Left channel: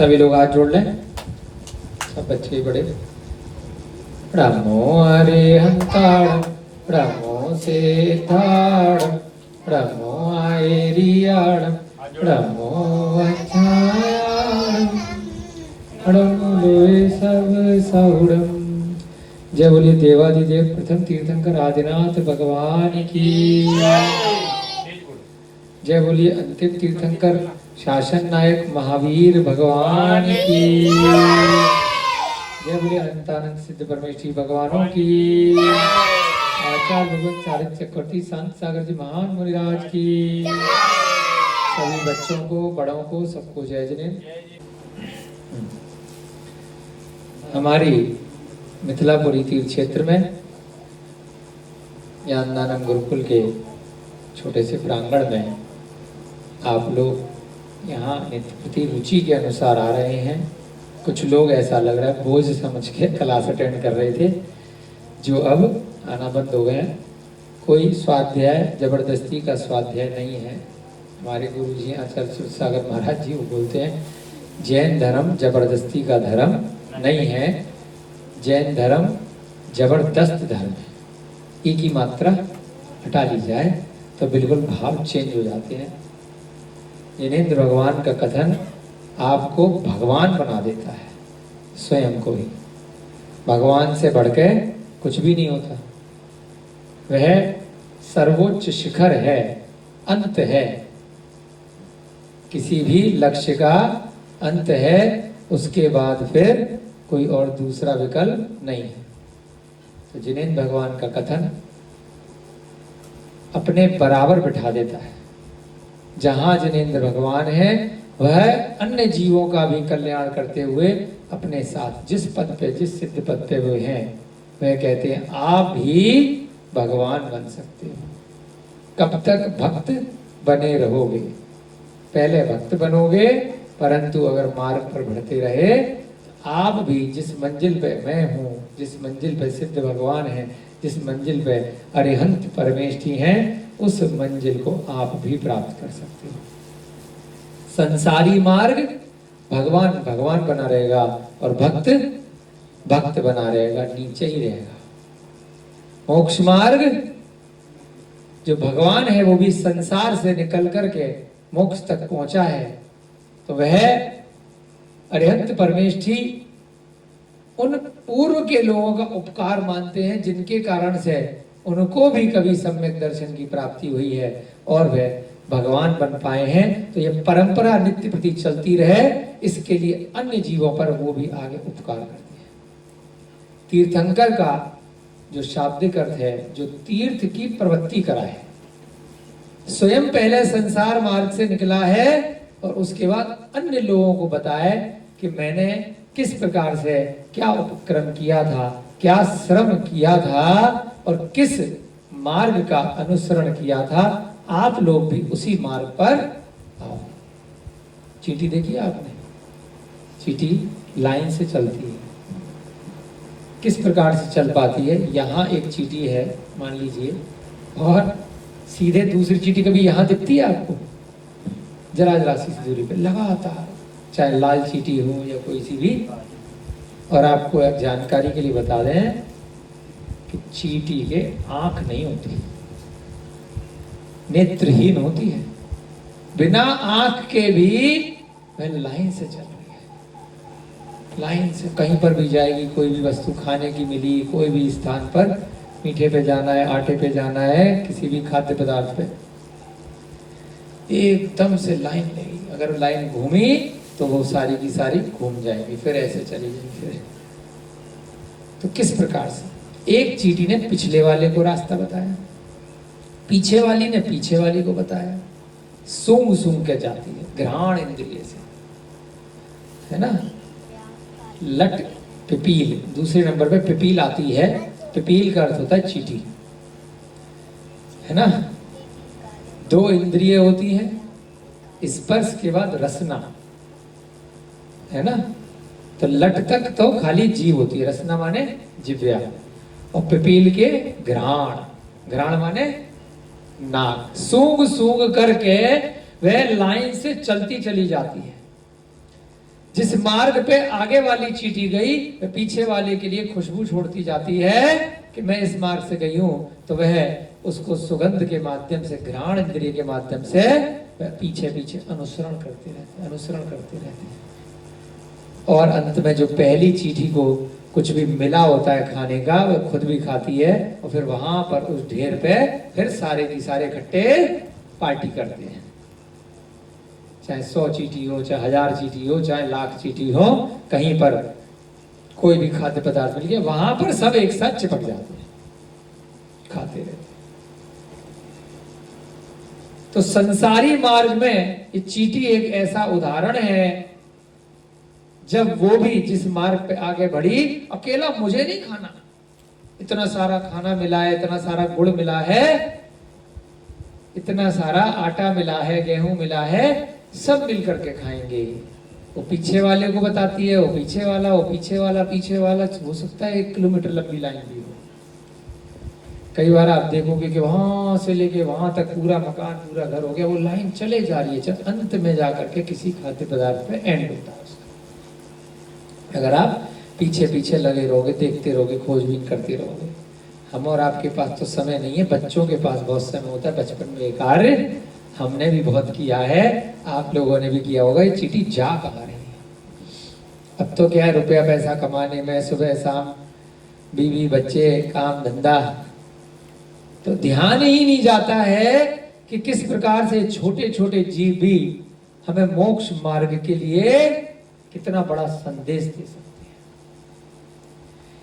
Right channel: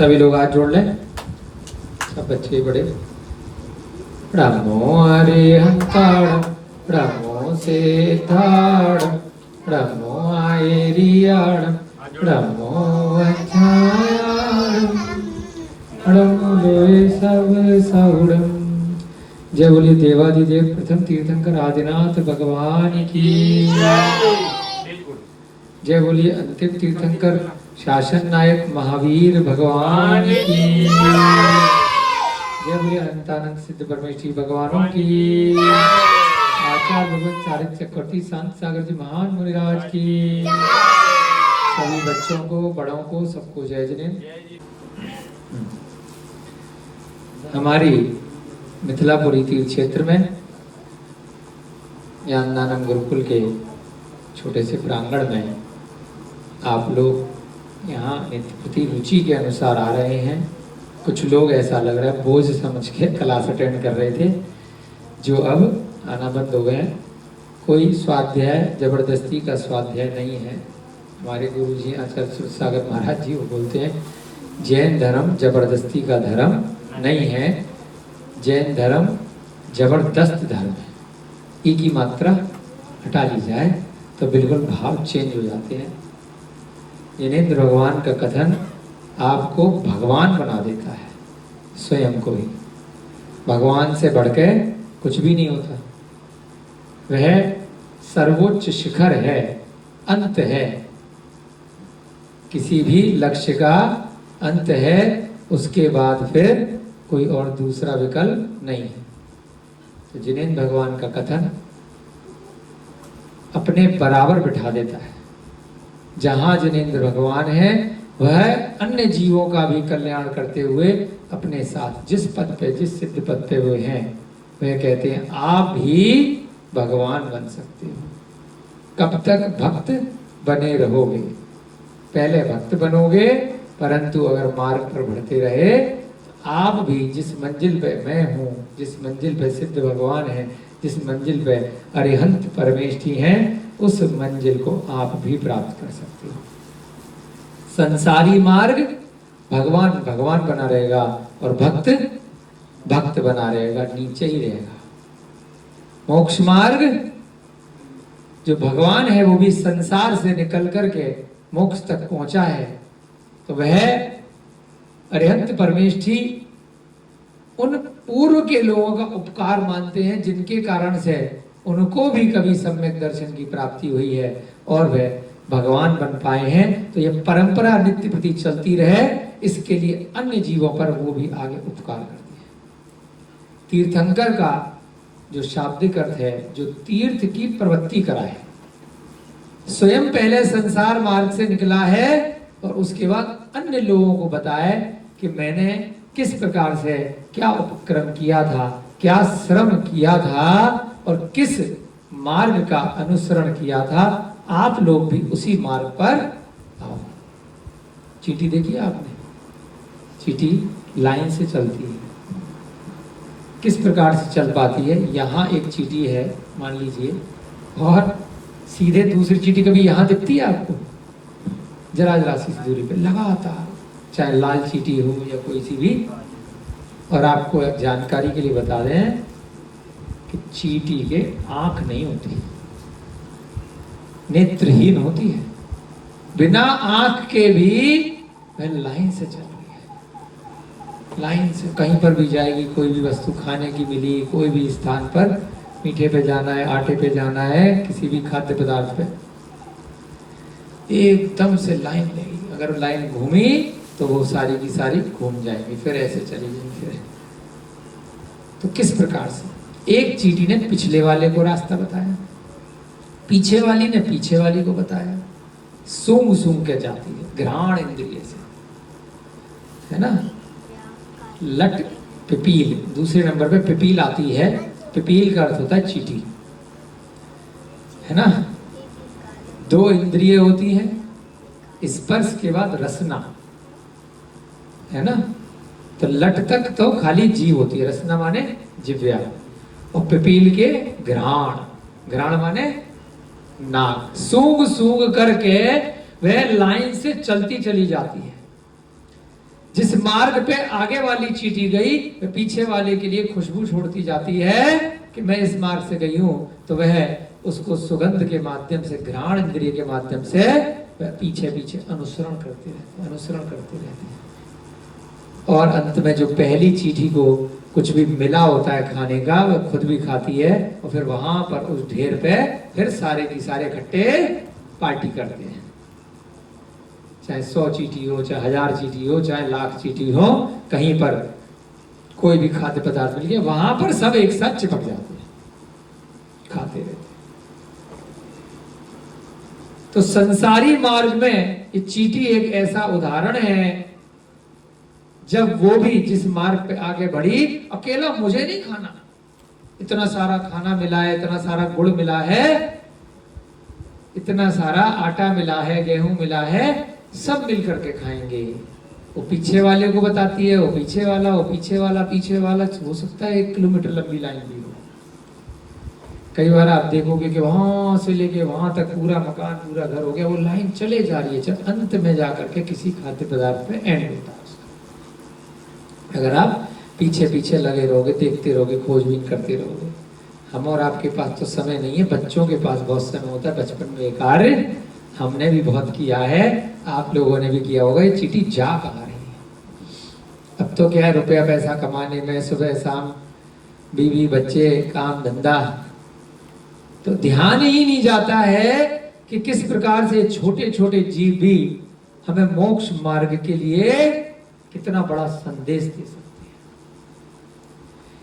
सभी लोग हाथ जोड़ लें, सब बच्चे बड़े। नमो अरिहंताणं नमो सेताणं नमो आयरियाणं नमो अध्यायाणं नमो सब सौड़म। जय बोलिए देवादिदेव प्रथम तीर्थंकर आदिनाथ भगवान की। जय बोलिए अंतिम तीर्थंकर शासन नायक महावीर भगवान की। जय बोलिए अनंतानंद सिद्ध परमेश्वरी भगवानों की। आचार्य भगवत सारथ चक्रवर्ती संत सागर जी महान मुनिराज की। सभी बच्चों को, बड़ों को, सबको जय जिनेन्द्र। हमारी मिथिलापुरी तीर्थ क्षेत्र में ज्ञानदानम गुरुकुल के छोटे से प्रांगण में आप लोग यहाँ नित्य प्रति रुचि के अनुसार आ रहे हैं। कुछ लोग ऐसा लग रहा है बोझ समझ के क्लास अटेंड कर रहे थे, जो अब आना बंद हो गए हैं। कोई स्वाध्याय जबरदस्ती का स्वाध्याय नहीं है। हमारे गुरु जी आचार्य सागर महाराज जी वो बोलते हैं जैन धर्म जबरदस्ती का धर्म नहीं है, जैन धर्म जबरदस्त धर्म है। ई की मात्रा हटा ली जाए तो बिल्कुल भाव चेंज हो जाते हैं। जिनेंद्र भगवान का कथन आपको भगवान बना देता है, स्वयं को ही। भगवान से बढ़के कुछ भी नहीं होता। वह सर्वोच्च शिखर है, अंत है, किसी भी लक्ष्य का अंत है। उसके बाद फिर कोई और दूसरा विकल्प नहीं है। तो जिनेंद्र भगवान का कथन अपने बराबर बिठा देता है। जहां जिनेंद्र भगवान है वह अन्य जीवों का भी कल्याण करते हुए अपने साथ जिस पद पे, जिस सिद्ध पद पे वे हैं, वह कहते हैं आप भी भगवान बन सकते हो। कब तक भक्त बने रहोगे? पहले भक्त बनोगे, परंतु अगर मार्ग पर बढ़ते रहे आप भी जिस मंजिल पे मैं हूँ, जिस मंजिल पे सिद्ध भगवान है, जिस मंजिल पे अरिहंत परमेष्ठी हैं, उस मंजिल को आप भी प्राप्त कर सकते हो। संसारी मार्ग भगवान भगवान बना रहेगा और भक्त भक्त बना रहेगा, नीचे ही रहेगा। मोक्ष मार्ग जो भगवान है वो भी संसार से निकल करके मोक्ष तक पहुंचा है, तो वह अरिहंत परमेष्ठी उन पूर्व के लोगों का उपकार मानते हैं जिनके कारण से उनको भी कभी सम्यक दर्शन की प्राप्ति हुई है और वे भगवान बन पाए हैं। तो यह परंपरा नित्य प्रति चलती रहे, इसके लिए अन्य जीवों पर वो भी आगे उपकार करते हैं। तीर्थंकर का जो शाब्दिक अर्थ है, जो तीर्थ की प्रवृत्ति कराए, स्वयं पहले संसार मार्ग से निकला है और उसके बाद अन्य लोगों को बताए कि मैंने किस प्रकार से क्या उपक्रम किया था, क्या श्रम किया था और किस मार्ग का अनुसरण किया था। आप लोग भी उसी मार्ग पर आओ। चींटी देखिए आपने, चींटी लाइन से चलती है। किस प्रकार से चल पाती है? यहाँ एक चींटी है मान लीजिए, और सीधे दूसरी चींटी कभी यहाँ दिखती है आपको? जरा जरा सी दूरी पे लगातार, चाहे लाल चींटी हो या कोई सी भी। और आपको एक जानकारी के लिए बता दें कि चींटी के आंख नहीं होती, नेत्रहीन होती है। बिना आंख के भी वह लाइन से चल रही है, लाइन से कहीं पर भी जाएगी। कोई भी वस्तु खाने की मिली, कोई भी स्थान पर, मीठे पे जाना है, आटे पे जाना है, किसी भी खाद्य पदार्थ पे, एकदम से लाइन लेगी। अगर लाइन घूमी तो वो सारी की सारी घूम जाएंगी, फिर ऐसे चली जाएगी। तो किस प्रकार से एक चींटी ने पिछले वाले को रास्ता बताया, पीछे वाली ने पीछे वाली को बताया। सूंघ सूंघ के जाती है, घ्राण इंद्रिय से, है ना। लट पिपील, दूसरे नंबर पे पिपील आती है। पिपील का अर्थ होता है चींटी, है ना। दो इंद्रिय होती हैं, स्पर्श के बाद रसना, है ना। तो लट तक तो खाली जीव होती है, रसना माने जिव्या, और पिपील के घ्राण, घ्राण माने नाक। सूंघ सूंघ करके वह लाइन से चलती चली जाती है। जिस मार्ग पे आगे वाली चींटी गई वह पीछे वाले के लिए खुशबू छोड़ती जाती है कि मैं इस मार्ग से गई हूं, तो वह उसको सुगंध के माध्यम से, घ्राण इंद्रिय के माध्यम से वह पीछे पीछे अनुसरण करते रहते हैं। और अंत में जो पहली चींटी को कुछ भी मिला होता है खाने का, वह खुद भी खाती है और फिर वहां पर उस ढेर पे फिर सारे की सारे इकट्ठे पार्टी करते हैं। चाहे 100 चींटी हो, चाहे 1000 चींटी हो, चाहे लाख चींटी हो, कहीं पर कोई भी खाद्य पदार्थ मिल गया वहां पर सब एक साथ चिपक जाते हैं, खाते रहते। तो संसारी मार्ग में ये चींटी एक ऐसा उदाहरण है, जब वो भी जिस मार्ग पे आगे बढ़ी, अकेला मुझे नहीं खाना, इतना सारा खाना मिला है, इतना सारा गुड़ मिला है, इतना सारा आटा मिला है, गेहूं मिला है, सब मिल करके खाएंगे। वो पीछे वाले को बताती है, वो पीछे वाला, वो पीछे वाला, पीछे वाला, हो सकता है 1 किलोमीटर लंबी लाइन भी हो। कई बार आप देखोगे कि वहां से लेके वहां तक पूरा मकान, पूरा घर हो गया, वो लाइन चले जा रही है, जब अंत में जाकर के किसी खाद्य पदार्थ पे एंड होता है उसका। अगर आप पीछे पीछे लगे रहोगे, देखते रहोगे, खोजबीन करते रहोगे। हम और आपके पास तो समय नहीं है, बच्चों के पास बहुत समय होता है। बचपन में एक कार्य हमने भी बहुत किया है, आप लोगों ने भी किया होगा। ये चींटी जा कहाँ रही है? अब तो क्या है, रुपया पैसा कमाने में सुबह शाम बीवी बच्चे काम धंधा, तो ध्यान ही नहीं जाता है कि किस प्रकार से छोटे छोटे जीव भी हमें मोक्ष मार्ग के लिए कितना बड़ा संदेश दे सकते हैं।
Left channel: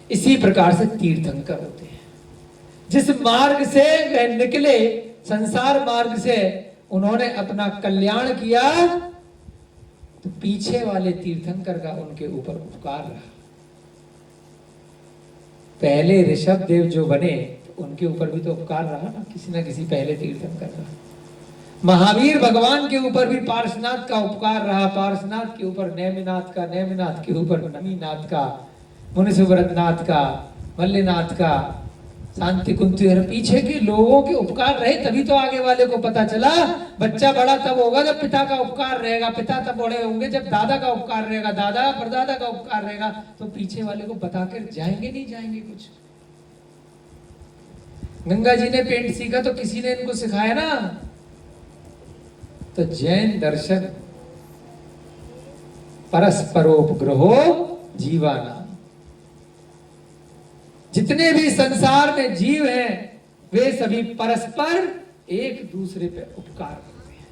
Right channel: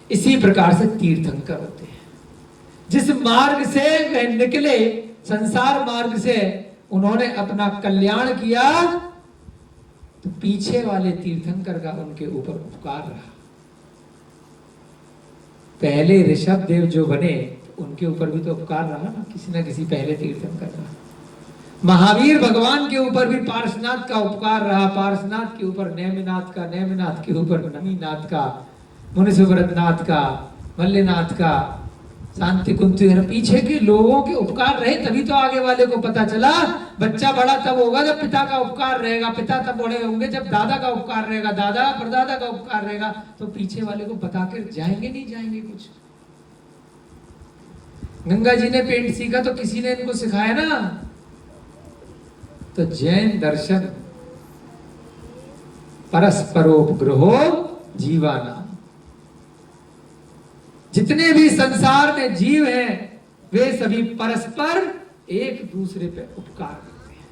इसी प्रकार से तीर्थंकर होते हैं। जिस मार्ग से वे निकले, संसार मार्ग से, उन्होंने अपना कल्याण किया, तो पीछे वाले तीर्थंकर का उनके ऊपर उपकार रहा। पहले ऋषभ देव जो बने, तो उनके ऊपर भी तो उपकार रहा ना, किसी ना किसी पहले तीर्थंकर का। महावीर भगवान के ऊपर भी पार्श्वनाथ का उपकार रहा, पार्श्वनाथ के ऊपर नेमिनाथ का, नेमिनाथ के ऊपर नमीनाथ का, मुनिसुव्रतनाथ का, मल्लिनाथ का, शांति कुंती, पीछे के लोगों के उपकार रहे, तभी तो आगे वाले को पता चला। बच्चा बड़ा तब होगा जब पिता का उपकार रहेगा, पिता तब बड़े होंगे जब दादा का उपकार रहेगा, दादा परदादा का उपकार रहेगा, तो पीछे वाले को बताकर जाएंगे नहीं जाएंगे कुछ। गंगा जी ने पेंट सीखा तो किसी ने इनको सिखाया ना। तो जैन दर्शन परस्परोपग्रहो जीवाना, जितने भी संसार में जीव हैं वे सभी परस्पर एक दूसरे पे उपकार करते हैं।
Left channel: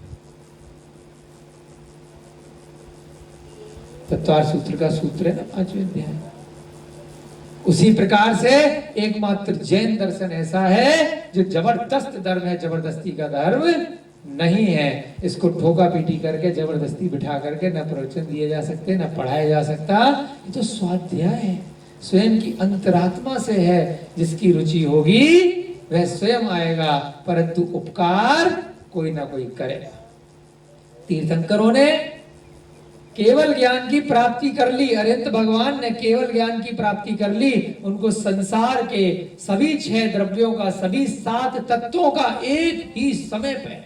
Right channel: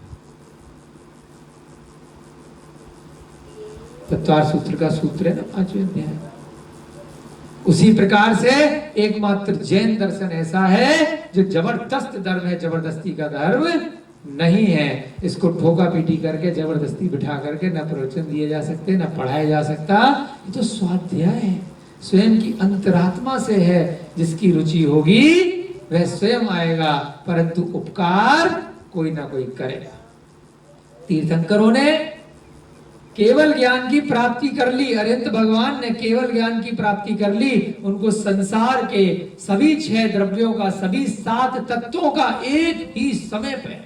तत्वार सूत्र का सूत्र है ना 5वें अध्याय। उसी प्रकार से एकमात्र जैन दर्शन ऐसा है जो जबरदस्त धर्म है, जबरदस्ती का धर्म नहीं है। इसको ठोका पीटी करके जबरदस्ती बिठा करके न प्रवचन दिए जा सकते, न पढ़ाया जा सकता। ये तो स्वाध्याय है, स्वयं की अंतरात्मा से है। जिसकी रुचि होगी वह स्वयं आएगा, परंतु उपकार कोई ना कोई करेगा। तीर्थंकरों ने केवल ज्ञान की प्राप्ति कर ली, अरिहंत भगवान ने केवल ज्ञान की प्राप्ति कर ली। उनको संसार के सभी 6 द्रव्यों का, सभी 7 तत्वों का एक ही समय पे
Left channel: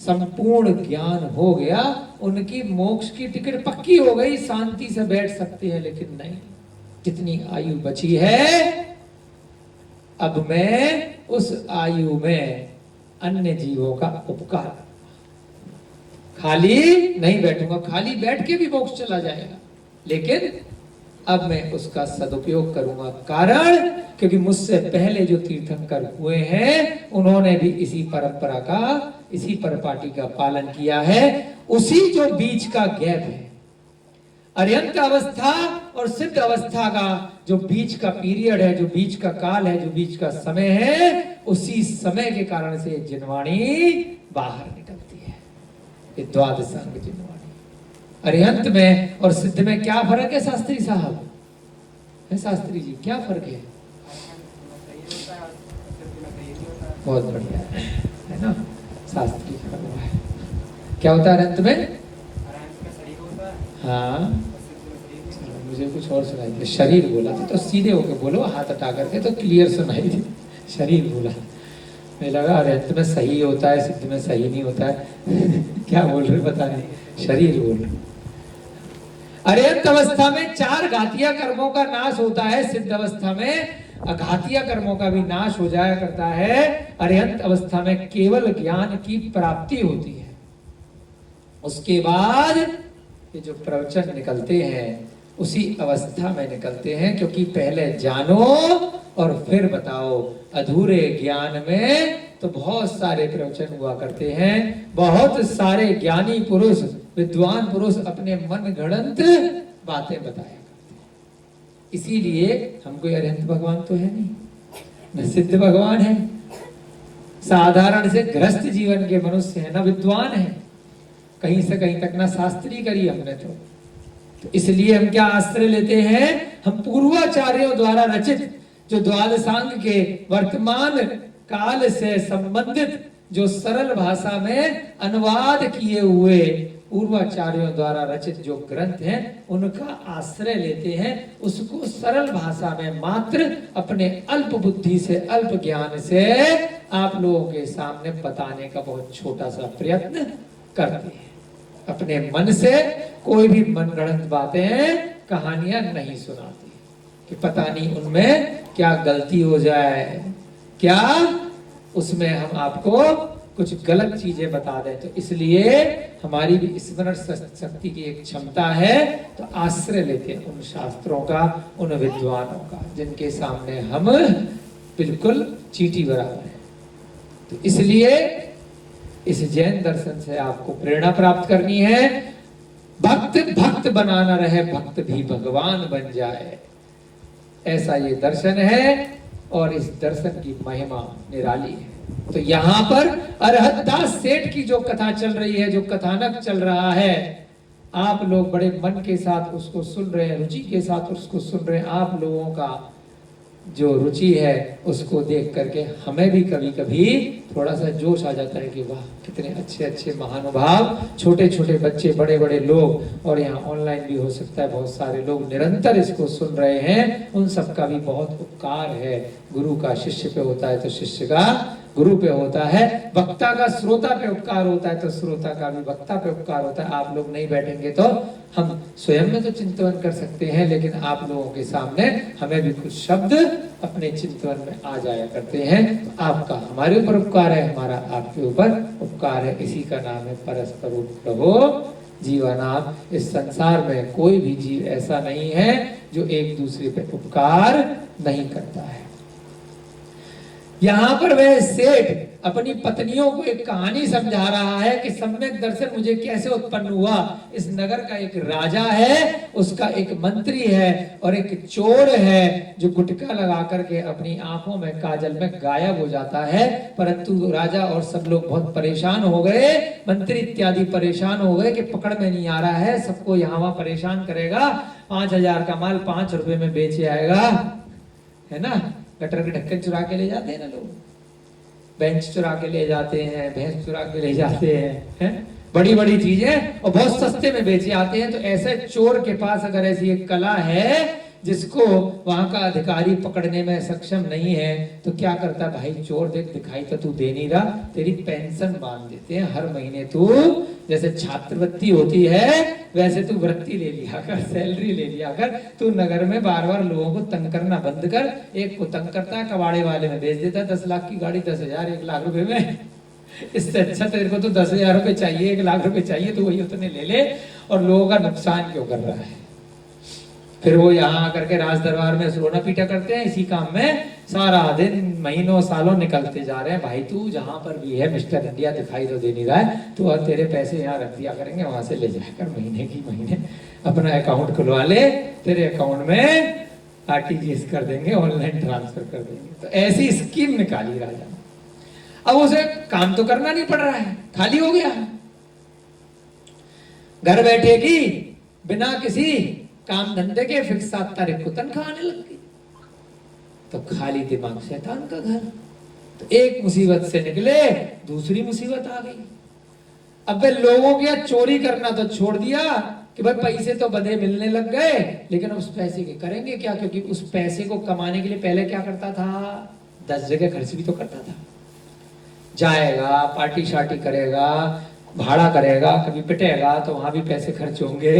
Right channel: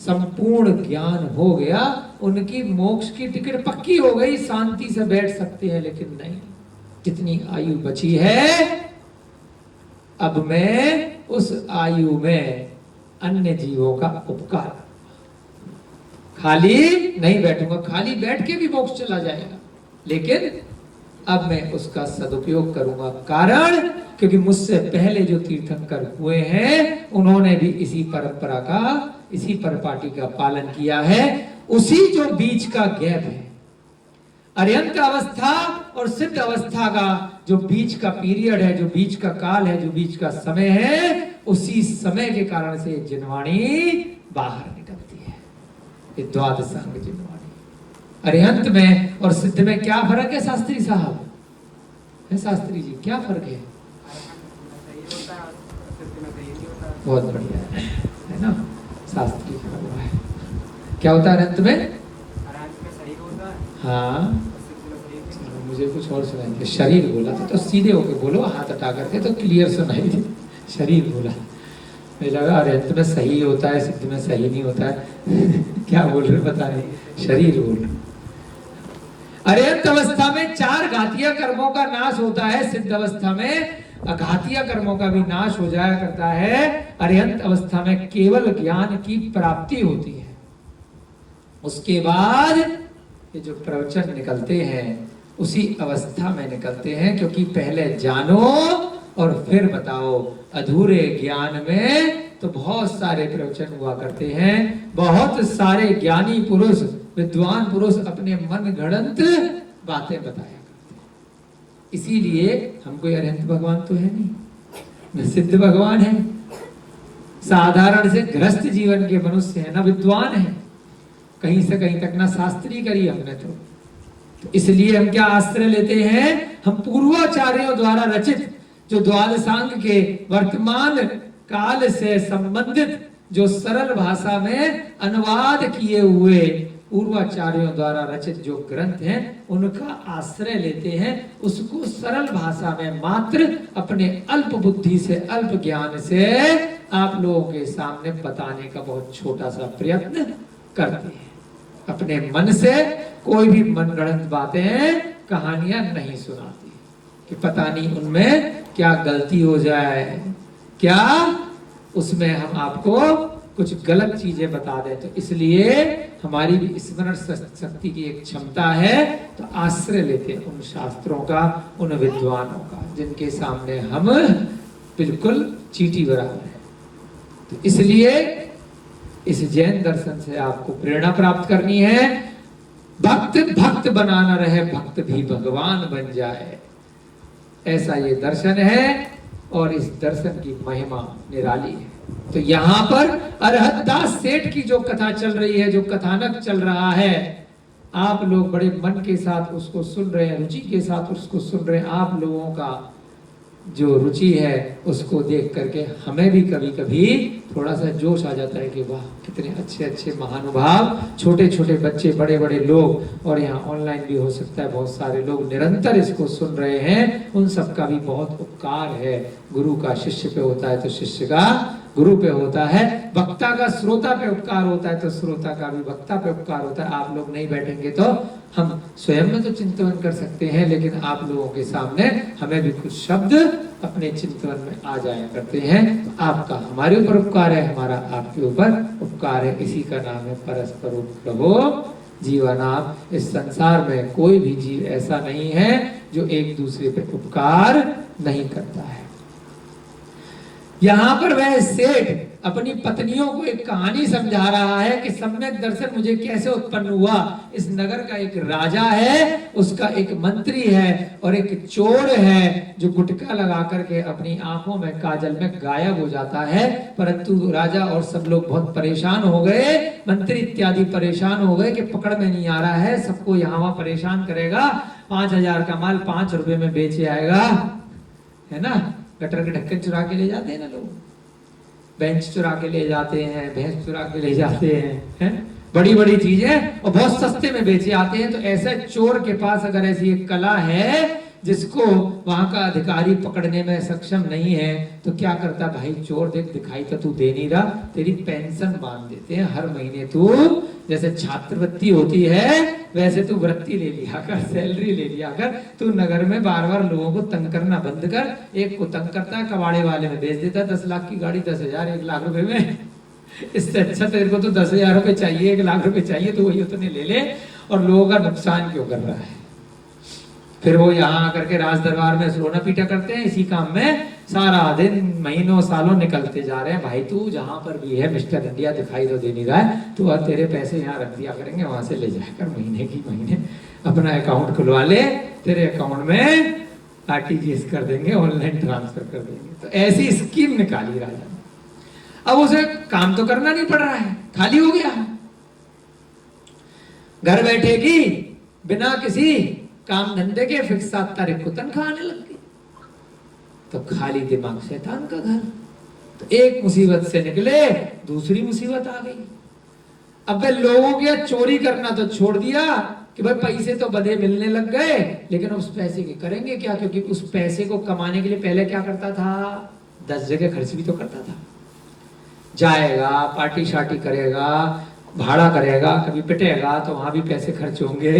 संपूर्ण ज्ञान हो गया। उनकी मोक्ष की टिकट पक्की हो गई, शांति से बैठ सकते हैं। लेकिन नहीं, जितनी आयु बची है, अब मैं उस आयु में अन्य जीवों का उपकार, खाली नहीं बैठूंगा। खाली बैठ के भी मोक्ष चला जाएगा, लेकिन अब मैं उसका सदुपयोग करूंगा। कारण, क्योंकि मुझसे पहले जो तीर्थंकर हुए हैं उन्होंने भी इसी परंपरा का, इसी परिपाटी का पालन किया है। उसी जो बीच का गैप है, अरिहंत अवस्था और सिद्ध अवस्था का जो बीच का पीरियड है, जो बीच का काल है, जो बीच का समय है, उसी समय के कारण से जिनवाणी बाहर निकलती है। ये द्वादशांग जिनवाणी। अरिहंत में और सिद्ध में क्या फर्क है शास्त्री साहब? है शास्त्री जी, क्या फर्क है? बहुत बढ़िया है ना, शास्त्री है। क्या होता है अरिहंत में? हाँ, मुझे कुछ और सुनाई, शरीर बोला तो सीधे होके बोलो, हाथ हटा करके तो क्लियर सुनाई दे। शरीर बोला, मुझे लगा अरिहंत में सही होता है, सिद्ध में सही नहीं होता है। क्या बोल रहे पता नहीं, शरीर बोल रहे। अर्यंत अवस्था में 4 घातीय कर्मों का नाश होता है, सिद्ध अवस्था में अघातीय कर्मों का भी नाश हो जाया करता है। अर्यंत अवस्था में केवल ज्ञान की प्राप्ति होती है। उसके बाद ये जो प्रवचन निकलते हैं उसी अवस्था में निकलते हैं, क्योंकि पहले जानो और फिर बताओ। अधूरे ज्ञान में तो बहुत सारे प्रवचन हुआ करते हैं, बहुत सारे ज्ञानी पुरुष, विद्वान पुरुष अपने मन गढ़ंत बातें बताया करते हैं। इसीलिए हमको अरहंत भगवान तो है नहीं, न सिद्ध भगवान है, साधारण से गृहस्थ जीवन के मनुष्य है, न विद्वान है, कहीं से कहीं तक ना शास्त्री करी हमने तो इसलिए हम क्या आश्रय लेते हैं, हम पूर्वाचार्यों द्वारा रचित जो द्वादशांग के वर्तमान काल से संबंधित जो सरल भाषा में अनुवाद किए हुए पूर्वाचार्यों द्वारा रचित जो ग्रंथ हैं उनका आश्रय लेते हैं। उसको सरल भाषा में मात्र अपने अल्प बुद्धि से, अल्प ज्ञान से आप लोगों के सामने बताने का बहुत छोटा सा प्रयत्न करते हैं। अपने मन से कोई भी मनगढ़ंत बातें, कहानियां नहीं सुनाती कि पता नहीं उनमें क्या गलती हो जाए, क्या उसमें हम आपको कुछ गलत चीजें बता दें। तो इसलिए हमारी भी स्मरण शक्ति की एक क्षमता है, तो आश्रय लेते हैं उन शास्त्रों का, उन विद्वानों का जिनके सामने हम बिल्कुल चींटी बराबर है। तो इसलिए इस जैन दर्शन से आपको प्रेरणा प्राप्त करनी है। भक्त भक्त बनाना रहे, भक्त भी भगवान बन जाए, ऐसा ये दर्शन है। और इस दर्शन की महिमा निराली है। तो यहाँ पर अरहतदास सेठ की जो कथा चल रही है, जो कथानक चल रहा है, आप लोग बड़े मन के साथ उसको सुन रहे हैं, रुचि के साथ उसको सुन रहे हैं। आप लोगों का जो रुचि है उसको देख करके हमें भी कभी कभी थोड़ा सा जोश आ जाता है कि वाह कितने अच्छे अच्छे महानुभाव, छोटे छोटे बच्चे, बड़े बड़े लोग, और यहाँ ऑनलाइन भी हो सकता है बहुत सारे लोग निरंतर इसको सुन रहे हैं। उन सबका भी बहुत उपकार है। गुरु का शिष्य पे होता है तो शिष्य का गुरु पे होता है, वक्ता का श्रोता पे उपकार होता है तो श्रोता का भी वक्ता पे उपकार होता है। आप लोग नहीं बैठेंगे तो हम स्वयं में तो चिंतन कर सकते हैं, लेकिन आप लोगों के सामने हमें भी कुछ शब्द अपने चिंतन में आ जाया करते हैं। तो आपका हमारे ऊपर उपकार है, हमारा आपके ऊपर उपकार है। इसी का नाम है परस्पर उपद्रवो जीवनाम। इस संसार में कोई भी जीव ऐसा नहीं है जो एक दूसरे पे उपकार नहीं करता है। यहाँ पर वह सेठ अपनी पत्नियों को एक कहानी समझा रहा है कि सम्यक दर्शन मुझे कैसे उत्पन्न हुआ। इस नगर का एक राजा है, उसका एक मंत्री है और एक चोर है जो गुटखा लगा करके अपनी आंखों में काजल में गायब हो जाता है। परंतु राजा और सब लोग बहुत परेशान हो गए, मंत्री इत्यादि परेशान हो गए कि पकड़ में नहीं आ रहा है, सबको यहाँ वहां परेशान करेगा, 5,000 का माल 5 रुपए में बेचे आएगा, है ना। गटर के ढक्कन चुरा के ले जाते हैं ना लोग, बेंच चुरा के ले जाते हैं, भैंस चुरा के ले जाते हैं, बड़ी बड़ी चीजें, और बहुत सस्ते में बेचे आते हैं। तो ऐसे चोर के पास अगर ऐसी एक कला है जिसको वहां का अधिकारी पकड़ने में सक्षम नहीं है, तो क्या करता भाई, चोर देख दिखाई तो तू दे नहीं रहा, तेरी पेंशन बांध देते हैं हर महीने। तू जैसे छात्रवृत्ति होती है वैसे तू वृत्ति ले लिया कर, सैलरी ले लिया कर। तू नगर में बार बार लोगों को तंग करना बंद कर। एक को तंग करता है, कबाड़े वाले में बेच देता है 10 लाख की गाड़ी 10,000 1 लाख रुपए में। इससे अच्छा तेरे को तो 10,000 रुपए चाहिए, 1 लाख रुपए चाहिए, तो वही उतने ले ले, और लोगों का नुकसान क्यों कर रहा है। फिर वो यहाँ आकर के राज दरबार में रोना पीटा करते हैं। इसी काम में सारा दिन महीनों सालों निकलते जा रहे हैं। भाई तू जहां पर भी है मिस्टर इंडिया दिखाई तो दे नहीं रहा है, तू और तेरे पैसे यहाँ रख दिया करेंगे, वहां से ले जाकर महीने की महीने अपना अकाउंट खुलवा ले, तेरे अकाउंट में RTGS कर देंगे, ऑनलाइन ट्रांसफर कर देंगे। तो ऐसी स्कीम निकाली राजा ने। अब उसे काम तो करना नहीं पड़ रहा है, खाली हो गया, घर बैठे की बिना किसी काम धंधे के फिक्स 7 तारीख को तनख्वाह आने लग गई। तो खाली दिमाग शैतान का घर। तो एक मुसीबत से निकले दूसरी मुसीबत आ गई। अब वे लोगों के चोरी करना तो छोड़ दिया कि भाई पैसे तो बदे मिलने लग गए, लेकिन उस पैसे के करेंगे क्या, क्योंकि उस पैसे को कमाने के लिए पहले क्या करता था, 10 जगह खर्च भी तो करता था। जाएगा, पार्टी शार्टी करेगा, भाड़ा करेगा, कभी पिटेगा तो वहां भी पैसे खर्च होंगे,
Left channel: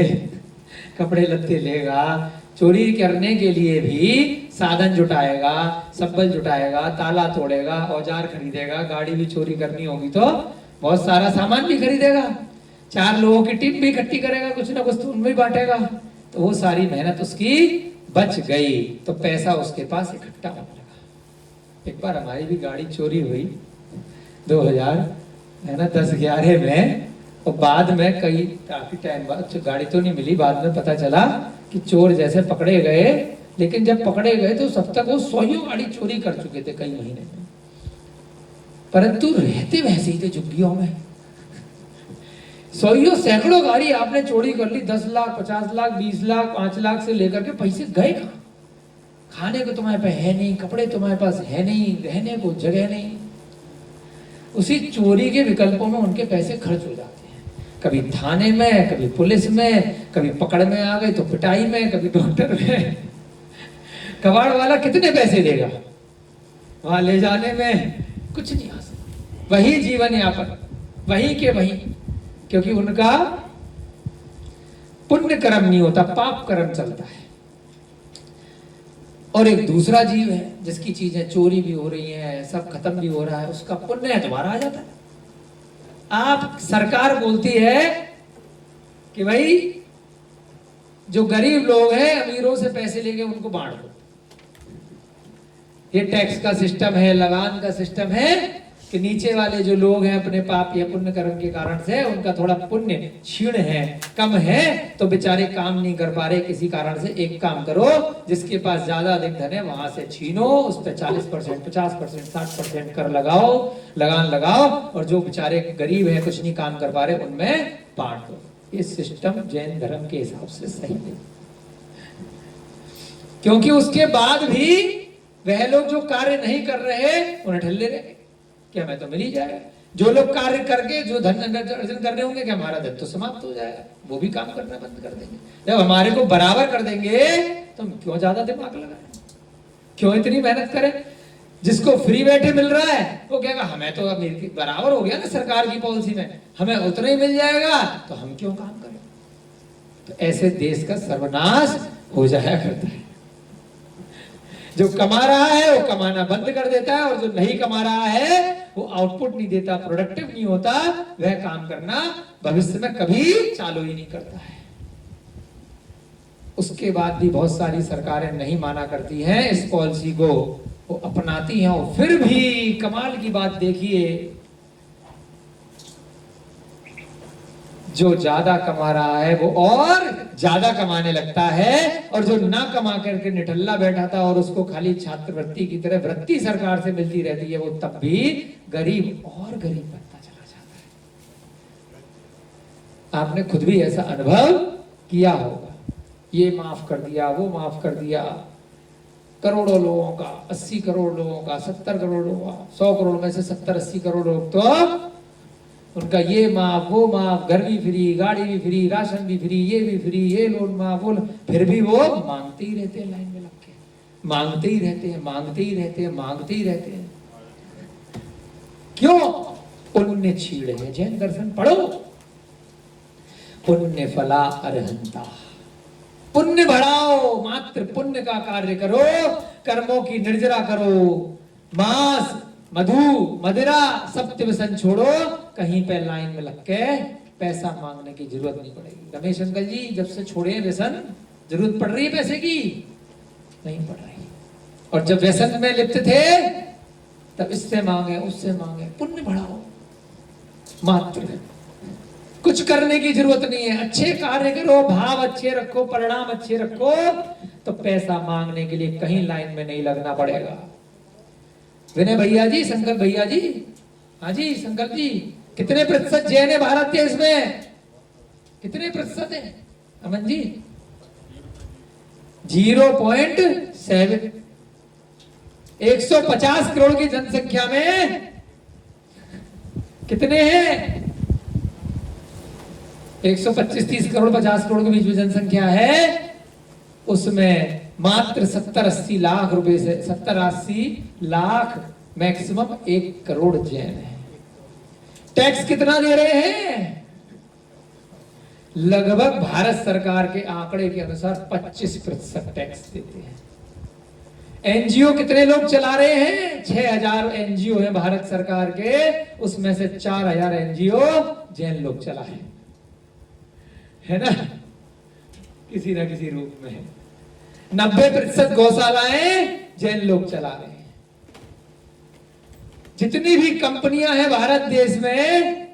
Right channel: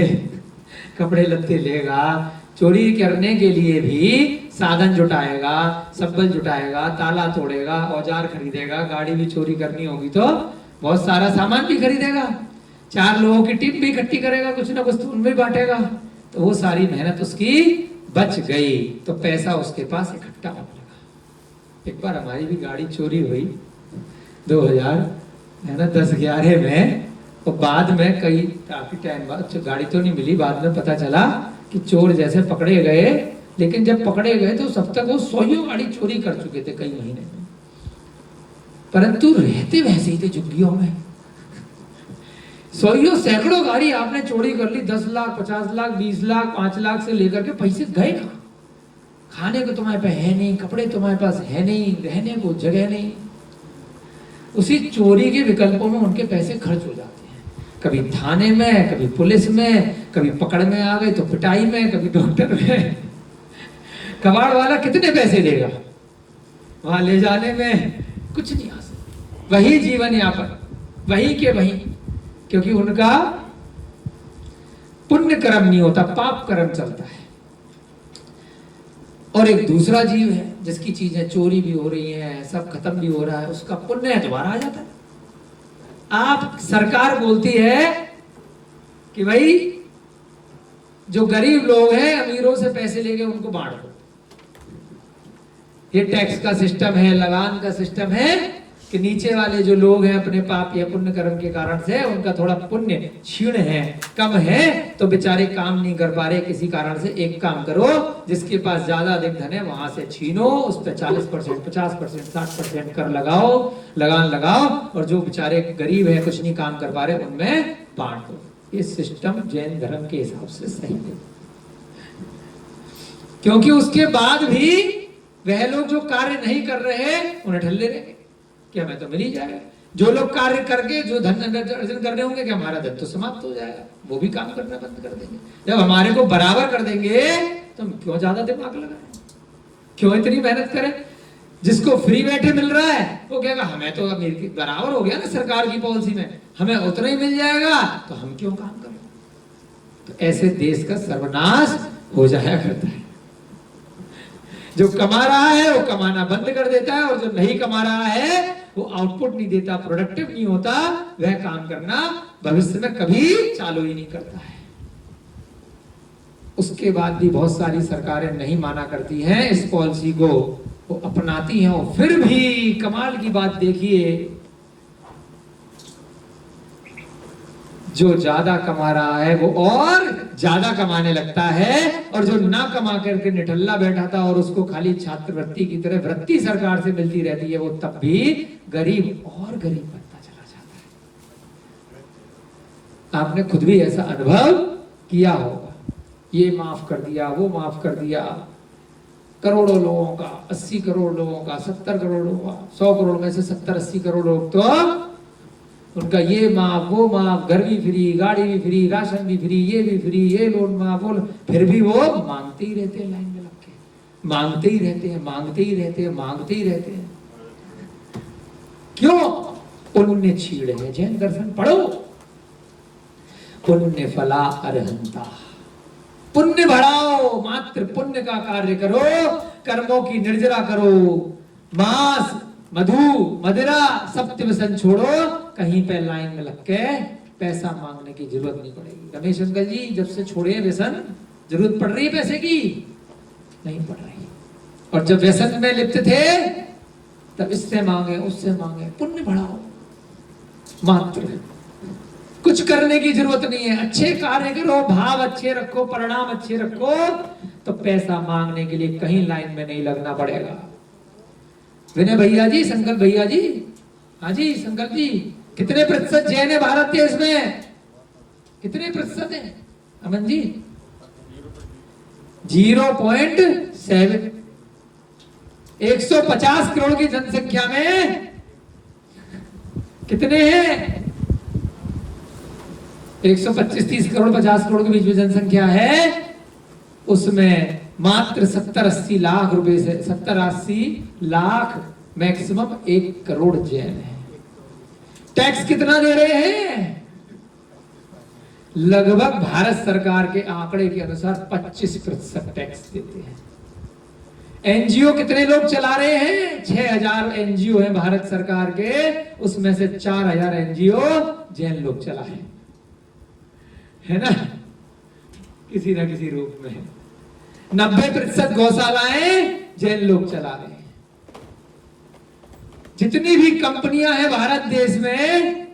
कपड़े लत्ते लेगा, चोरी करने के लिए भी साधन जुटाएगा, संबल जुटाएगा, ताला तोड़ेगा, औजार खरीदेगा, गाड़ी भी चोरी करनी होगी तो बहुत सारा सामान भी खरीदेगा, 4 लोगों की टीम भी इकट्ठी करेगा, कुछ ना कुछ तो उनमें बांटेगा, तो वो सारी मेहनत उसकी बच गई, तो पैसा उसके पास इकट्ठा होने लगा। एक बार हमारी भी गाड़ी चोरी हुई 2010-11 में, और बाद में काफी टाइम बाद गाड़ी तो नहीं मिली, बाद में पता चला कि चोर जैसे पकड़े गए, लेकिन जब पकड़े गए तो सब तक वो 100 गाड़ी चोरी कर चुके थे कई महीने में, परंतु रहते वैसे ही थे झुग्गियों में। 100 सैकड़ों गाड़ी आपने चोरी कर ली, 10 लाख 50 लाख 20 लाख 5 लाख से लेकर के पैसे गए कहां? खाने को तुम्हारे पास है नहीं, कपड़े तुम्हारे पास है नहीं, रहने को जगह नहीं। उसी चोरी के विकल्पों में उनके पैसे खर्च हो जाते हैं, कभी थाने में, कभी पुलिस में, कभी पकड़ में आ गए तो पिटाई में, कभी डॉक्टर में। कबाड़ वाला कितने पैसे देगा वहां ले जाने में? कुछ नहीं आ सकता। वही जीवन यापन, वही के वही, क्योंकि उनका पुण्य कर्म नहीं होता, पाप कर्म चलता है। और एक दूसरा जीव है जिसकी चीजें चोरी भी हो रही हैं, सब खत्म भी हो रहा है, उसका पुण्य दोबारा आ जाता है। आप सरकार बोलती है कि भाई जो गरीब लोग हैं अमीरों से पैसे लेके उनको बांट दो, ये टैक्स का सिस्टम है, लगान का सिस्टम है कि नीचे वाले जो लोग हैं अपने पाप या पुण्य कर्म के कारण से उनका थोड़ा पुण्य क्षीण है, कम है, तो बेचारे काम नहीं कर पा रहे किसी कारण से। एक काम करो, जिसके पास ज्यादा अधिक धन है वहां से छीनो, उस पर 40%, 50%, 60% कर लगाओ, लगान लगाओ, और जो बेचारे गरीब है कुछ नहीं काम कर पा रहे उनमें बांट दो। ये सिस्टम जैन धर्म के हिसाब से सही है, क्योंकि उसके बाद भी वह लोग जो कार्य नहीं कर रहे उन्हें ठल्ले रहेंगे कि हमें तो मिल ही जाएगा। जो लोग कार्य करके जो धन अर्जन कर रहे होंगे कि हमारा धन तो समाप्त हो जाएगा, वो भी काम करना बंद कर देंगे। जब हमारे को बराबर कर देंगे तो हम क्यों ज्यादा दिमाग लगाएं, क्यों इतनी मेहनत करें? जिसको फ्री बैठे मिल रहा है वो कहेगा हमें तो बराबर हो गया ना सरकार की पॉलिसी में, हमें उतना ही मिल जाएगा, तो हम क्यों काम करें? तो ऐसे देश का सर्वनाश हो जाया करता है। जो कमा रहा है वो कमाना बंद कर देता है, और जो नहीं कमा रहा है वो आउटपुट नहीं देता, प्रोडक्टिव नहीं होता, वह काम करना भविष्य में कभी चालू ही नहीं करता है। उसके बाद भी बहुत सारी सरकारें नहीं माना करती हैं इस पॉलिसी को, वो अपनाती हैं, और फिर भी कमाल की बात देखिए, जो ज्यादा कमा रहा है वो और ज्यादा कमाने लगता है, और जो ना कमा करके निठल्ला बैठा था और उसको खाली छात्रवृत्ति की तरह वृत्ति सरकार से मिलती रहती है, वो तब भी गरीब और गरीब बनता चला जाता है। आपने खुद भी ऐसा अनुभव किया होगा, ये माफ कर दिया, वो माफ कर दिया, करोड़ों लोगों का, 80 करोड़ लोगों का, 70 करोड़ लोगों का, 100 करोड़ में से 70-80 करोड़ लोग तो उनका ये माफ, वो माफ, घर भी फ्री, गाड़ी भी फ्री, राशन भी फ्री, ये भी फ्री, ये लोन माफ, वो, फिर भी वो मांगते ही रहते हैं, लाइन में लग के मांगते ही रहते हैं, मांगते ही रहते हैं, मांगते ही रहते हैं। क्यों? पुण्य छीड़ है। जैन दर्शन पढ़ो, पुण्य फला अरहंता, पुण्य बढ़ाओ, मात्र पुण्य का कार्य करो, कर्मों की निर्जरा करो, मांस मधु मदिरा सत्य व्यसन छोड़ो, कहीं पे लाइन में लग के पैसा मांगने की जरूरत नहीं पड़ेगी। रमेश अंकल जी जब से छोड़े व्यसन, जरूरत पड़ रही है पैसे की? नहीं पड़ रही। और जब व्यसन में लिप्त थे तब इससे मांगे, उससे मांगे। पुण्य बढ़ाओ, मात्र कुछ करने की जरूरत नहीं है, अच्छे कार्य करो, भाव अच्छे रखो, परिणाम अच्छे रखो, तो पैसा मांगने के लिए कहीं लाइन में नहीं लगना पड़ेगा। विनय भैया जी, संकल्प भैया जी, हाँ जी संकल्प जी, कितने प्रतिशत जैन है भारत देश में? कितने प्रतिशत है अमन जी? 0.7। 150 करोड़ की जनसंख्या में कितने हैं? 125-30 करोड़ 50 करोड़ के बीच में जनसंख्या है, उसमें मात्र 70-80 लाख रुपए से 70-80 लाख मैक्सिमम 1 करोड़ जैन है। टैक्स कितना दे रहे हैं? लगभग भारत सरकार के आंकड़े के अनुसार 25% टैक्स देते हैं। एनजीओ कितने लोग चला रहे हैं? 6000 एनजीओ हैं भारत सरकार के, उसमें से 4000 एनजीओ जैन लोग चला है ना, किसी ना किसी रूप में। 90% गौशालाएं जैन लोग चला रहे हैं। जितनी भी कंपनियां हैं भारत देश में,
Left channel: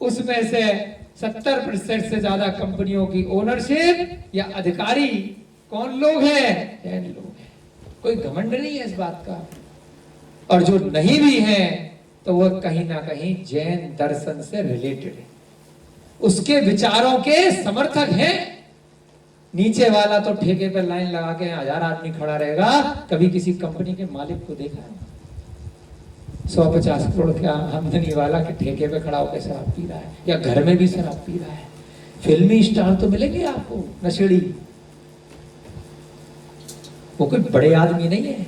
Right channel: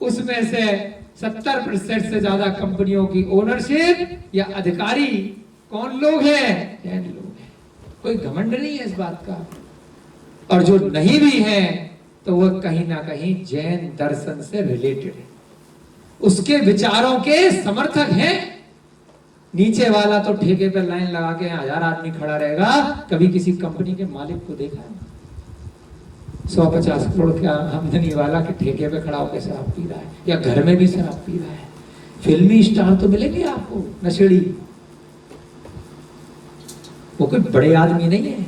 उसमें से 70% से ज्यादा कंपनियों की ओनरशिप या अधिकारी कौन लोग हैं? जैन लोग हैं। कोई घमंड नहीं है इस बात का। और जो नहीं भी है तो वह कहीं ना कहीं जैन दर्शन से रिलेटेड है, उसके विचारों के समर्थक हैं। नीचे वाला तो ठेके पे लाइन लगा के 1000 आदमी खड़ा रहेगा। कभी किसी कंपनी के मालिक को देखा है? 150 करोड़ के आमदनी वाला के ठेके पे खड़ा होकर शराब पी रहा है, या घर में भी शराब पी रहा है। फिल्मी स्टार तो मिलेंगे आपको, नशेड़ी। वो कोई बड़े आदमी नहीं है।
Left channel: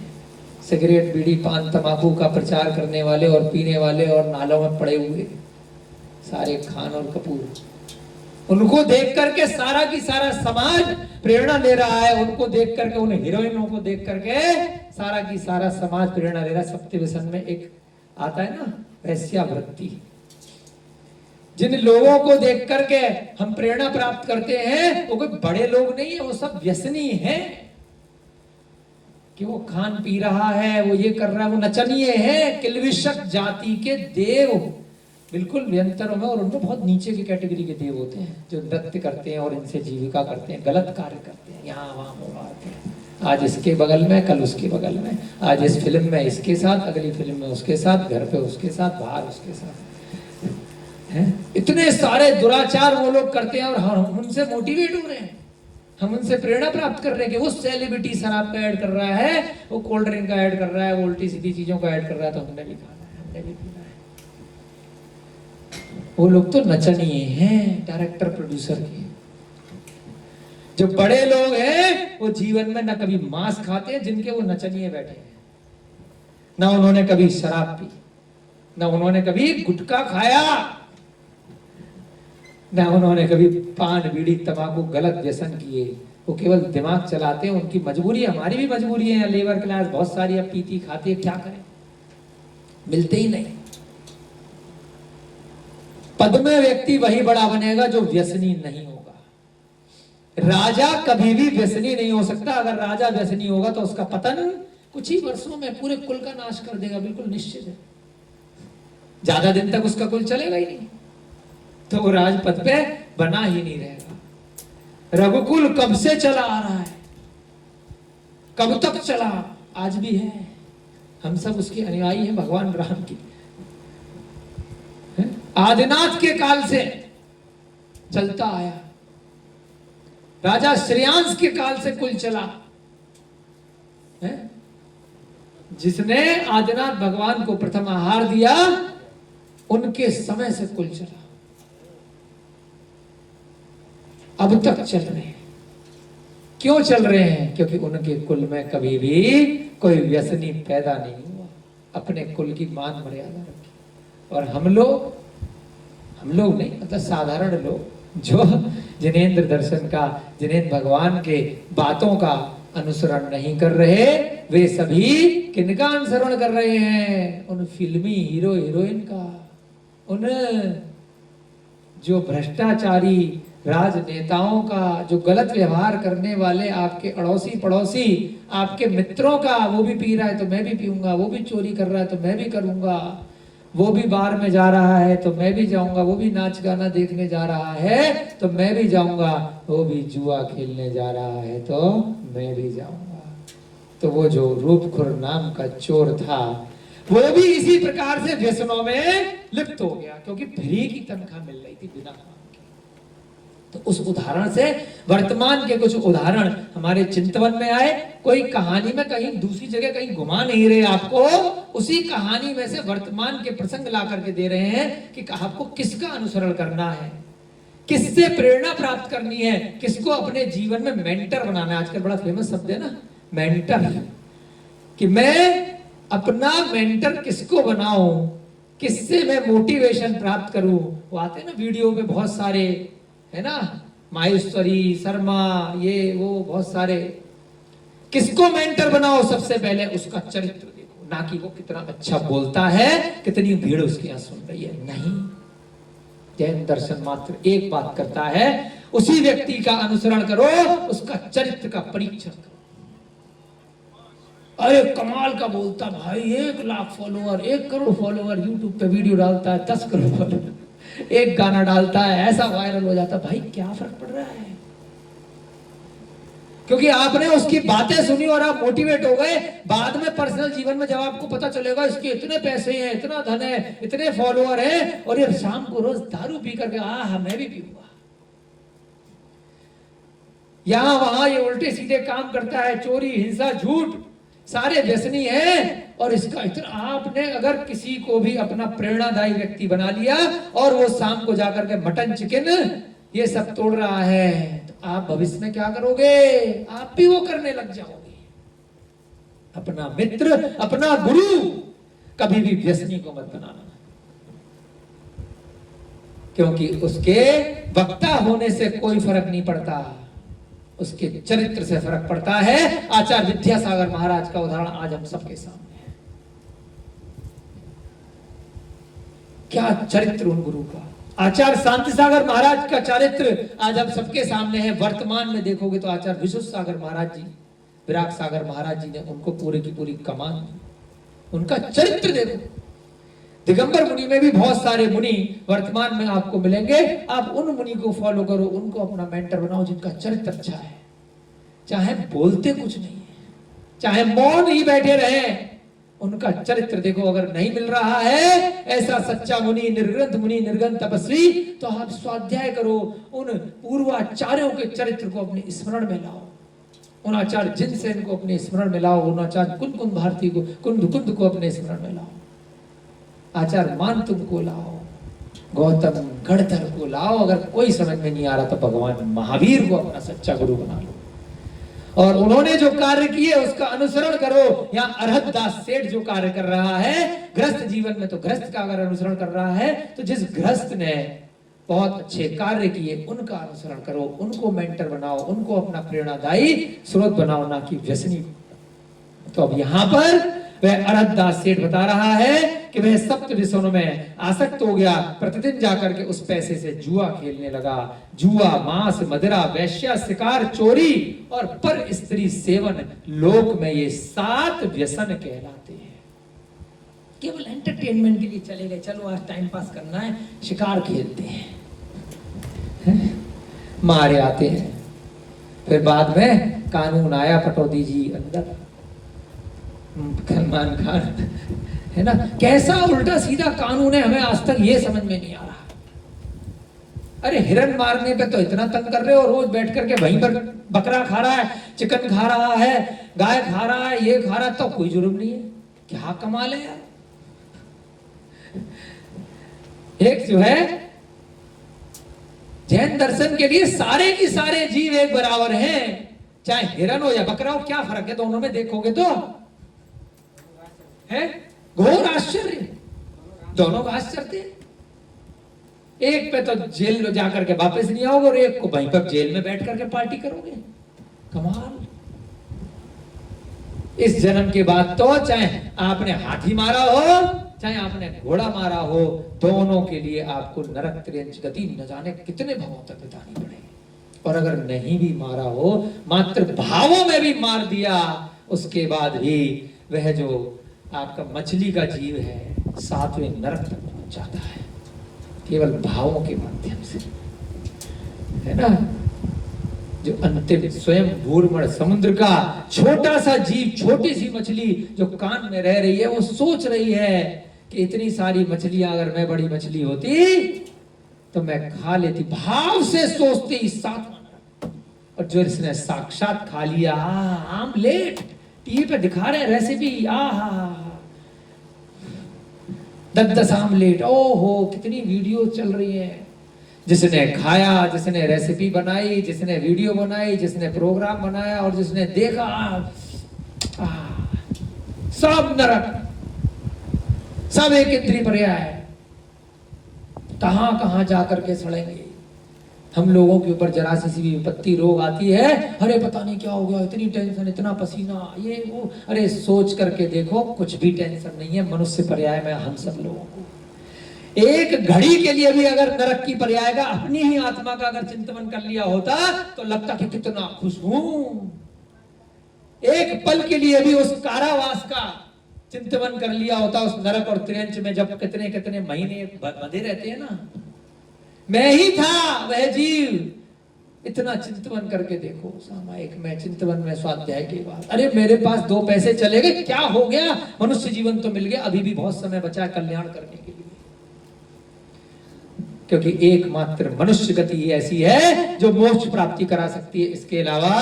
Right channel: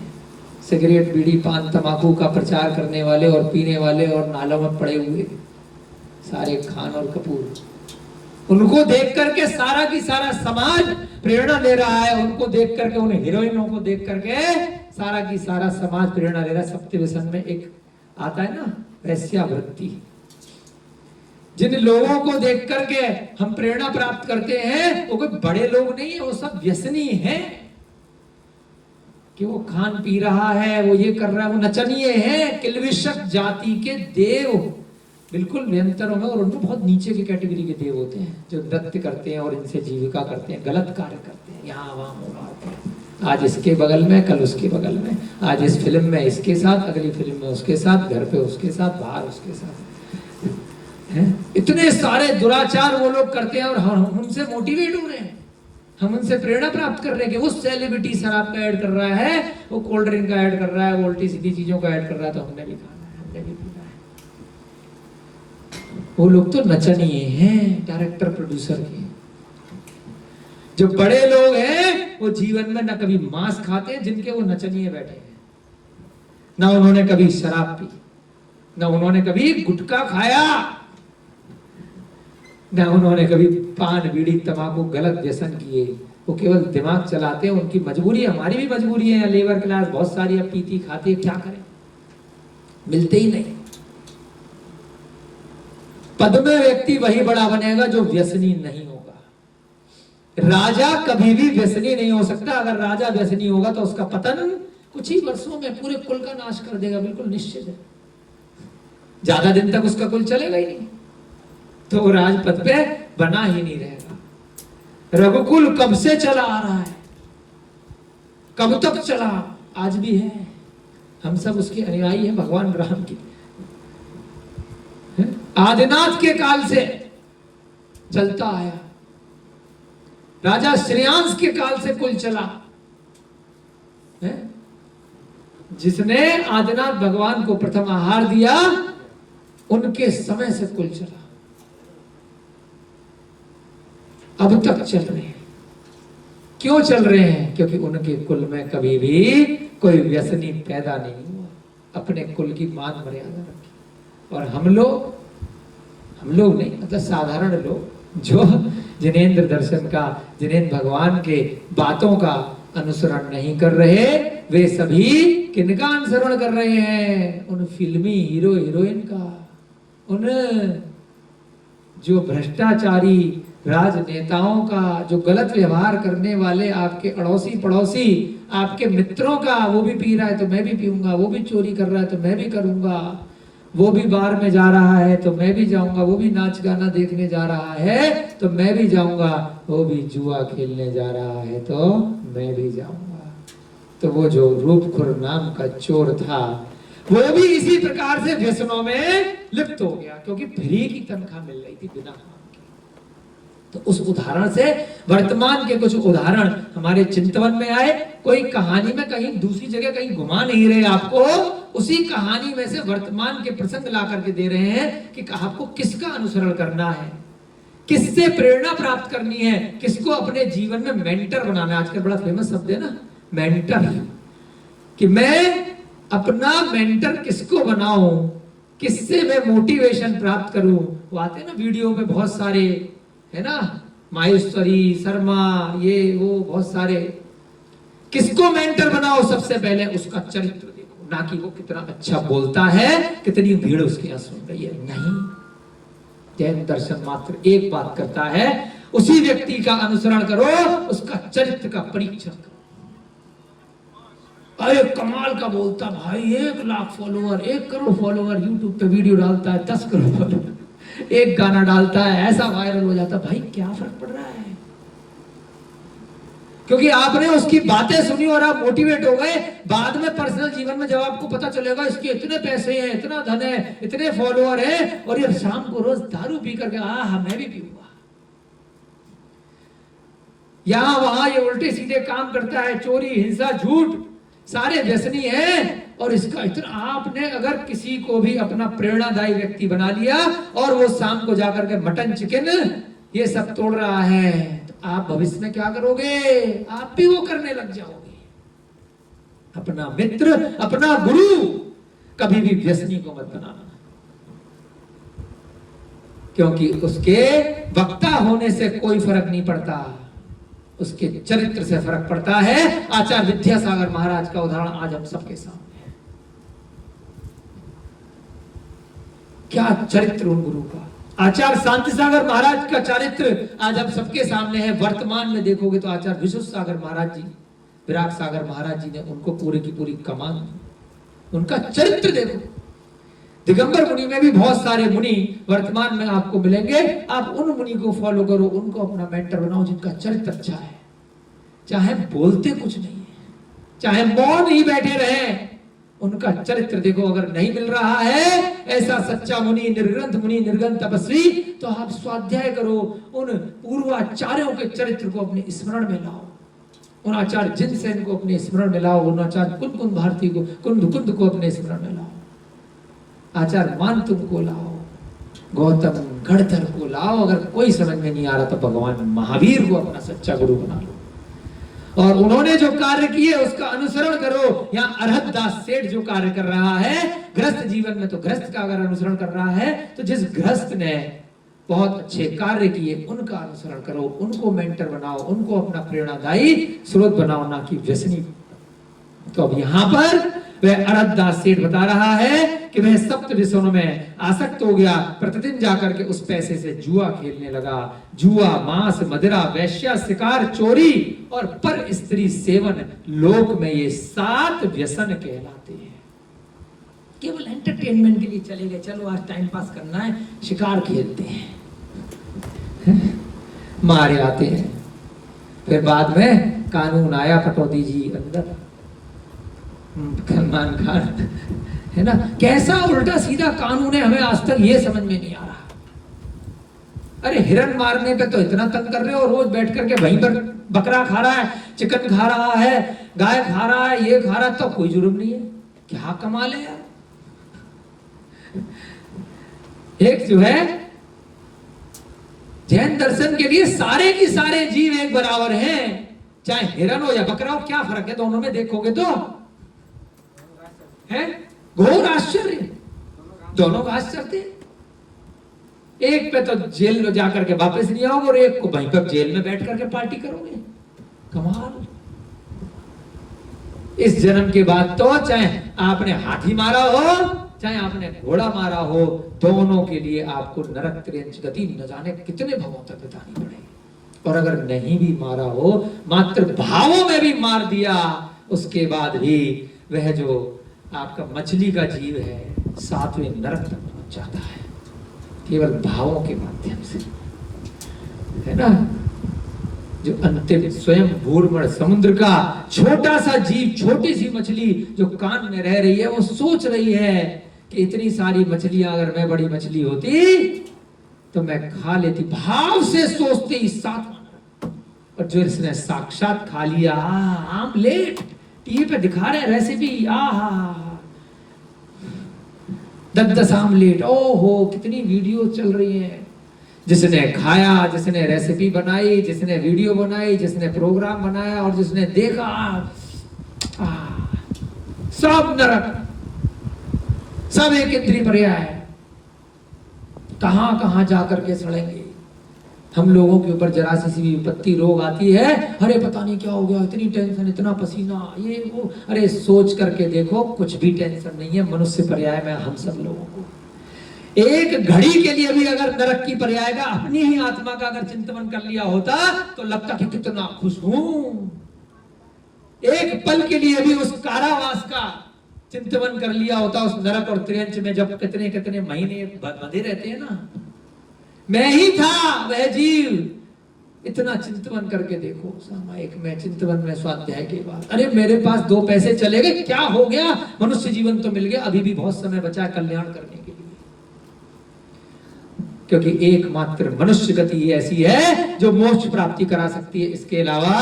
सिगरेट, बीड़ी, पान, तंबाकू का प्रचार करने वाले और पीने वाले और नालों में पड़े हुए सारे खान और कपूर, उनको देख करके सारा की सारा समाज प्रेरणा ले रहा है। उनको देख करके, उन हीरोइनों को देख करके सारा की सारा समाज प्रेरणा ले रहा है। सप्त व्यसन में एक आता है ना, वैश्यावृत्ति। जिन लोगों को देख करके हम प्रेरणा प्राप्त करते हैं, वो कोई बड़े लोग नहीं है, वो सब व्यसनी हैं। कि वो खान पी रहा है, वो ये कर रहा है, वो नचनीय है, किल्विषक जाति के देव, बिल्कुल व्यंतरों में। और उनको बहुत नीचे की कैटेगरी के देव होते हैं, जो नृत्य करते हैं और इनसे जीविका करते हैं, गलत कार्य करते हैं, यहाँ वहां मारते हैं। आज इसके बगल में, कल उसके बगल में, आज इस फिल्म में इसके साथ, अगली फिल्म में उसके साथ, घर पे उसके साथ, बाहर उसके साथ। इतने सारे दुराचार वो लोग करते हैं और हम उनसे मोटिवेट हो रहे हैं, हम उनसे प्रेरणा प्राप्त कर रहे हैं कि वो सेलिब्रिटी शराब का ऐड कर रहा है, वो कोल्ड ड्रिंक का ऐड कर रहा है, वो उल्टी सीधी चीजों का ऐड कर रहा है, तो हमने भी खाना है, हमने भी पीना है। वो लोग तो नचनीय हैं, डायरेक्टर प्रोड्यूसर के। जो बड़े लोग हैं वो जीवन में न कभी मांस खाते हैं, जिनके वो नचनीय बैठे हैं। ना उन्होंने कभी शराब पी, ना उन्होंने कभी गुटखा खाया, ना उन्होंने कभी पान, बीड़ी, तंबाकू गलत व्यसन किए। वो केवल दिमाग चलाते हैं। उनकी मजबूरी, हमारी भी मजबूरी है। लेबर क्लास बहुत सारी अब पीती खाती है, क्या करें, मिलते ही नहीं। पद में व्यक्ति वही बड़ा बनेगा जो व्यसनी नहीं होगा। राजा कभी भी व्यसनी नहीं हो सकता। अगर राजा व्यसनी होगा तो उसका पतन कुछ ही वर्षों में पूरे कुल का नाश कर देगा, बिल्कुल निश्चित है। ज्यादा दिन तक उसका कुल चलेगा ही नहीं, तो वो राजपद पे बना ही नहीं रहेगा। रघुकुल कब से चला आ रहा है, कब तक चला, आज भी है। हम सब उसके अनुयायी हैं, भगवान राम की। आदिनाथ के काल से चलता आया, राजा श्रेयांश के काल से कुल चला है। जिसने आदिनाथ भगवान को प्रथम आहार दिया, उनके समय से कुल चला, अब तक चल रहे हैं। क्यों चल रहे हैं? क्योंकि उनके कुल में कभी भी कोई व्यसनी पैदा नहीं हुआ, अपने कुल की मान मर्यादा रखी। और हम लोग नहीं, मतलब साधारण लोग जो जिनेंद्र दर्शन का, जिनेंद्र भगवान के बातों का अनुसरण नहीं कर रहे, वे सभी किनका अनुसरण कर रहे हैं? उन फिल्मी हीरो हीरोइन का, उन जो भ्रष्टाचारी राजनेताओं का, जो गलत व्यवहार करने वाले आपके अड़ोसी पड़ोसी, आपके मित्रों का। वो भी पी रहा है तो मैं भी पीऊंगा, वो भी चोरी कर रहा है तो मैं भी करूंगा, वो भी बार में जा रहा है तो मैं भी जाऊंगा, वो भी नाच गाना देखने जा रहा है तो मैं भी जाऊंगा, वो भी जुआ खेलने जा रहा है तो मैं भी जाऊंगा। तो वो जो रूपखुर नाम का चोर था, वो भी इसी प्रकार से व्यसनों में लिप्त हो गया, क्योंकि फ्री की तनख्वाह मिल रही थी बिना काम के। तो उस उदाहरण से वर्तमान के कुछ उदाहरण हमारे चिंतन में आए। कोई कहानी में कहीं दूसरी जगह कहीं घुमा नहीं रहे आपको, उसी कहानी में से वर्तमान के प्रसंग ला करके दे रहे हैं कि आपको किसका अनुसरण करना है, किससे प्रेरणा प्राप्त करनी है, किसको अपने जीवन में मेंटर बनाना है। आजकल बड़ा फेमस शब्द है ना, मेंटर, कि मैं अपना मेंटर किसको बनाऊं, किससे मैं मोटिवेशन प्राप्त करूं। वो आते हैं ना वीडियो में बहुत सारे है ना, माहेश्वरी शर्मा, ये वो बहुत सारे। किसको मेंटर बनाओ? सबसे पहले उसका चरित्र देखो, ना कि वो कितना अच्छा बोलता है, कितनी भीड़ उसके यहाँ सुन रही है। नहीं, जैन दर्शन मात्र एक बात करता है, उसी व्यक्ति का अनुसरण करो, उसका चरित्र का परीक्षण करो। अरे कमाल का बोलता भाई, 1 lakh follower, 1 crore follower, YouTube पे वीडियो डालता है, 10 करोड़ फॉलोअर, एक गाना डालता है, ऐसा वायरल हो जाता। भाई क्या फर्क पड़ रहा है? क्योंकि आपने उसकी बातें सुनी और आप मोटिवेट हो गए। बाद में पर्सनल जीवन में जब आपको पता चलेगा इसके इतने पैसे हैं, इतना धन है, इतने फॉलोअर हैं, और ये शाम को रोज दारू पी करके मैं भी पीऊंगा, यहां वहां ये उल्टे सीधे काम करता है, चोरी हिंसा झूठ, सारे व्यसनी हैं, और इसका इतना। आपने अगर किसी को भी अपना प्रेरणादायी व्यक्ति बना लिया और वो शाम को जाकर के मटन चिकन ये सब तोड़ रहा है, तो आप भविष्य में क्या करोगे? आप भी वो करने लग जाओगे। अपना मित्र, अपना गुरु कभी भी व्यसनी को मत बनाना, क्योंकि उसके वक्ता होने से कोई फर्क नहीं पड़ता, उसके चरित्र से फर्क पड़ता है। आचार्य विद्यासागर महाराज का उदाहरण आज हम सबके सामने है। क्या चरित्र उन गुरु का! आचार्य शांति सागर महाराज का चरित्र आज आप सबके सामने है। वर्तमान में देखोगे तो आचार्य विश्व सागर महाराज जी, विराट सागर महाराज जी ने उनको पूरी की पूरी कमान दी। उनका चरित्र देखो। दिगंबर मुनि में भी बहुत सारे मुनि वर्तमान में आपको मिलेंगे। आप उन मुनि को फॉलो करो, उनको अपना मेंटर बनाओ जिनका चरित्र अच्छा है, चाहे बोलते कुछ नहीं है, चाहे मौन ही बैठे रहे, उनका चरित्र देखो। अगर नहीं मिल रहा है ऐसा सच्चा मुनि, निर्ग्रंथ मुनि, निर्गंथ तपस्वी, तो आप स्वाध्याय करो, उन पूर्वाचार्यों के चरित्र को अपने स्मरण में लाओ, उन आचार्य जिनसेन को अपने स्मरण में लाओ, उन आचार्य कुंद कुंद भारती को, कुंद कुंद को अपने स्मरण में लाओ, आचार्य मानतुम को लाओ, गौतम गणधर को लाओ। अगर कोई समझ में नहीं आ रहा तो भगवान महावीर को अपना सच्चा गुरु बना लो, और उन्होंने जो कार्य किए उसका अनुसरण करो। यहाँ अरहत दास सेठ जो कार्य कर रहा है गृहस्थ जीवन में, तो गृहस्थ का अगर अनुसरण कर रहा है तो जिस गृहस्थ ने बहुत अच्छे कार्य किए उनका अनुसरण करो, उनको मेंटर बनाओ, उनको अपना प्रेरणादायी स्रोत बनाओ, ना कि व्यसनी। तो अब यहाँ पर वह अरहत दास सेठ बता रहा है कि वह सप्त व्यसनों में आसक्त हो गया, प्रतिदिन जाकर के उस पैसे से जुआ खेलने लगा। जुआ, मांस, मदिरा, वैश्या, शिकार, चोरी और पर स्त्री सेवन, लोक में ये 7 व्यसन कहलाते हैं। केवल एंटरटेनमेंट के लिए चले गए, चलो आज टाइम पास करना है, शिकार खेलते हैं, मारे आते हैं। फिर बाद में कानून आया, कटौती जी अंदर, सलमान खान, है ना। कैसा उल्टा सीधा कानून है, हमें आज तक ये समझ में नहीं आ रहा। अरे हिरन मारने पे तो इतना तंग कर रहे हो, रोज बैठ करके वहीं पर बकरा खा रहा है, चिकन खा रहा है, गाय खा रहा है, ये खा रहा है, तो कोई जुर्म नहीं है। क्या कमाल है यार। एक जो है जैन दर्शन के लिए सारे की सारे जीव एक बराबर हैं, चाहे हिरन हो या बकरा हो। क्या फर्क है दोनों में देखोगे तो? है घोर आश्चर्य, दोनों घास चलते हैं। एक पे तो जेल में जाकर के वापस नहीं आओगे और एक को वहीं पर जेल में बैठ करके पार्टी करोगे। कमाल। इस जन्म के बाद तो चाहे आपने हाथी मारा हो, चाहे आपने घोड़ा मारा हो, दोनों के लिए आपको नरक त्रियंच गति न जाने कितने भवों तक बितानी पड़ेगी। और अगर नहीं भी मारा हो, मात्र भावों में भी मार दिया, उसके बाद भी वह जो आपका मछली का जीव है 7वें नरक तक पहुंच जाता है, केवल भावों के माध्यम से, है ना। जो अंतिम स्वयं भूर्मण समुद्र का छोटा सा जीव, छोटी सी मछली जो कान में रह रही है, वो सोच रही है कि इतनी सारी मछलियां अगर मैं बड़ी मछली होती तो मैं खा लेती। भाव से सोचते ही 7वां नरक। और जो इसने साक्षात खा लिया, आमलेट टीवी पे दिखा रहे रेसिपी, 10 आमलेट, ओहो कितनी वीडियो चल रही है। जिसने खाया, जिसने रेसिपी बनाई, जिसने वीडियो बनाई, जिसने प्रोग्राम बनाया और जिसने देखा, सब नरक, सब एक इंद्रिय पर्याय, कहां कहां जाकर के सड़ेंगे। हम लोगों के ऊपर जरा सी भी विपत्ति रोग आती है, अरे पता नहीं क्या हो गया, इतनी टेंशन, इतना पसीना, ये वो। अरे सोच करके देखो, कुछ भी टेंशन नहीं है। मनुष्य पर्याय में हम सब लोगों को एक घड़ी के लिए भी अगर नरक की पर्याय का अपनी ही आत्मा का अगर चिंतन कर लिया होता तो लगता कि कितना खुश हूं। एक पल के लिए भी उस कारावास का चिंतन कर लिया होता, उस नरक और त्रियंच में जब कितने कितने महीने बंधे रहते हैं ना, मैं ही था वह जीव। इतना चिंतन करके देखो, सामायिक में चिंतन में स्वाध्याय के बाद, अरे मेरे पास 2 पैसे चले गए, क्या हो गया, मनुष्य जीवन तो मिल गया, अभी भी बहुत समय बचा है कल्याण करने के लिए। क्योंकि एकमात्र मनुष्य गति ऐसी है जो मोक्ष प्राप्ति करा सकती है। इसके अलावा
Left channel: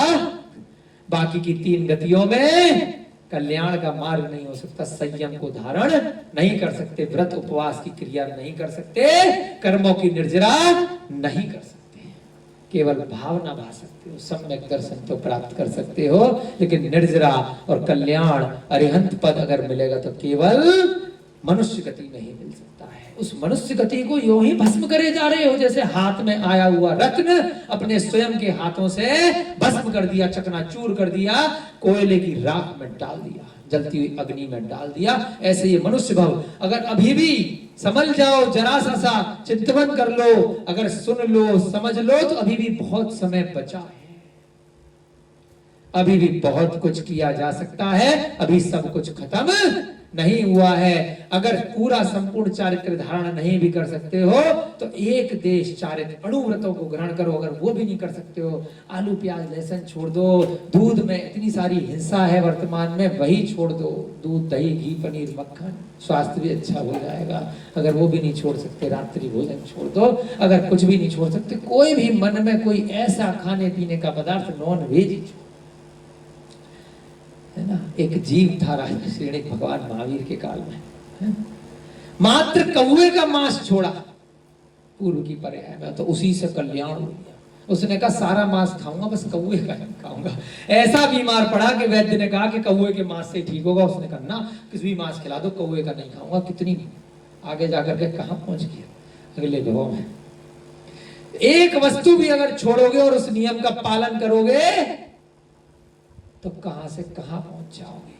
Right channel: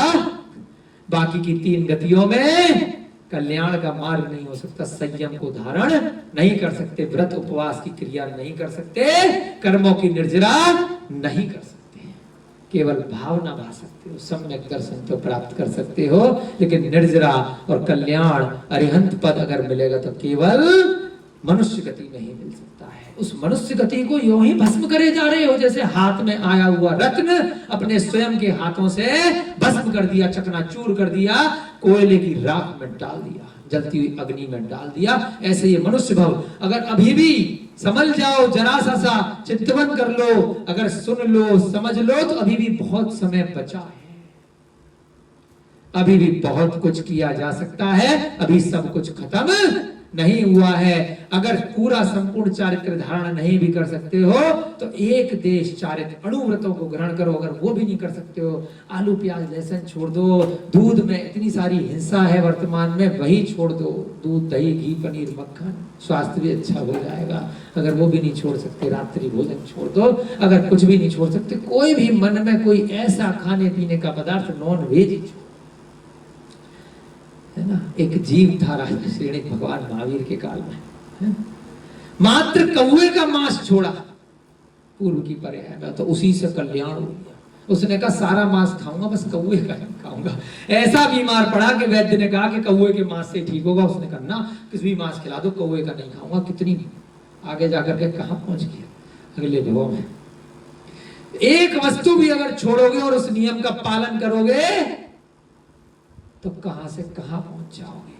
बाकी की 3 गतियों में कल्याण का मार्ग नहीं हो सकता। संयम को धारण नहीं कर सकते, व्रत उपवास की क्रिया नहीं कर सकते, कर्मों की निर्जरा नहीं कर सकते, केवल भावना भा सकते हो, सम्यक दर्शन तो प्राप्त कर सकते हो, लेकिन निर्जरा और कल्याण अरिहंत पद अगर मिलेगा तो केवल मनुष्य गति नहीं मिल सकता है। उस मनुष्य गति को यूं ही भस्म करे जा रहे हो, जैसे हाथ में आया हुआ रत्न अपने स्वयं के हाथों से भस्म कर दिया, चकनाचूर कर दिया, कोयले की राख में डाल दिया, जलती हुई अग्नि में डाल दिया। ऐसे ये मनुष्य भव अगर अभी भी समझ जाओ, जरा सा चिंतन कर लो, अगर सुन लो, समझ लो, तो अभी भी बहुत समय बचा है, अभी भी बहुत कुछ किया जा सकता है, अभी सब कुछ खत्म नहीं हुआ है। अगर पूरा संपूर्ण चारित्र धारण नहीं भी कर सकते हो तो एक देश चारित्र अणुव्रतों को ग्रहण करो, अगर वो भी नहीं कर सकते हो, आलू प्याज लहसुन छोड़ दो, दूध में इतनी सारी हिंसा है वर्तमान में, वही छोड़ दो, दूध दही घी पनीर मक्खन, स्वास्थ्य भी अच्छा हो जाएगा। अगर वो भी नहीं छोड़ सकते, रात्रि भोजन छोड़ दो, अगर कुछ भी नहीं छोड़ सकते, कोई भी मन में कोई ऐसा खाने पीने का पदार्थ नॉन वेज ही छोड़, है ना। एक जीव था राजा श्री भगवान महावीर के काल में, है? मात्र कौवे का मांस छोड़ा पूर्व की पर्याय में, तो उसी से कल्याण हो गया। उसने कहा सारा मांस खाऊंगा, बस कौवे का नहीं खाऊंगा। ऐसा बीमार पड़ा कि वैद्य ने कहा कि कौवे के मांस से ठीक होगा। उसने कहा ना, किसी भी मांस खिला दो, कौवे का नहीं खाऊंगा। कितनी आगे जाकर के कहां पहुंच गया अगले भाव में। एक वस्तु भी अगर छोड़ोगे और उस नियम का पालन करोगे तो कहां से कहां पहुंच जाओगे।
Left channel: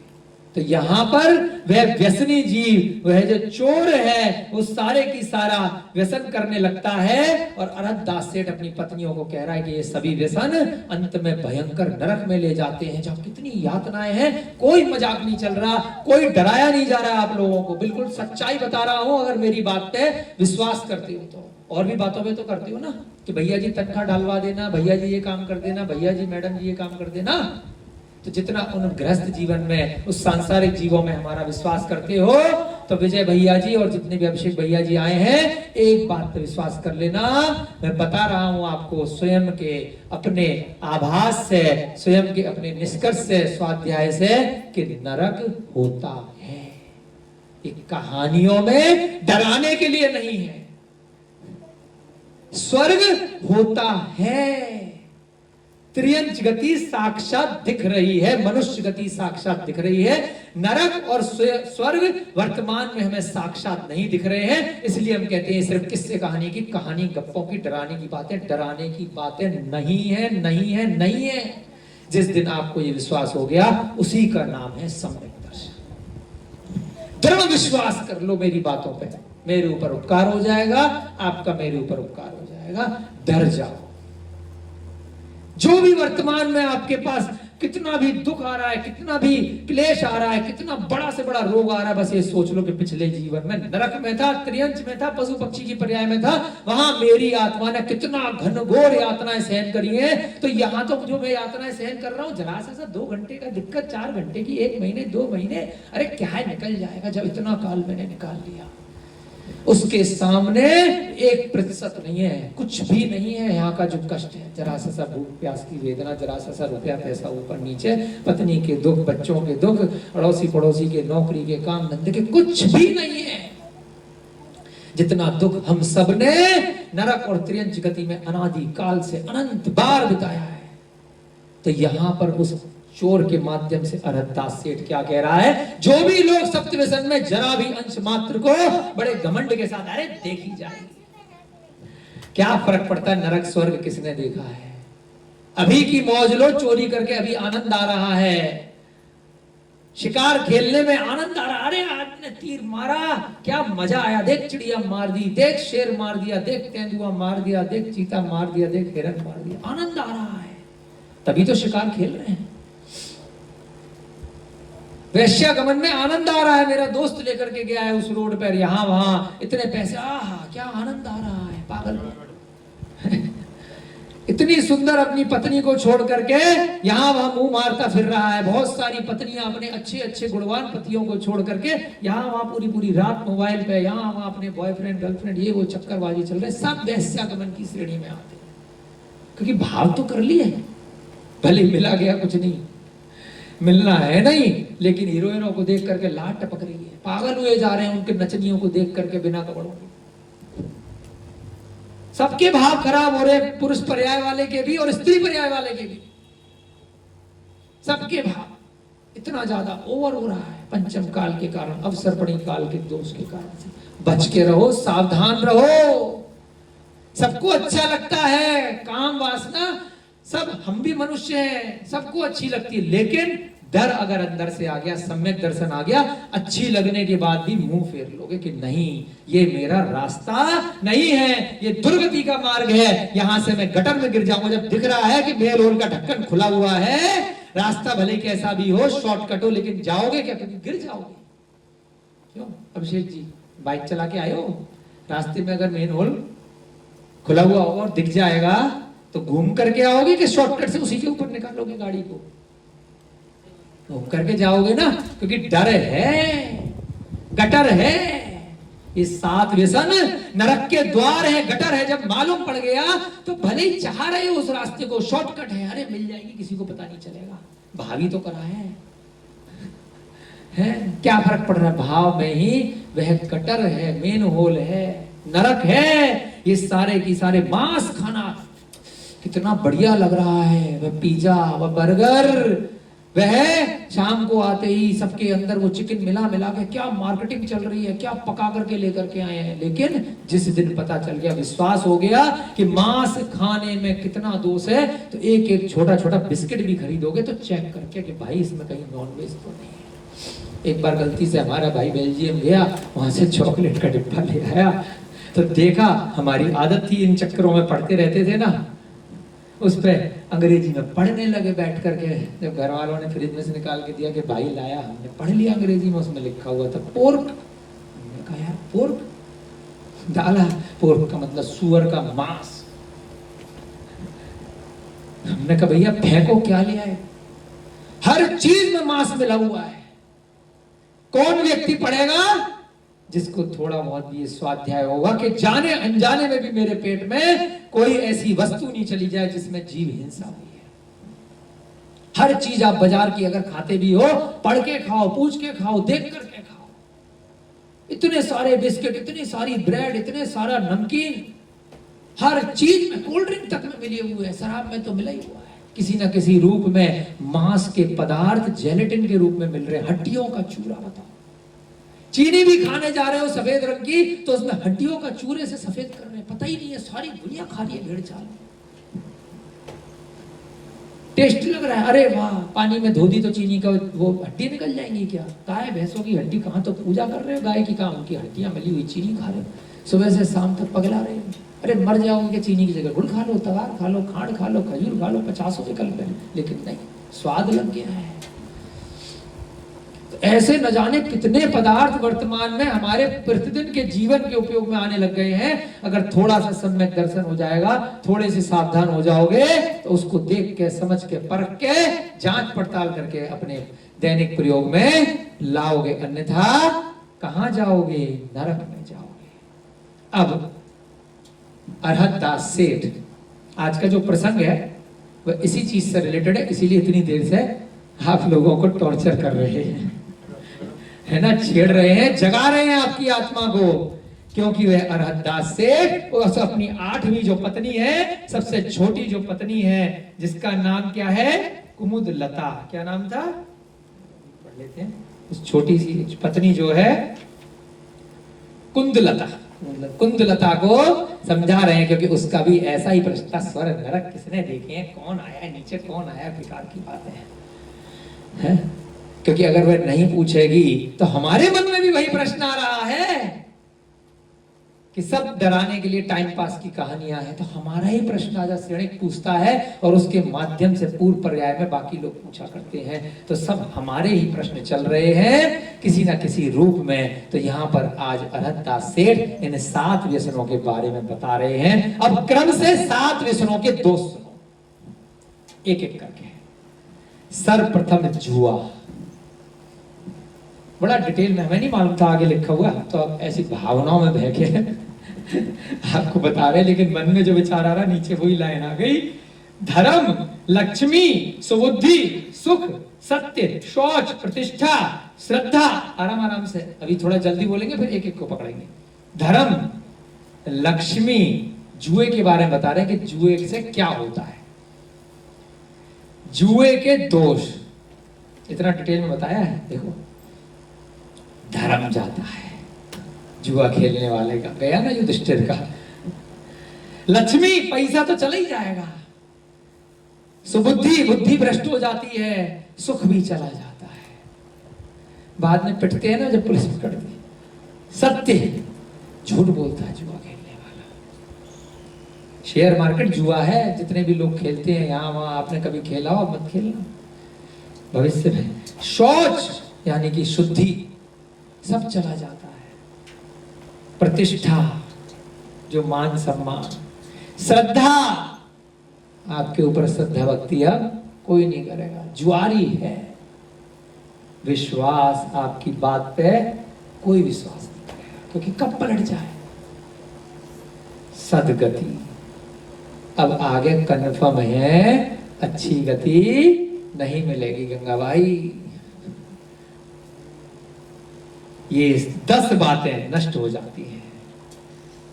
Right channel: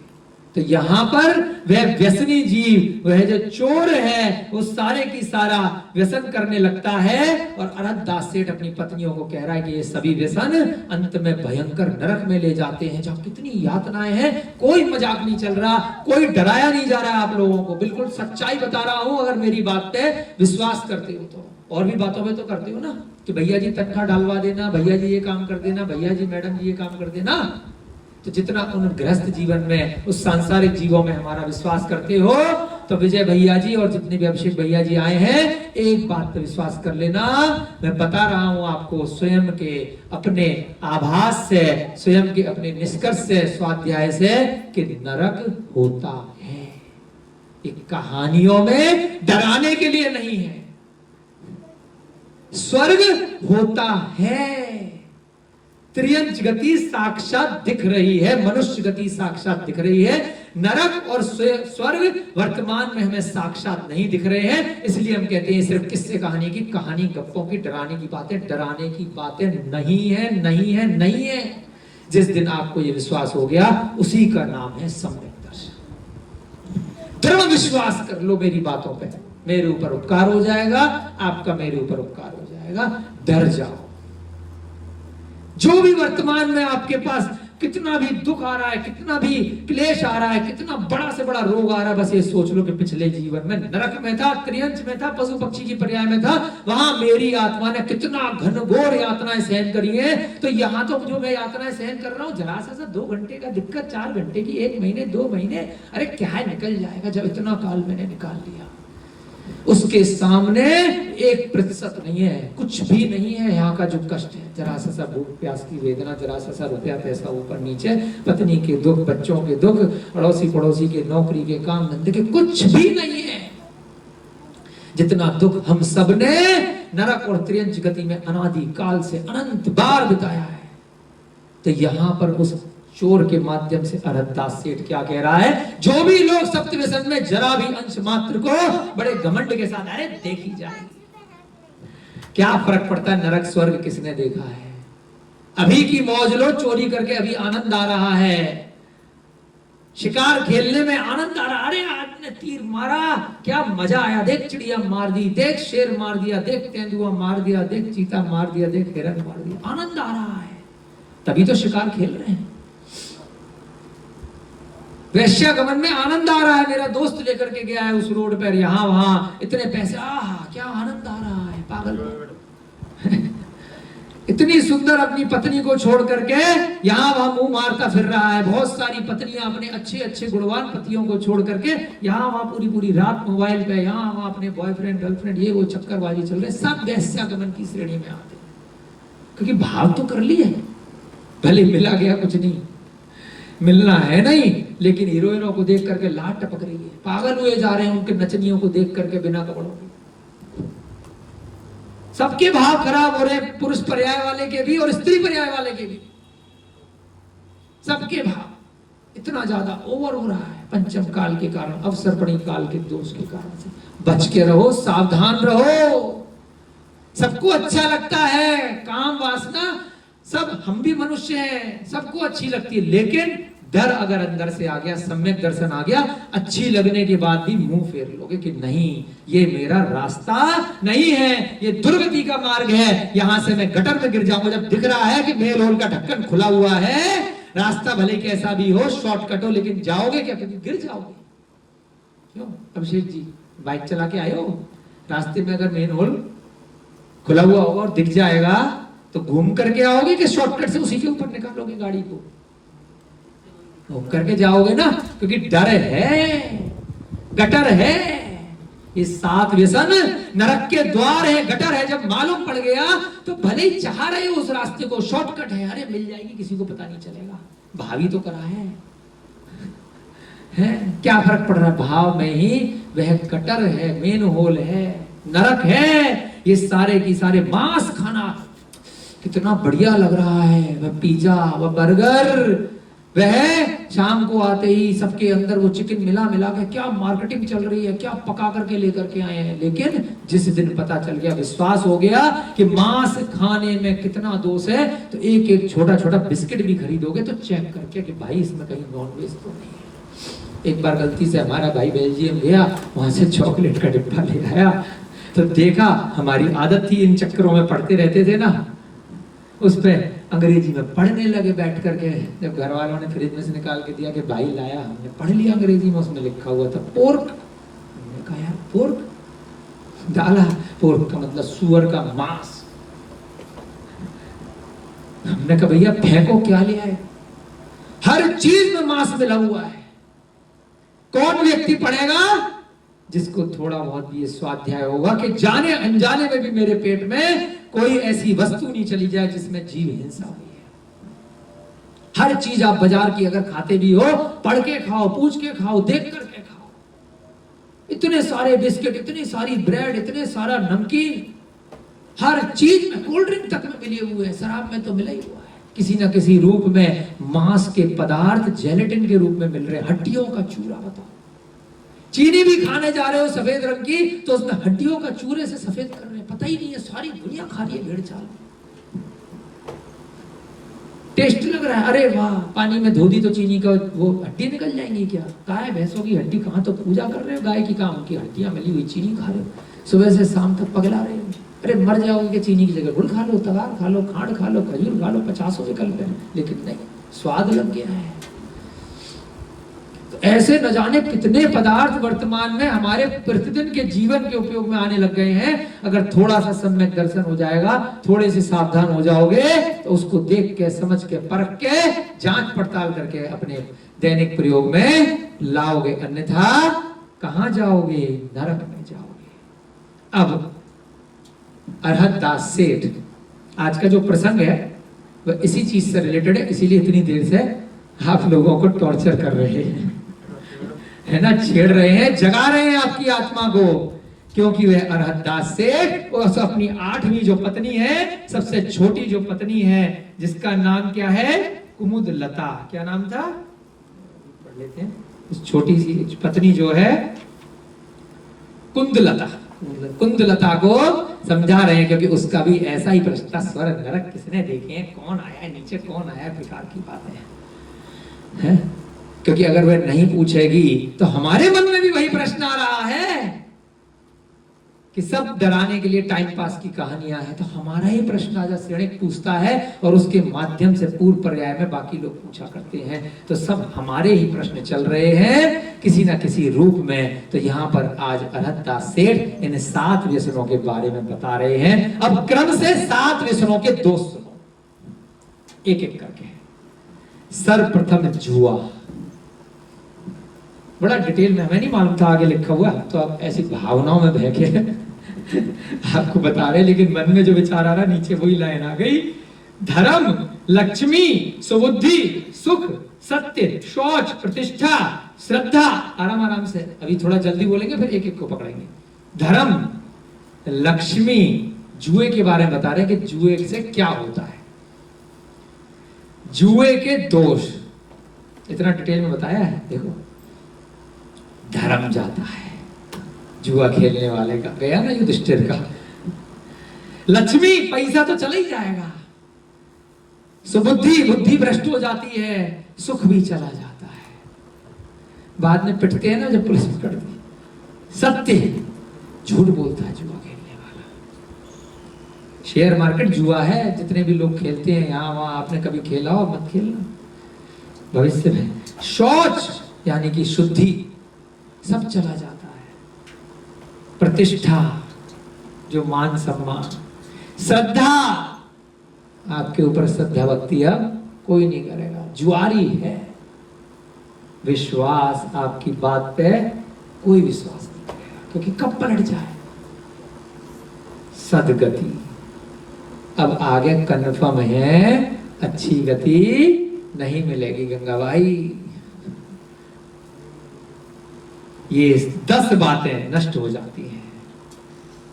तो यहां पर वह व्यसनी जीव, वह जो चोर है, वो सारे की सारा व्यसन करने लगता है। और अरहत दास सेठ अपनी पत्नियों को कह रहा है कि ये सभी व्यसन अंत में भयंकर नरक में ले जाते हैं, जहां कितनी यातनाएं हैं। कोई मजाक नहीं चल रहा, कोई डराया नहीं जा रहा आप लोगों को, बिल्कुल सच्चाई बता रहा हूं। अगर मेरी बात पे विश्वास करते हो तो, और भी बातों में तो करते हो ना कि भैया जी तनख्वाह डालवा देना, भैया जी ये काम कर देना, भैया जी मैडम जी ये काम कर देना। तो जितना उन गृहस्थ जीवन में, उस सांसारिक जीवों में हमारा विश्वास करते हो, तो विजय भैया जी और जितने भी अभिषेक भैया जी आए हैं, एक बात पर विश्वास कर लेना, मैं बता रहा हूं आपको स्वयं के अपने आभास से, स्वयं के अपने निष्कर्ष से, स्वाध्याय से, कि नरक होता है। एक कहानियों में डराने के लिए नहीं है, स्वर्ग होता है। त्रियंच गति साक्षात दिख रही है, मनुष्य गति साक्षात दिख रही है। नरक और स्वर्ग वर्तमान में हमें साक्षात नहीं दिख रहे हैं। इसलिए हम कहते हैं सिर्फ किस्से कहानी की, कहानी गप्पों की, डराने की बातें, डराने की बातें नहीं है, नहीं है, नहीं है। जिस दिन आपको ये विश्वास हो गया, उसी का नाम है सम्यक दर्शन। दृढ़ विश्वास कर लो मेरी बातों पे, मेरे ऊपर उपकार हो जाएगा, आपका मेरे ऊपर उपकार हो जाएगा। डर जाओ। जो भी वर्तमान में आपके पास कितना भी दुख आ रहा है, कितना भी क्लेश आ रहा है, कितना बड़ा से बड़ा रोग आ रहा है, बस ये सोच लो कि पिछले जीवन में नरक में था, त्रियंच में था, पशु पक्षी की पर्याय में था, वहां मेरी आत्मा ने कितना घनघोर यातनाएं सहन करी है। तो यहाँ तो जो मैं यातनाएं सहन कर रहा हूँ, जरा सा 2 घंटे का दिक्कत, 4 घंटे की, 1 महीने 2 महीने, अरे क्या है, निकल जाएगा जब इतना काल मैंने निकाल लिया। उसके सामने 1% नहीं है, कुछ भी नहीं है। यहाँ का जो कष्ट है, जरा सा भूख प्यास की वेदना, जरा सा रुपया पैसा ऊपर नीचे, पत्नी के दुख, बच्चों के दुख, अड़ोसी पड़ोसी के नौकरी के काम धंधे के, कुछ भी नहीं है। जितना दुख हम सब ने नरक और त्रियंच गति में अनादि काल से अनंत बार बिताया है। तो यहाँ पर उस चोर के माध्यम से अरहत दास सेठ क्या कह रहा है, जो भी लोग सप्तव्यसन में जरा भी अंश मात्र को बड़े घमंड के साथ, अरे देखी जाएगी, क्या फर्क पड़ता है नरक स्वर्ग किसने देखा है? अभी की मौज लो, चोरी करके अभी आनंद आ रहा है, शिकार खेलने में आनंद आ रहा। अरे आज ने तीर मारा, क्या मजा आया, देख चिड़िया मार दी, देख शेर मार दिया, देख तेंदुआ मार दिया, देख चीता मार दिया, देख हिरन मार दिया, आनंद आ रहा है, तभी तो शिकार खेल रहे हैं। वैश्यागमन में आनंद आ रहा है, मेरा दोस्त लेकर के गया है उस रोड पर, यहां वहां इतने पैसे, आहा क्या आनंद आ रहा है, पागल इतनी सुंदर अपनी पत्नी को छोड़ करके यहां वहां मुंह मारता फिर रहा है। बहुत सारी पत्नियां अपने अच्छे अच्छे गुणवान पतियों को छोड़ करके यहां वहां पूरी पूरी रात मोबाइल पे, यहां वहां अपने बॉयफ्रेंड गर्लफ्रेंड ये वो चक्करबाजी चल रहे, सब वैश्यागमन की श्रेणी में आते, क्योंकि भाव तो कर लिए, भले मिला गया कुछ नहीं, मिलना है नहीं, लेकिन हीरोइनों को देख करके लाट टपक रही है, पागल हुए जा रहे हैं उनके नचनियों को देख करके बिना कपड़ों के। सबके भाव खराब हो रहे, पुरुष पर्याय वाले के भी और स्त्री पर्याय वाले के भी, सबके भाव इतना ज्यादा ओवर हो रहा है पंचम काल के कारण, अवसरपणी काल के दोष के कारण से। बच के रहो, सावधान रहो। सबको अच्छा लगता है काम वासना, सब हम भी मनुष्य हैं, सबको अच्छी लगती है, लेकिन डर अगर अंदर से आ गया, सम्यक दर्शन आ गया, अच्छी लगने के बाद भी मुंह फेर लोगे कि नहीं ये मेरा रास्ता नहीं है, ये दुर्गति का मार्ग है, यहां से मैं गटर में गिर जाऊंगा। जब दिख रहा है कि मेल होल का ढक्कन खुला हुआ है, रास्ता भले कैसा भी हो, शॉर्टकट हो, लेकिन जाओगे क्या? क्योंकि गिर जाओगे। क्यों अभिषेक जी, बाइक चला के आए हो, रास्ते में अगर मेन होल खुला हुआ होगा और दिख जाएगा तो घूम करके आओगे कि शॉर्टकट से उसी के ऊपर निकालोगे गाड़ी को? घूम करके जाओगे ना, क्योंकि डर है, गटर है, ये 7 व्यसन नरक के द्वार है, गटर है। जब मालूम पड़ गया तो भले ही चाह रहे हो उस रास्ते को, शॉर्टकट है, अरे मिल जाएगी, किसी को पता नहीं चलेगा, भावी तो करा है, क्या फर्क पड़ रहा है? भाव में ही वह गटर है, मेन होल है, नरक है। ये सारे की सारे मांस खाना कितना बढ़िया लग रहा है, वह पिज्जा, वह बर्गर, वह शाम को आते ही सबके अंदर वो चिकन मिला मिला के क्या मार्केटिंग चल रही है, क्या पका करके लेकर के आए हैं। लेकिन जिस दिन पता चल गया, विश्वास हो गया कि मांस खाने में कितना दोष है, तो एक एक छोटा छोटा बिस्किट भी खरीदोगे तो चेक करके कि भाई इसमें कहीं नॉनवेज तो नहीं है। एक बार गलती से हमारा भाई बेल्जियम गया, वहां से चॉकलेट का डिब्बा ले आया, तो देखा, हमारी आदत थी इन चक्करों में पढ़ते रहते थे ना, उस पे अंग्रेजी में पढ़ने लगे बैठ करके। जब घर वालों ने फ्रिज में से निकाल के दिया कि भाई लाया, हमने पढ़ लिया अंग्रेजी में, उसमें लिखा हुआ था पोर्क। हमने कहा यार पोर्क, डाला, पोर्क का मतलब सुअर का मांस। हमने कहा भैया फेंको, क्या लिया है? हर चीज में मांस मिला हुआ है। कौन व्यक्ति पढ़ेगा जिसको थोड़ा बहुत भी स्वाध्याय होगा कि जाने अनजाने में भी मेरे पेट में कोई ऐसी वस्तु नहीं चली जाए जिसमें जीव हिंसा हुई है। हर चीज आप बाजार की अगर खाते भी हो, पढ़ के खाओ, पूछ के खाओ, देख करके खाओ। इतने सारे बिस्किट, इतनी सारी ब्रेड, इतने सारा नमकीन, हर चीज में, कोल्ड ड्रिंक तक में मिले हुए हैं, शराब में तो मिला ही हुआ है, किसी न किसी रूप में मांस के पदार्थ जेलेटिन के रूप में मिल रहे, हड्डियों का चूरा। बताओ, चीनी भी खाने जा रहे हो सफेद रंग की, तो उसमें हड्डियों का चूरे से सफेद कर रहे हैं, पता ही नहीं है, सारी दुनिया खा रही है भेड़ चाल। टेस्ट लग रहा है, अरे वाह, पानी में धो दी तो चीनी का वो हड्डी निकल जाएंगी क्या? गाय भैंसों की हड्डी कहाँ, तो पूजा कर रहे हो गाय की, कहाँ उनकी हड्डियां मिली हुई चीनी खा रहे हो, सुबह से शाम तक पगला रहे हो। अरे मर जाओगे कि चीनी की जगह गुड़ खा लो, तगार खा लो, खांड खा लो, खजूर खा लो, 50 विकल्प है, लेकिन नहीं, स्वाद लग गया है। ऐसे न जाने कितने पदार्थ वर्तमान में हमारे प्रतिदिन के जीवन के उपयोग में आने लग गए हैं। अगर थोड़ा सा सम्यक दर्शन हो जाएगा, थोड़े से सावधान हो जाओगे, तो उसको देख के, समझ के, परख के, जांच पड़ताल करके अपने दैनिक प्रयोग में लाओगे, अन्यथा कहां जाओगे? नरक में जाओगे। अब अरहत दास सेठ, आज का जो प्रसंग है वह इसी चीज से रिलेटेड है, इसीलिए इतनी देर से आप लोगों को टॉर्चर कर रहे हैं, है ना, छेड़ रहे हैं, जगा रहे हैं आपकी आत्मा को, क्योंकि वह अरहत दास सेठ अपनी 8वीं जो पत्नी है, सबसे छोटी जो पत्नी है, जिसका नाम क्या है? कुमुदलता। क्या नाम था? पढ़ लेते हैं। इस छोटी सी पत्नी जो है कुंदलता, कुंदलता को समझा रहे हैं, क्योंकि उसका भी ऐसा ही प्रश्न था, स्वर्ग नरक किसने देखे हैं, कौन आया है नीचे, कौन आया प्रकार की बातें हैं। क्योंकि अगर वह नहीं पूछेगी तो हमारे मन में भी वही प्रश्न आ रहा है कि सब डराने के लिए टाइम पास की कहानियां हैं, तो हमारा ही प्रश्न आजा श्रेणिक पूछता है और उसके माध्यम से पूर्व पर्याय में बाकी लोग पूछा करते हैं, तो सब हमारे ही प्रश्न चल रहे हैं किसी ना किसी रूप में। तो यहाँ पर आज अरहतदास सेठ इन 7 व्यसनों के बारे में बता रहे हैं। अब क्रम से 7 व्यसनों के दोष सुनो, एक एक करके। सर्वप्रथम जुआ, बड़ा डिटेल में, हमें नहीं मालूम था आगे लिखा हुआ, तो अब ऐसी भावनाओं में बह के आपको बता रहे, लेकिन मन में जो विचार आ रहा नीचे वही लाइन आ गई। धर्म, लक्ष्मी, सुबुद्धि, सुख, सत्य, शौच, प्रतिष्ठा, श्रद्धा। आराम आराम से, अभी थोड़ा जल्दी बोलेंगे फिर एक एक को पकड़ेंगे। धर्म, लक्ष्मी, जुए के बारे में बता रहे हैं कि जुए से क्या होता है, जुए के दोष, इतना डिटेल में बताया है। देखो, धर्म जाता है जुआ खेलने वाले का, गया ना युधिष्ठिर का। लक्ष्मी, पैसा तो चला ही जाएगा। सुबुद्धि, बुद्धि भ्रष्ट हो जाती है। सुख भी चला जाता है, बाद में पिटते हैं ना जब पुलिस पकड़ती है। सत्य, झूठ बोलता है जुआ खेलने वाला। शेयर मार्केट जुआ है, जितने भी लोग खेलते हैं यहाँ वहां, आपने कभी खेला हो, मत खेलना भविष्य में। शौच यानी कि शुद्धि, सब चला जाता है। प्रतिष्ठा, जो मान सम्मान। श्रद्धा, आपके ऊपर श्रद्धा भक्ति अब कोई नहीं करेगा, जुआरी है। विश्वास, आपकी बात पे कोई विश्वास नहीं करेगा, क्योंकि कब पलट जाए। सदगति, अब आगे कन्फर्म है अच्छी गति नहीं मिलेगी गंगाबाई। ये 10 बातें नष्ट हो जाती हैं।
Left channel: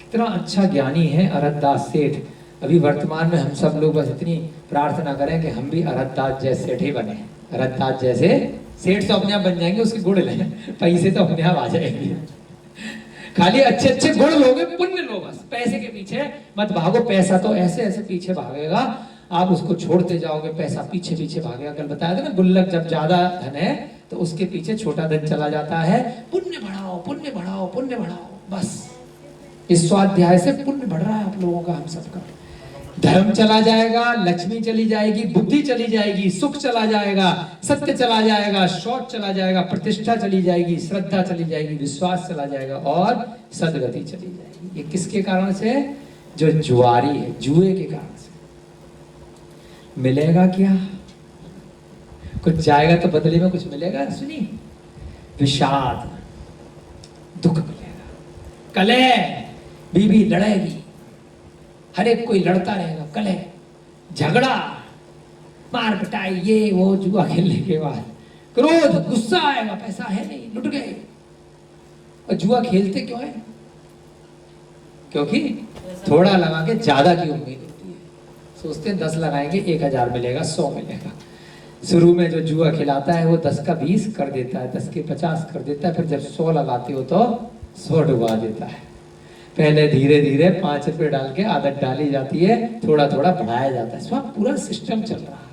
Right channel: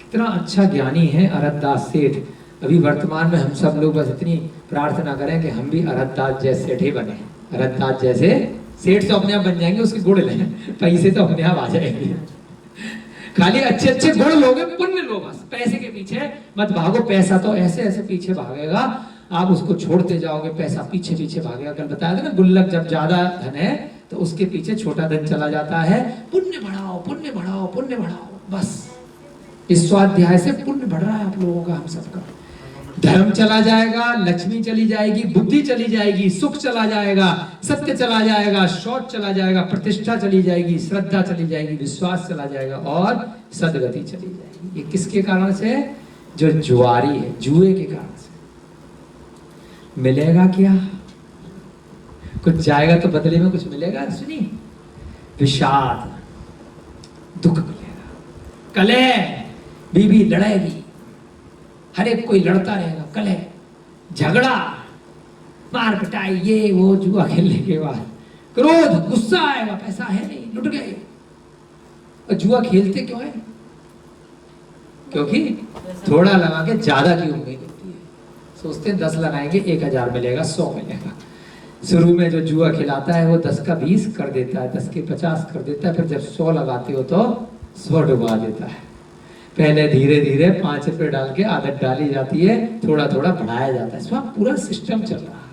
कितना अच्छा ज्ञानी है अरहतदास सेठ। अभी वर्तमान में हम सब लोग बस इतनी प्रार्थना करें कि हम भी अरहतदास जैसे सेठ ही बने। अरहतदास जैसे सेठ तो अपने आप बन जाएंगे, उसके गुण लें, पैसे तो अपने आप आ जाएंगे। खाली अच्छे अच्छे गुण लोगे, पुण्य लो, बस पैसे के पीछे मत भागो। पैसा तो ऐसे ऐसे पीछे भागेगा, आप उसको छोड़ते जाओगे, पैसा पीछे पीछे भागेगा। कल बताया था ना, गुल्लक जब ज्यादा धन है तो उसके पीछे छोटा धन चला जाता है। पुण्य बढ़ाओ, पुण्य बढ़ाओ, पुण्य बढ़ाओ, बस इस स्वाध्याय से पुण्य बढ़ रहा है आप लोगों का, हम सबका। धर्म चला जाएगा, लक्ष्मी चली जाएगी, बुद्धि चली जाएगी, सुख चला जाएगा, सत्य चला जाएगा, शौच चला जाएगा, प्रतिष्ठा चली जाएगी, श्रद्धा चली जाएगी, विश्वास चला जाएगा और सदगति चली जाएगी। ये किसके कारण से? जो जुआरी है, जुए के कारण से। मिलेगा क्या? कुछ जाएगा तो बदले में कुछ मिलेगा। सुनी, विषाद, दुख मिलेगा, कलह, बीवी लड़ेगी, हर एक कोई लड़ता रहेगा, कलह, झगड़ा, मार पिटाई, ये वो जुआ खेलने के बाद। क्रोध, गुस्सा आएगा, पैसा है नहीं, लुट गए। और जुआ खेलते क्यों है? क्योंकि थोड़ा लगा के ज्यादा की उम्मीद होती है। सोचते हैं 10 लगाएंगे 1000 मिलेगा, 100 मिलेगा। शुरू में जो जुआ खिलाता है वो 10 का 20 कर देता है, 10 के 50 कर देता है, फिर जब 100 लगाते हो तो 100 डुबा देता है। पहले धीरे धीरे 5 रुपए डाल के आदत डाली जाती है, थोड़ा थोड़ा बढ़ाया जाता है। इसमें पूरा सिस्टम चल रहा है।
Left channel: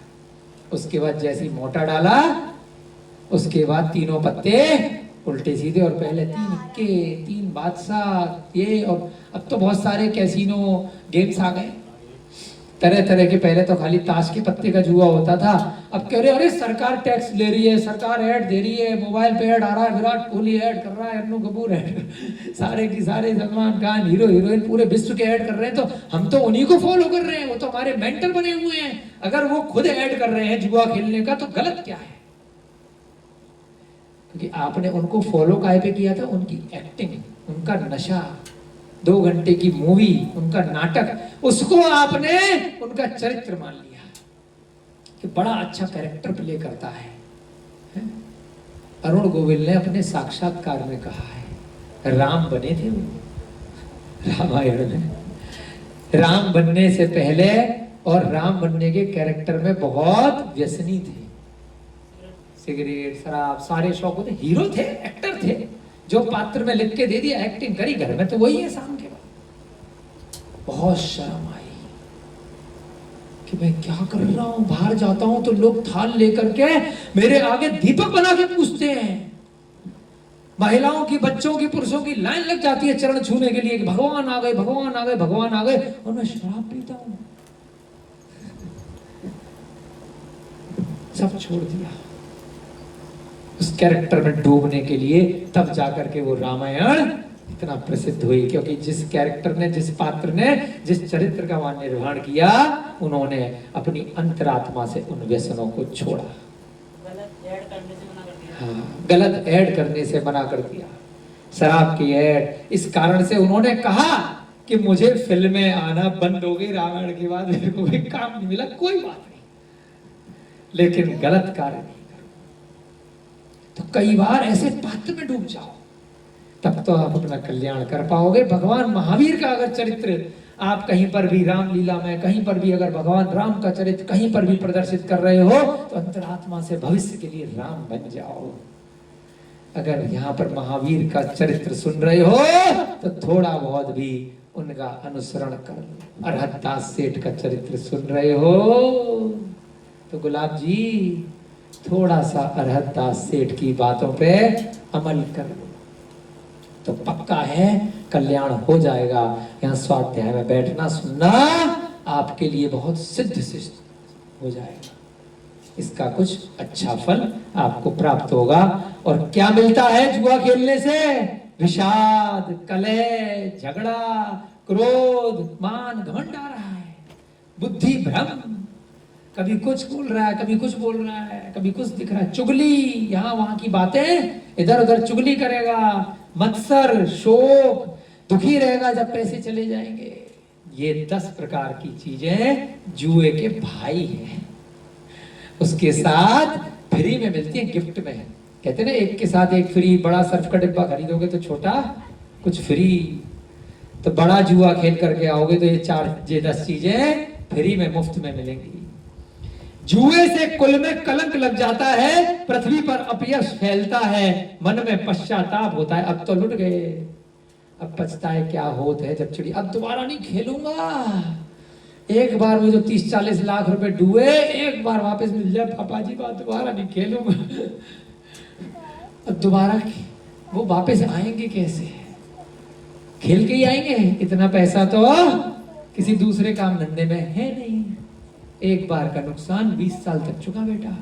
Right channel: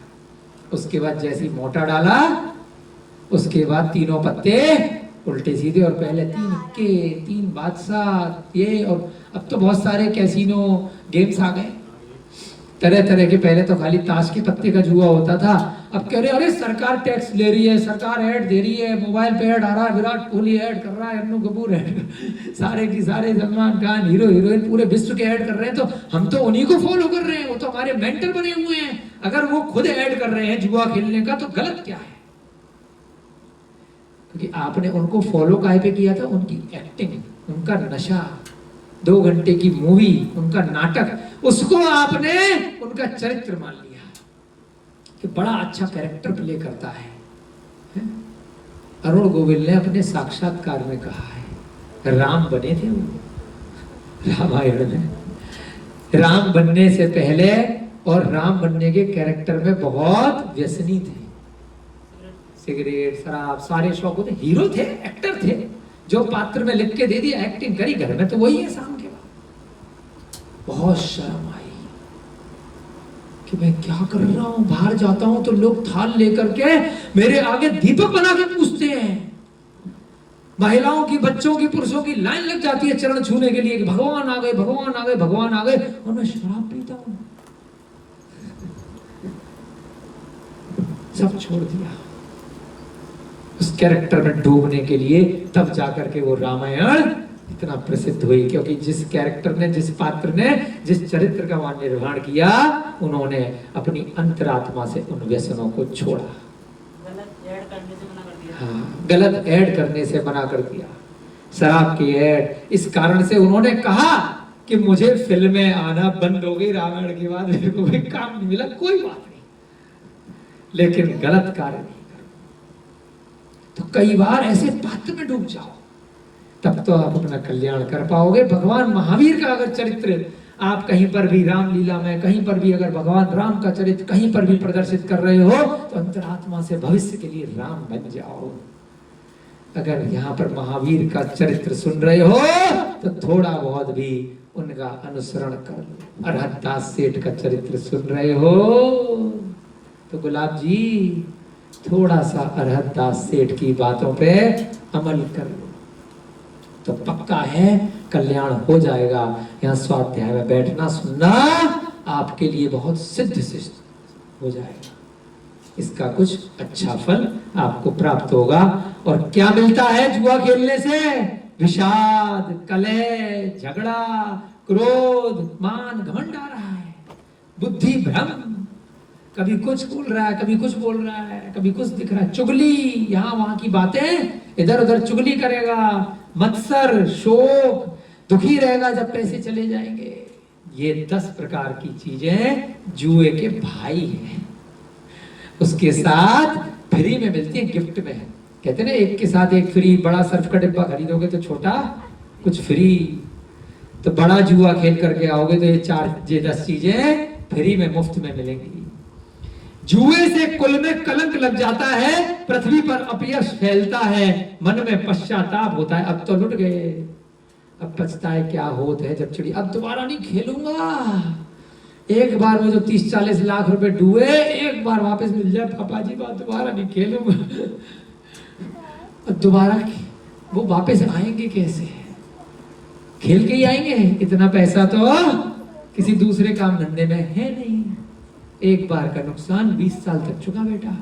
उसके बाद जैसी मोटा डाला, उसके बाद तीनों पत्ते उल्टे सीधे, और पहले 3 के 3 बादशाह ये, और अब तो बहुत सारे कैसीनो गेम्स आ गए तरह तरह के। पहले तो खाली ताश के पत्ते का जुआ होता था, अब कह रहे अरे सरकार टैक्स ले रही है, सरकार ऐड दे रही है, मोबाइल पे ऐड आ रहा है, विराट कोहली ऐड कर रहा है, अन्नू कपूर ऐड, सारे की सारे सलमान खान, हीरो हीरोइन पूरे विश्व के ऐड कर रहे हैं, तो हम तो उन्हीं को फॉलो कर रहे हैं। वो तो हमारे मेंटर बने हुए हैं। अगर वो खुद ऐड कर रहे हैं जुआ खेलने का तो गलत क्या है? क्योंकि आपने उनको फॉलो काहे पे किया था? उनकी एक्टिंग, उनका नशा, 2 घंटे की मूवी, उनका नाटक, उसको आपने उनका चरित्र मान लिया कि बड़ा अच्छा कैरेक्टर प्ले करता है। अरुण गोविल ने अपने साक्षात्कार में कहा है, राम बने थे वो रामायण में। राम बनने से पहले और राम बनने के कैरेक्टर में बहुत व्यसनी थे। सिगरेट, शराब, सारे शौक होते। हीरो थे, एक्टर थे, जो पात्र में लिख के दे दिया, एक्टिंग करी, घर में तो वही है शाम के बाद। बहुत शर्म आई कि मैं क्या कर रहा हूं। बाहर जाता हूं तो लोग थाल लेकर के मेरे आगे दीपक बना के पूछते हैं। महिलाओं की, बच्चों की, पुरुषों की लाइन लग जाती है चरण छूने के लिए कि भगवान आ गए, भगवान आ गए, भगवान आ गए, और मैं शराब पीता हूं। सब छोड़ दिया उस कैरेक्टर में डूबने के लिए। तब जाकर के वो रामायण इतना प्रसिद्ध हुई, क्योंकि जिस कैरेक्टर ने, जिस पात्र ने, जिस चरित्र का वहां निर्माण किया, उन्होंने अपनी अंतरात्मा से उन व्यसनों को छोड़ा। हाँ, गलत ऐड करने से मना कर दिया। शराब की ऐड, इस कारण से उन्होंने कहा कि मुझे फिल्में आना बंद हो गई रामायण के बाद, मेरे को कोई काम नहीं मिला, कोई बात नहीं, लेकिन गलत कार्य नहीं। तो कई बार ऐसे पात्र में डूब जाओ, तब तो आप अपना कल्याण कर पाओगे। भगवान महावीर का अगर चरित्र आप कहीं पर भी रामलीला में, कहीं पर भी अगर भगवान राम का चरित्र कहीं पर भी प्रदर्शित कर रहे हो, तो अंतरात्मा से भविष्य के लिए राम बन जाओ। अगर यहाँ पर महावीर का चरित्र सुन रहे हो तो थोड़ा बहुत भी उनका अनुसरण कर लो। अरहत दास सेठ का चरित्र सुन रहे हो तो गुलाब जी थोड़ा सा अरहत दास सेठ की बातों पे अमल कर लो, तो पक्का है कल्याण हो जाएगा। यहाँ स्वाध्याय में बैठना, सुनना आपके लिए बहुत सिद्ध सिद्ध हो जाएगा। इसका कुछ अच्छा फल आपको प्राप्त होगा। और क्या मिलता है जुआ खेलने से? विषाद, कलह, झगड़ा, क्रोध, मान, घमंड आ रहा है, बुद्धि भ्रम, कभी कुछ बोल रहा है, कभी कुछ बोल रहा है, कभी कुछ दिख रहा है, चुगली, यहाँ वहां की बातें, इधर उधर चुगली करेगा, मत्सर, शोक, दुखी रहेगा जब पैसे चले जाएंगे। ये 10 प्रकार की चीजें जुए के भाई हैं। उसके साथ फ्री में मिलती है, गिफ्ट में। कहते ना एक के साथ एक फ्री, बड़ा सर्फ का डिब्बा खरीदोगे तो छोटा कुछ फ्री। तो बड़ा जुआ खेल करके आओगे तो ये 10 चीजें फ्री में, मुफ्त में मिलेंगी। जुए से कुल में कलंक लग जाता है, पृथ्वी पर अपयश फैलता है, मन में पश्चाताप होता है, अब तो लुट गए, अब पछताए क्या होत है जब चिड़ी, अब दोबारा नहीं खेलूंगा। एक बार वो जो 30-40 लाख रुपए डूबे, एक बार वापस मिल जाए, पापा जी बात दोबारा नहीं खेलूंगा। अब दोबारा वो वापस आएंगे कैसे? खेल के ही आएंगे। इतना पैसा तो किसी दूसरे काम धंधे में है नहीं। एक बार का नुकसान 20 साल तक चुका बेटा।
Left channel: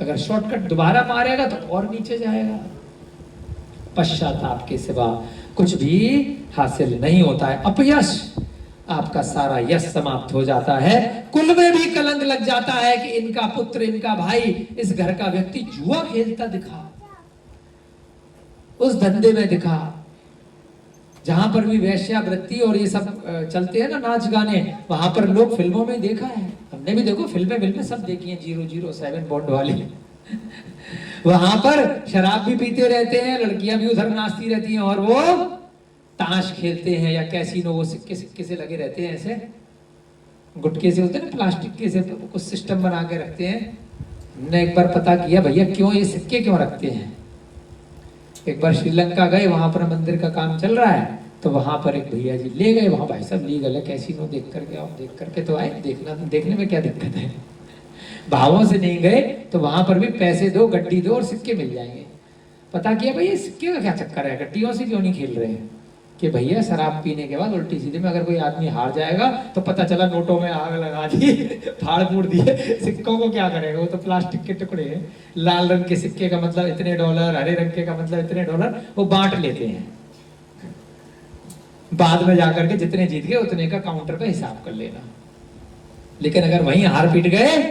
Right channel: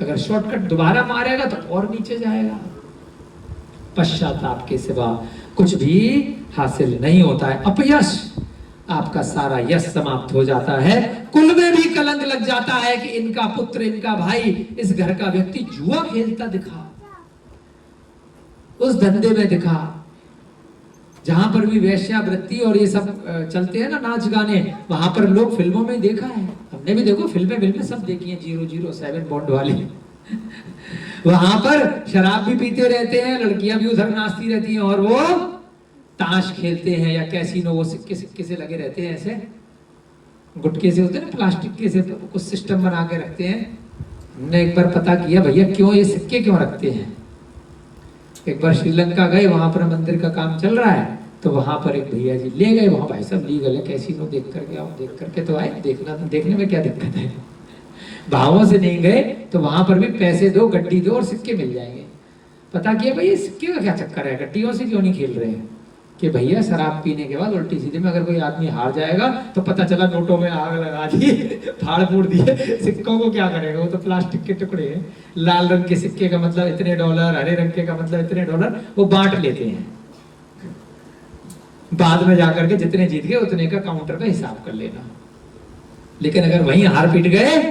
अगर शॉर्टकट दोबारा मारेगा तो और नीचे जाएगा। पश्चाताप के सिवा कुछ भी हासिल नहीं होता है। अपयश, आपका सारा यश समाप्त हो जाता है। कुल में भी कलंक लग जाता है कि इनका पुत्र, इनका भाई, इस घर का व्यक्ति जुआ खेलता दिखा, उस धंधे में दिखा, जहां पर भी वेश्यावृत्ति और ये सब चलते हैं ना, नाच गाने, वहां पर लोग फिल्मों में देखा है, हमने भी देखो फिल्में सब देखी है, 007 बॉन्ड वाली। वहां पर शराब भी पीते रहते हैं, लड़कियां भी उधर नाचती रहती हैं, और वो ताश खेलते हैं या कैसीनो, वो सिक्के से लगे रहते हैं, ऐसे गुटके से होते हैं ना, प्लास्टिक के से कुछ सिस्टम बना के रखते हैं। हमने एक बार पता किया भैया क्यों ये सिक्के क्यों रखते हैं। एक बार श्रीलंका गए, वहां पर मंदिर का काम चल रहा है, तो वहां पर एक भैया जी ले गए, वहां भाई साहब लीगल है, कैसीनो देख करके आओ, देख करके तो आए, देखने में क्या दिक्कत है। भावों से नहीं गए तो वहां पर भी पैसे दो, गड्डी दो और सिक्के मिल जाएंगे। पता किया भाई ये सिक्के का क्या चक्कर है, गड्डियों से क्यों नहीं खेल रहे हैं? कि भैया शराब पीने के बाद उल्टी सीधे में अगर कोई आदमी हार जाएगा तो पता चला नोटों में आग लगा दी, फाड़ फूड़ दिए, सिक्कों को क्या करेगा, वो तो प्लास्टिक के टुकड़े हैं। लाल रंग के सिक्के का मतलब इतने डॉलर, हरे रंग के का मतलब इतने डॉलर, वो बांट लेते हैं। बाद में जाकर के जितने जीत गए उतने का काउंटर पे हिसाब कर लेना। लेकिन अगर वहीं हार पीट गए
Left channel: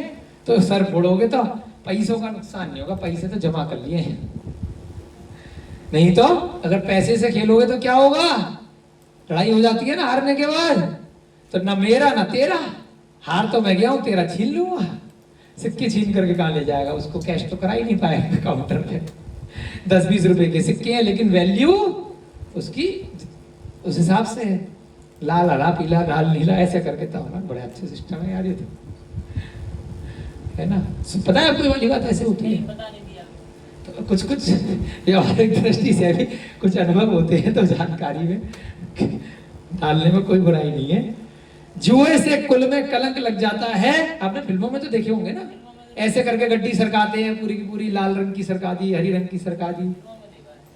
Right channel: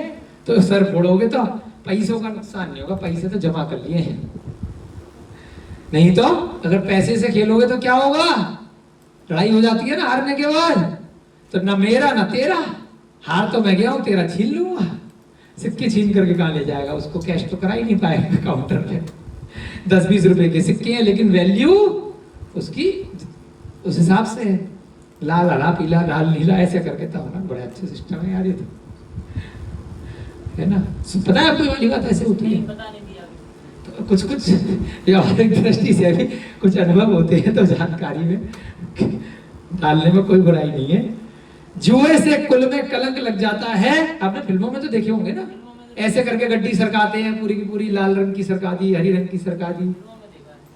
तो सर फोड़ोगे तो पैसों का नुकसान नहीं होगा, पैसे तो जमा कर लिए हैं। नहीं तो अगर पैसे से खेलोगे तो क्या होगा, लड़ाई हो जाती है ना हारने के बाद, तो ना मेरा ना तेरा, हार तो मैं गया हूं, तेरा छीन लूंगा। सिक्के छीन करके कहां ले जाएगा, उसको कैश तो करा ही नहीं पाएगा काउंटर पे। 10-20 रुपए के सिक्के हैं लेकिन वैल्यू उसकी उस हिसाब से, लाल हरा पीला लाल नीला ऐसे करके तो बड़े अच्छे सिस्टम है यार ये तो, है ना। पता है आपको वाली बात ऐसे होती है, तो कुछ व्यवहारिक दृष्टि से भी कुछ अनुभव होते हैं, तो जानकारी में डालने में कोई बुराई नहीं है। जुए से कुल में कलंक लग जाता है। आपने फिल्मों में तो देखे होंगे ना, ऐसे करके गड्डी सरकाते हैं, पूरी की पूरी लाल रंग की सरका दी, हरी रंग की सरका दी।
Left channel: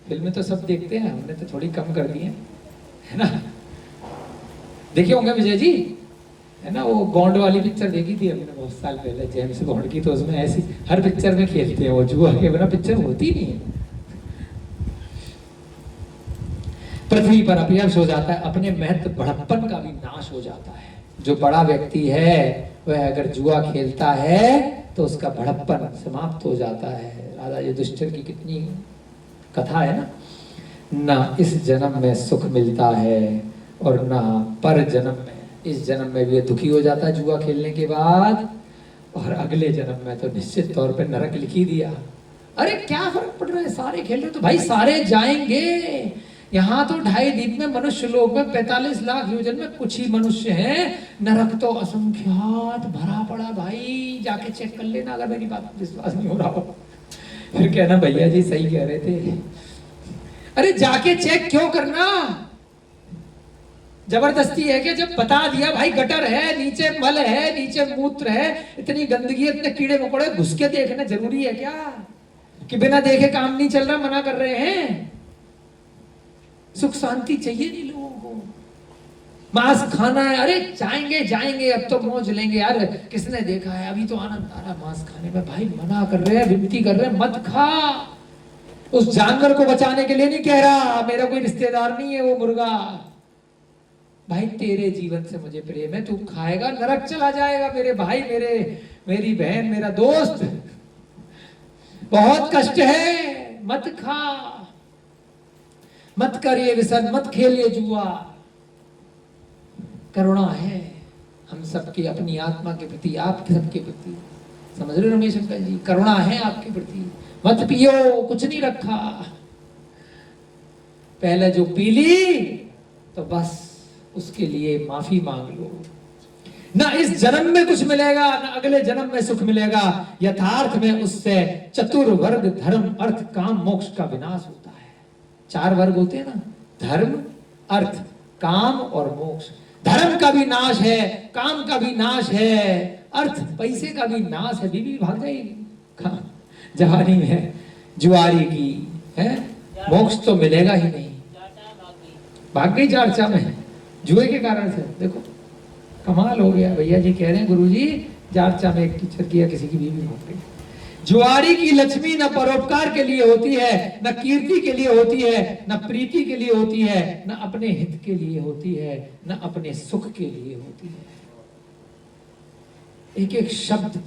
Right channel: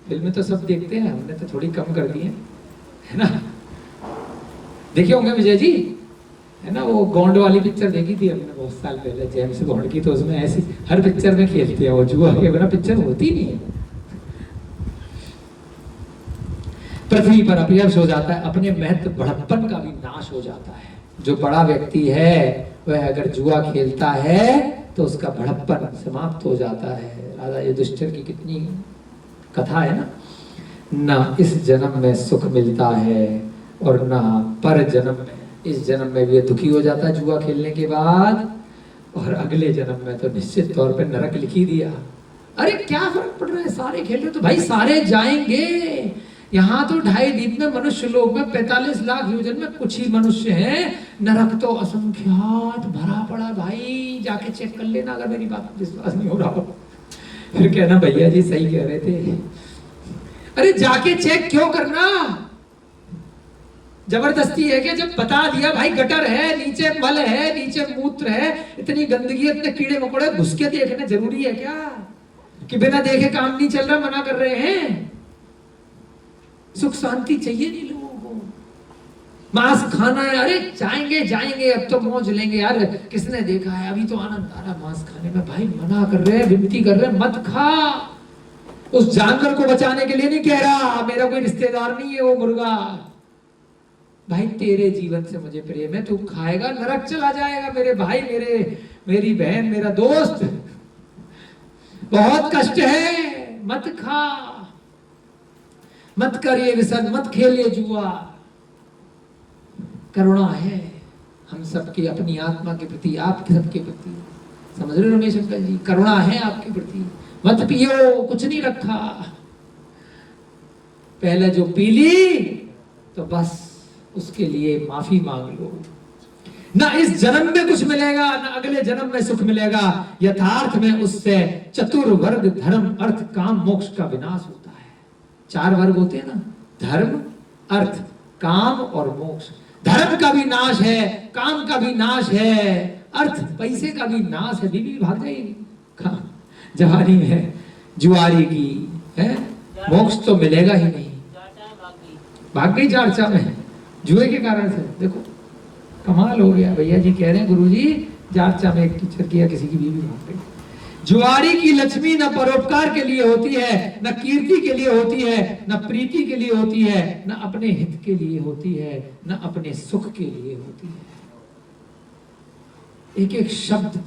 फिल्में तो सब देखते हैं, हमने तो थोड़ी कम कर दी है ना। देखे होंगे विजय जी, है ना, वो बॉन्ड वाली पिक्चर देखी थी हमने बहुत साल पहले, जेम्स बॉन्ड की। तो उसमें ऐसी हर पिक्चर में खेलते हैं वो, जुआ के बिना पिक्चर होती नहीं है। पृथ्वी पर अपयश हो जाता है, अपने महत्व बड़प्पन का भी नाश हो जाता है। जो बड़ा व्यक्ति है वह अगर जुआ खेलता है तो उसका बड़प्पन समाप्त हो जाता है। राजा युधिष्ठिर की कितनी कथा है ना इस जन्म में सुख मिलता है और ना पर जन्म में। इस जन्म में भी दुखी हो जाता है जुआ खेलने के बाद, और अगले जन्म में तो निश्चित तौर पे नरक लिख ही दिया। अरे क्या फर्क पड़ रहा है, सारे खेल रहे तो भाई सारे जाएंगे। यहाँ तो 2.5 द्वीप में मनुष्य लोग में 45 लाख योजन में कुछ ही मनुष्य हैं, नरक तो असंख्यात भरा पड़ा। भाई जाके चेक कर लेना अगर मेरी बात विश्वास नहीं हो रहा हो। फिर कहना भैया जी सही कह रहे थे। अरे जाके चेक क्यों करना, जबरदस्ती है क्या? जब बता दिया भाई गटर है, नीचे मल है, नीचे मूत्र है, इतनी गंदगी, इतने कीड़े मकोड़े, घुस के देखना जरूरी है क्या? कि बिना देखे काम नहीं चल रहा, मना कर रहे हैं। सुख शांति चाहिए नहीं लोगों को, मांस खाना है, अरे जाएंगे जाएंगे अब तो मौज लेंगे यार, किसने देखा है, अभी तो आनंद आ रहा मांस खाने में। भाई मना कर रहे हैं, विनती कर रहे हैं, मत खा। उस जानवर को बचाने के लिए नहीं कह रहा, मेरा कोई रिश्तेदार नहीं है वो मुर्गा। भाई तेरे जीवन से मुझे प्रेम है, तू खाएगा नरक चला जाएगा। मेरे भाई, मेरी बहन, मेरा दोस्त, बहुत कष्ट है, मत खा, मत करिए व्यसन, मत खेलिए जुआ। करुणा है हम सबके, अपनी आत्मा के प्रति, आपके सबके प्रति। समझ रहे रमेश अंकल जी, करुणा है आपके प्रति। मत पियो, कुछ नहीं रखा, पहले जो पी ली तो बस उसके लिए माफी मांग लो। ना इस जन्म में कुछ मिलेगा, ना अगले जन्म में सुख मिलेगा। यथार्थ में उससे चतुर्वर्ग धर्म अर्थ काम मोक्ष का विनाश होता है। 4 वर्ग होते हैं ना, धर्म, अर्थ, काम और मोक्ष। धर्म का भी नाश है, काम का भी नाश है, अर्थ पैसे का भी नाश है। बीवी भाग जाएगी जवानी में जुआरी की है, मोक्ष तो मिलेगा ही नहीं। भाग गई चर्चा में जुए के कारण से। देखो कमाल हो गया, भैया जी कह रहे हैं गुरुजी जारचा में एक टीचर किया, किसी की बीवी भाग गई। जुआरी की लक्ष्मी न परोपकार के लिए होती है, न कीर्ति के लिए होती है, न प्रीति के लिए होती है, न अपने हित के लिए होती है, न अपने सुख के लिए होती है। एक एक शब्द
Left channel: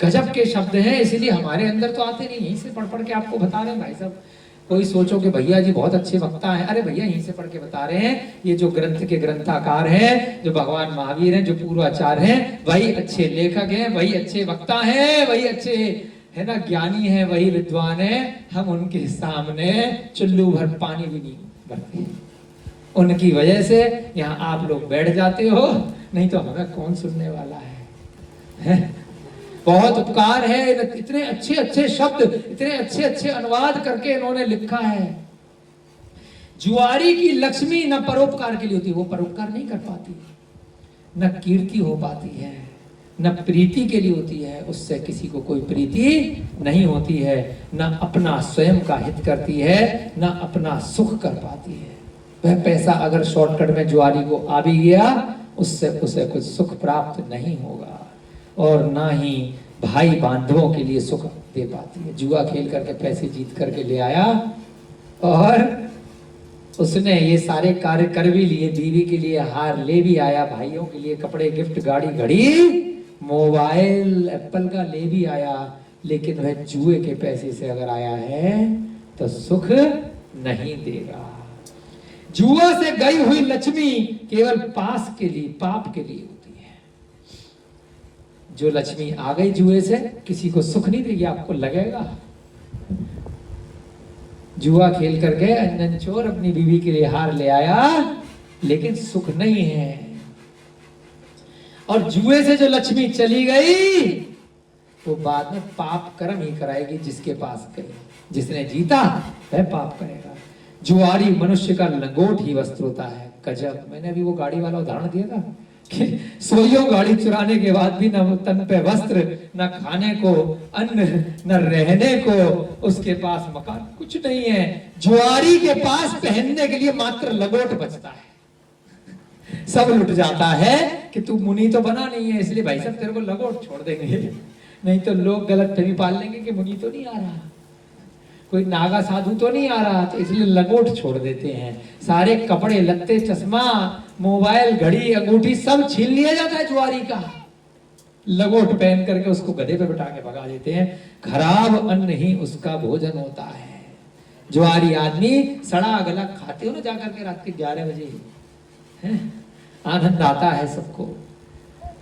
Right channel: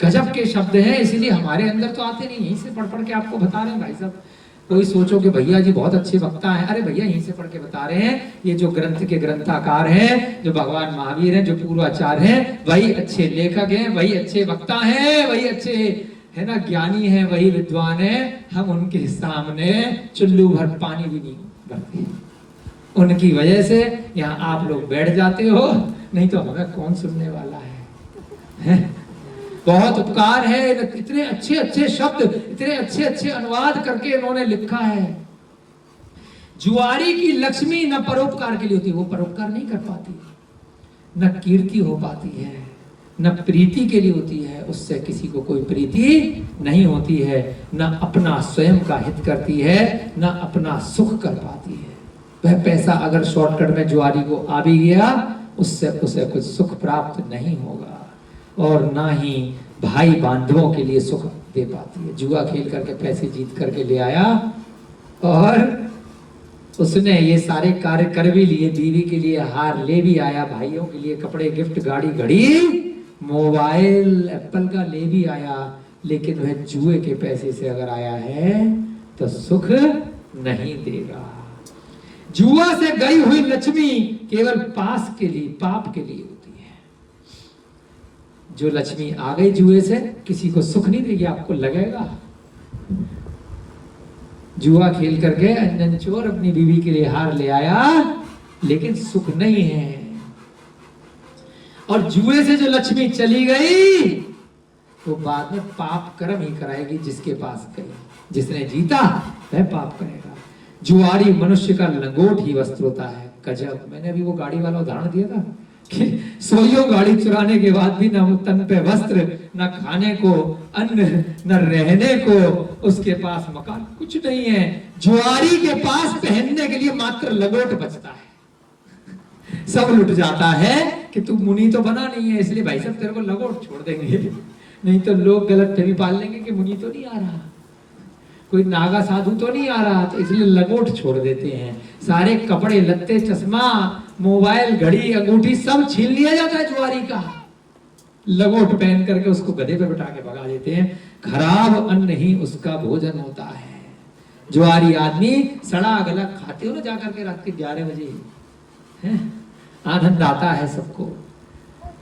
गजब के शब्द हैं, इसीलिए हमारे अंदर तो आते नहीं, यहीं से पढ़ पढ़ के आपको बता रहे हैं भाई साहब। कोई सोचो कि भैया जी बहुत अच्छे वक्ता हैं, अरे भैया यहीं से पढ़ के बता रहे हैं। ये जो ग्रंथ के ग्रंथाकार हैं, जो भगवान महावीर हैं, जो पूर्वाचार्य हैं, वही अच्छे लेखक हैं, वही अच्छे वक्ता हैं, वही अच्छे है ना ज्ञानी हैं, वही विद्वान हैं। हम उनके सामने चुल्लू भर पानी भी नहीं भरते। उनकी वजह से यहाँ आप लोग बैठ जाते हो, नहीं तो हमें कौन सुनने वाला है? बहुत उपकार है, इतने अच्छे अच्छे शब्द, इतने अच्छे अच्छे अनुवाद करके इन्होंने लिखा है। जुआरी की लक्ष्मी न परोपकार के लिए होती है, वो परोपकार नहीं कर पाती, न कीर्ति हो पाती है, न प्रीति के लिए होती है, उससे किसी को कोई प्रीति नहीं होती है, न अपना स्वयं का हित करती है, न अपना सुख कर पाती है। वह पैसा अगर शॉर्टकट में जुआरी को आ भी गया, उससे उसे कुछ सुख प्राप्त नहीं होगा, और ना ही भाई बांधवों के लिए सुख दे पाती है। जुआ खेल करके पैसे जीत करके ले आया और उसने ये सारे कार्य कर भी लिए, बीवी के लिए हार ले भी आया, भाइयों के लिए कपड़े, गिफ्ट, गाड़ी, घड़ी, मोबाइल एप्पल का ले भी आया, लेकिन वह जुए के पैसे से अगर आया है तो सुख नहीं देगा। जुआ से गई हुई लक्ष्मी केवल पास के लिए, पाप के लिए होती है। जो लक्ष्मी आ गई जुए से, किसी को सुख नहीं देगी, आपको लगेगा। जुआ खेल कर गए अंजन चोर, अपनी बीवी के लिए हार ले आया, लेकिन सुख नहीं है। और जुए से जो लक्ष्मी चली गई, वो बाद में पाप कर्म ही कराएगी जिसके पास गई। जिसने जीता वह पाप करेगा। जुआरी मनुष्य का लंगोट ही वस्त्र होता है। गजब, मैंने अभी वो गाड़ी वाला उदाहरण दिया था, कि सोइयों गाड़ी चुराने के बाद भी न तन पे वस्त्र, न खाने को अन्न, न रहने को उसके पास मकान, कुछ नहीं है। जुआरी के पास पहनने के लिए मात्र लंगोट बचता है। सब लुट जाता है कि तू मुनि तो बना नहीं है, इसलिए भाई साहब तेरे को लंगोट छोड़ देंगे, नहीं तो लोग गलत फहमी पाल लेंगे कि मुनि तो नहीं आ रहा, कोई नागा साधु तो नहीं आ रहा, तो इसलिए लंगोट छोड़ देते हैं। सारे कपड़े लत्ते, चश्मा, मोबाइल, घड़ी, अंगूठी सब छीन लिया जाता है जुआरी का। लंगोट पहन करके उसको गधे पे बिठा के भगा देते हैं। खराब अन्न ही उसका भोजन होता है। जुआरी आदमी सड़ा गला खाते हो ना जाकर के रात के 11 बजे, है? आनंद आता है सबको।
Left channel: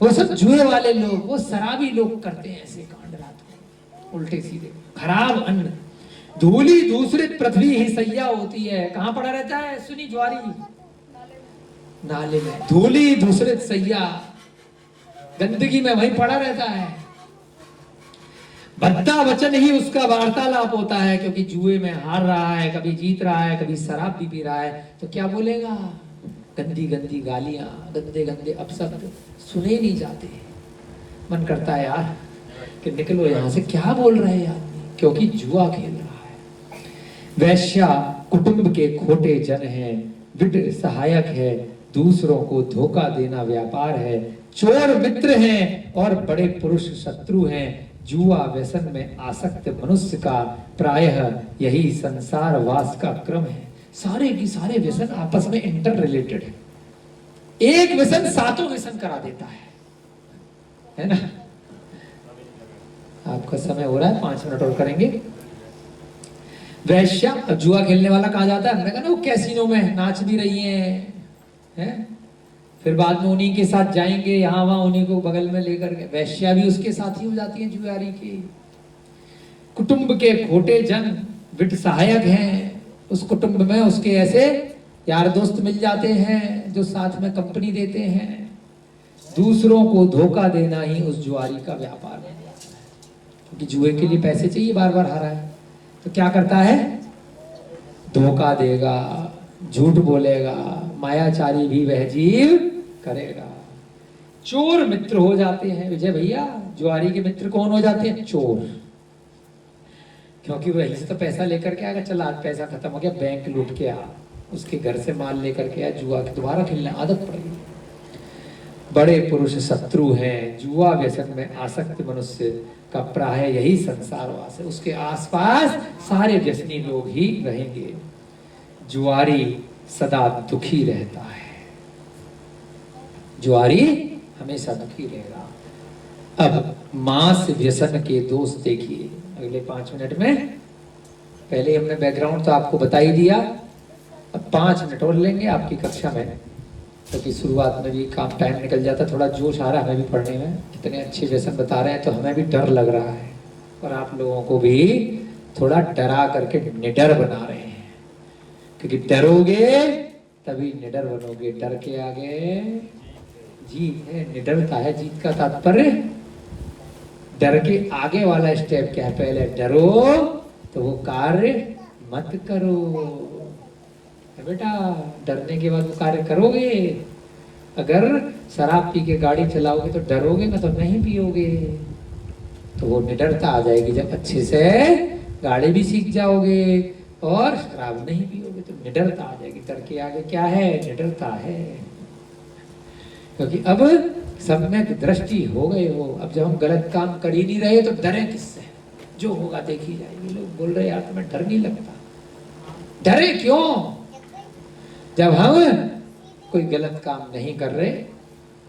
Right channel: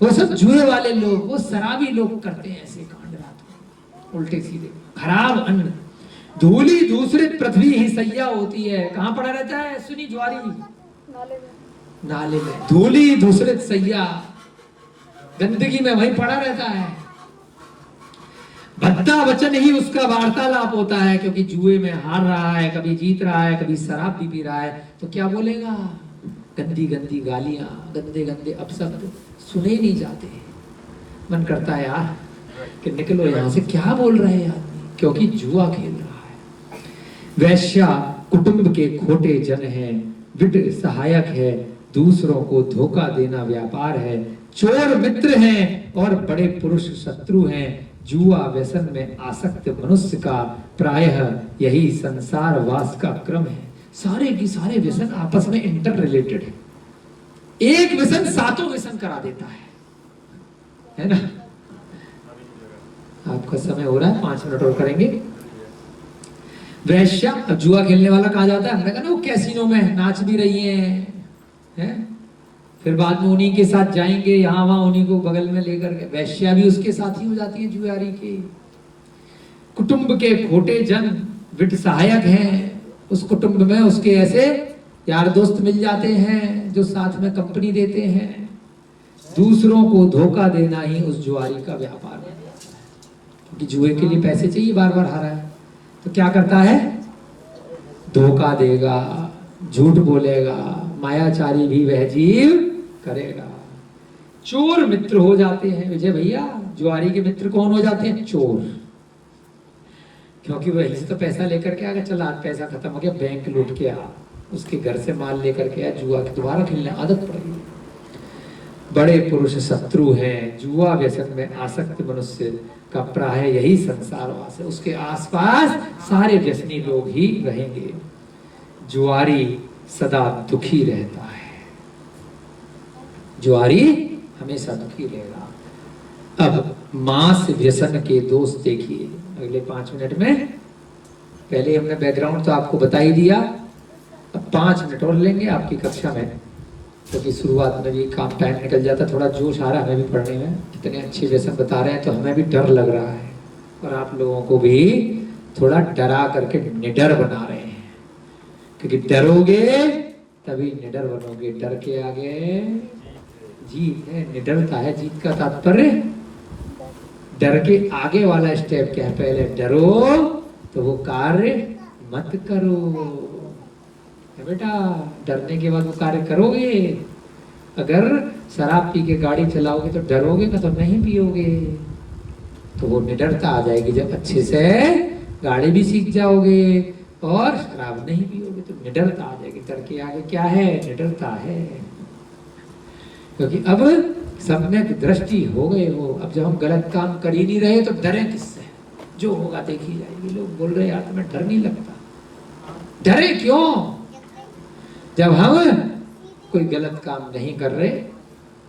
वो सब जुए वाले लोग, वो शराबी लोग करते हैं ऐसे कांड रात को, उल्टे सीधे। खराब अन्न, धूली दूसरित पृथ्वी ही सैया होती है। कहां पड़ा रहता है सुनी जुआरी? नाले में। धूली दूसरित सैया, गंदगी में वहीं पड़ा रहता है। भद्दा वचन ही उसका वार्तालाप होता है, क्योंकि जुए में हार रहा है, कभी जीत रहा है, कभी शराब भी पी रहा है, तो क्या बोलेगा? गंदी गंदी गालियां, गंदे गंदे अपशब्द सुने नहीं जाते। मन करता है यार कि निकलो यहां से, क्या बोल रहे हैं आदमी, क्योंकि जुआ खेल रहा है। वैश्या कुटुंब के खोटे जन हैं, विड सहायक है, दूसरों को धोखा देना व्यापार है, चोर मित्र हैं और बड़े पुरुष शत्रु हैं। जुआ व्यसन में आसक्त मनुष्य का प्रायः यही संसार वास का क्रम है। सारे की सारे व्यसन आपस में इंटर रिलेटेड है। एक व्यसन सातों व्यसन करा देता है ना? आपका समय हो रहा है, 5 मिनट और करेंगे। वैश्या, अब जुआ खेलने वाला कहा जाता है, हमने कहा ना वो कैसीनो में नाच भी रही है? फिर बाद में उन्हीं के साथ जाएंगे, यहाँ वहां उन्हीं को बगल में लेकर के। वैश्या भी उसके साथ ही हो जाती है जुआरी की। कुटुंब के खोटे जन विट सहायक हैं, उस कुटुंब में उसके ऐसे यार दोस्त मिल जाते हैं जो साथ में कंपनी देते हैं। दूसरों को धोखा देना ही उस जुआरी का व्यापार है, क्योंकि जुए के लिए पैसे चाहिए, बार बार हारा है तो क्या करता है? धोखा देगा, झूठ बोलेगा, मायाचारी भी वह जीव करेगा। चोर मित्र हो जाते हैं विजय भैया। जुआरी के मित्र कौन हो जाते हैं? चोर। क्योंकि वही से तो पैसा लेकर के आगे, चल आज पैसा खत्म हो गया, बैंक लूट के आ, उसके घर से माल लेकर के आ, जुआ की दोबारा खेलने आदत पड़ गई। बड़े पुरुष शत्रु हैं, जुआ व्यसन में आसक्त मनुष्य का प्राय यही संसार वास है। उसके आसपास सारे व्यसनी लोग ही रहेंगे। जुआरी सदा दुखी रहता है, जुआरी हमेशा दुखी रहेगा। अब मांस व्यसन के दोष देखिए अगले 5 मिनट में। पहले हमने बैकग्राउंड तो आपको बता ही दिया, अब 5 मिनट और लेंगे आपकी कक्षा में, क्योंकि तो शुरुआत में भी काम टाइम निकल जाता, थोड़ा जोश आ रहा है हमें भी पढ़ने में। इतने अच्छे व्यसन बता रहे हैं तो हमें भी डर लग रहा है, और आप लोगों को भी थोड़ा डरा करके निडर बना रहे हैं, क्योंकि डरोगे तभी निडर बनोगे। डर के आगे जीत है, निडरता है जीत का तात्पर्य। डर के आगे वाला स्टेप क्या है? पहले डरो तो वो कार्य मत करो। बेटा डरने के बाद वो कार्य करोगे। अगर शराब पी के गाड़ी चलाओगे तो डरोगे ना, तो नहीं पियोगे, तो वो निडरता आ जाएगी। जब अच्छे से गाड़ी भी सीख जाओगे और शराब नहीं पियोगे तो निडरता आ जाएगी। डर के आगे क्या है? निडरता है। क्योंकि अब सम्यक दृष्टि हो गए हो। अब जब हम गलत काम कर ही नहीं रहे तो डरे किससे? जो होगा देखी जाएगी। लोग बोल रहे यार तुम्हें डर नहीं लगता। डरे क्यों? जब हम कोई गलत काम नहीं कर रहे,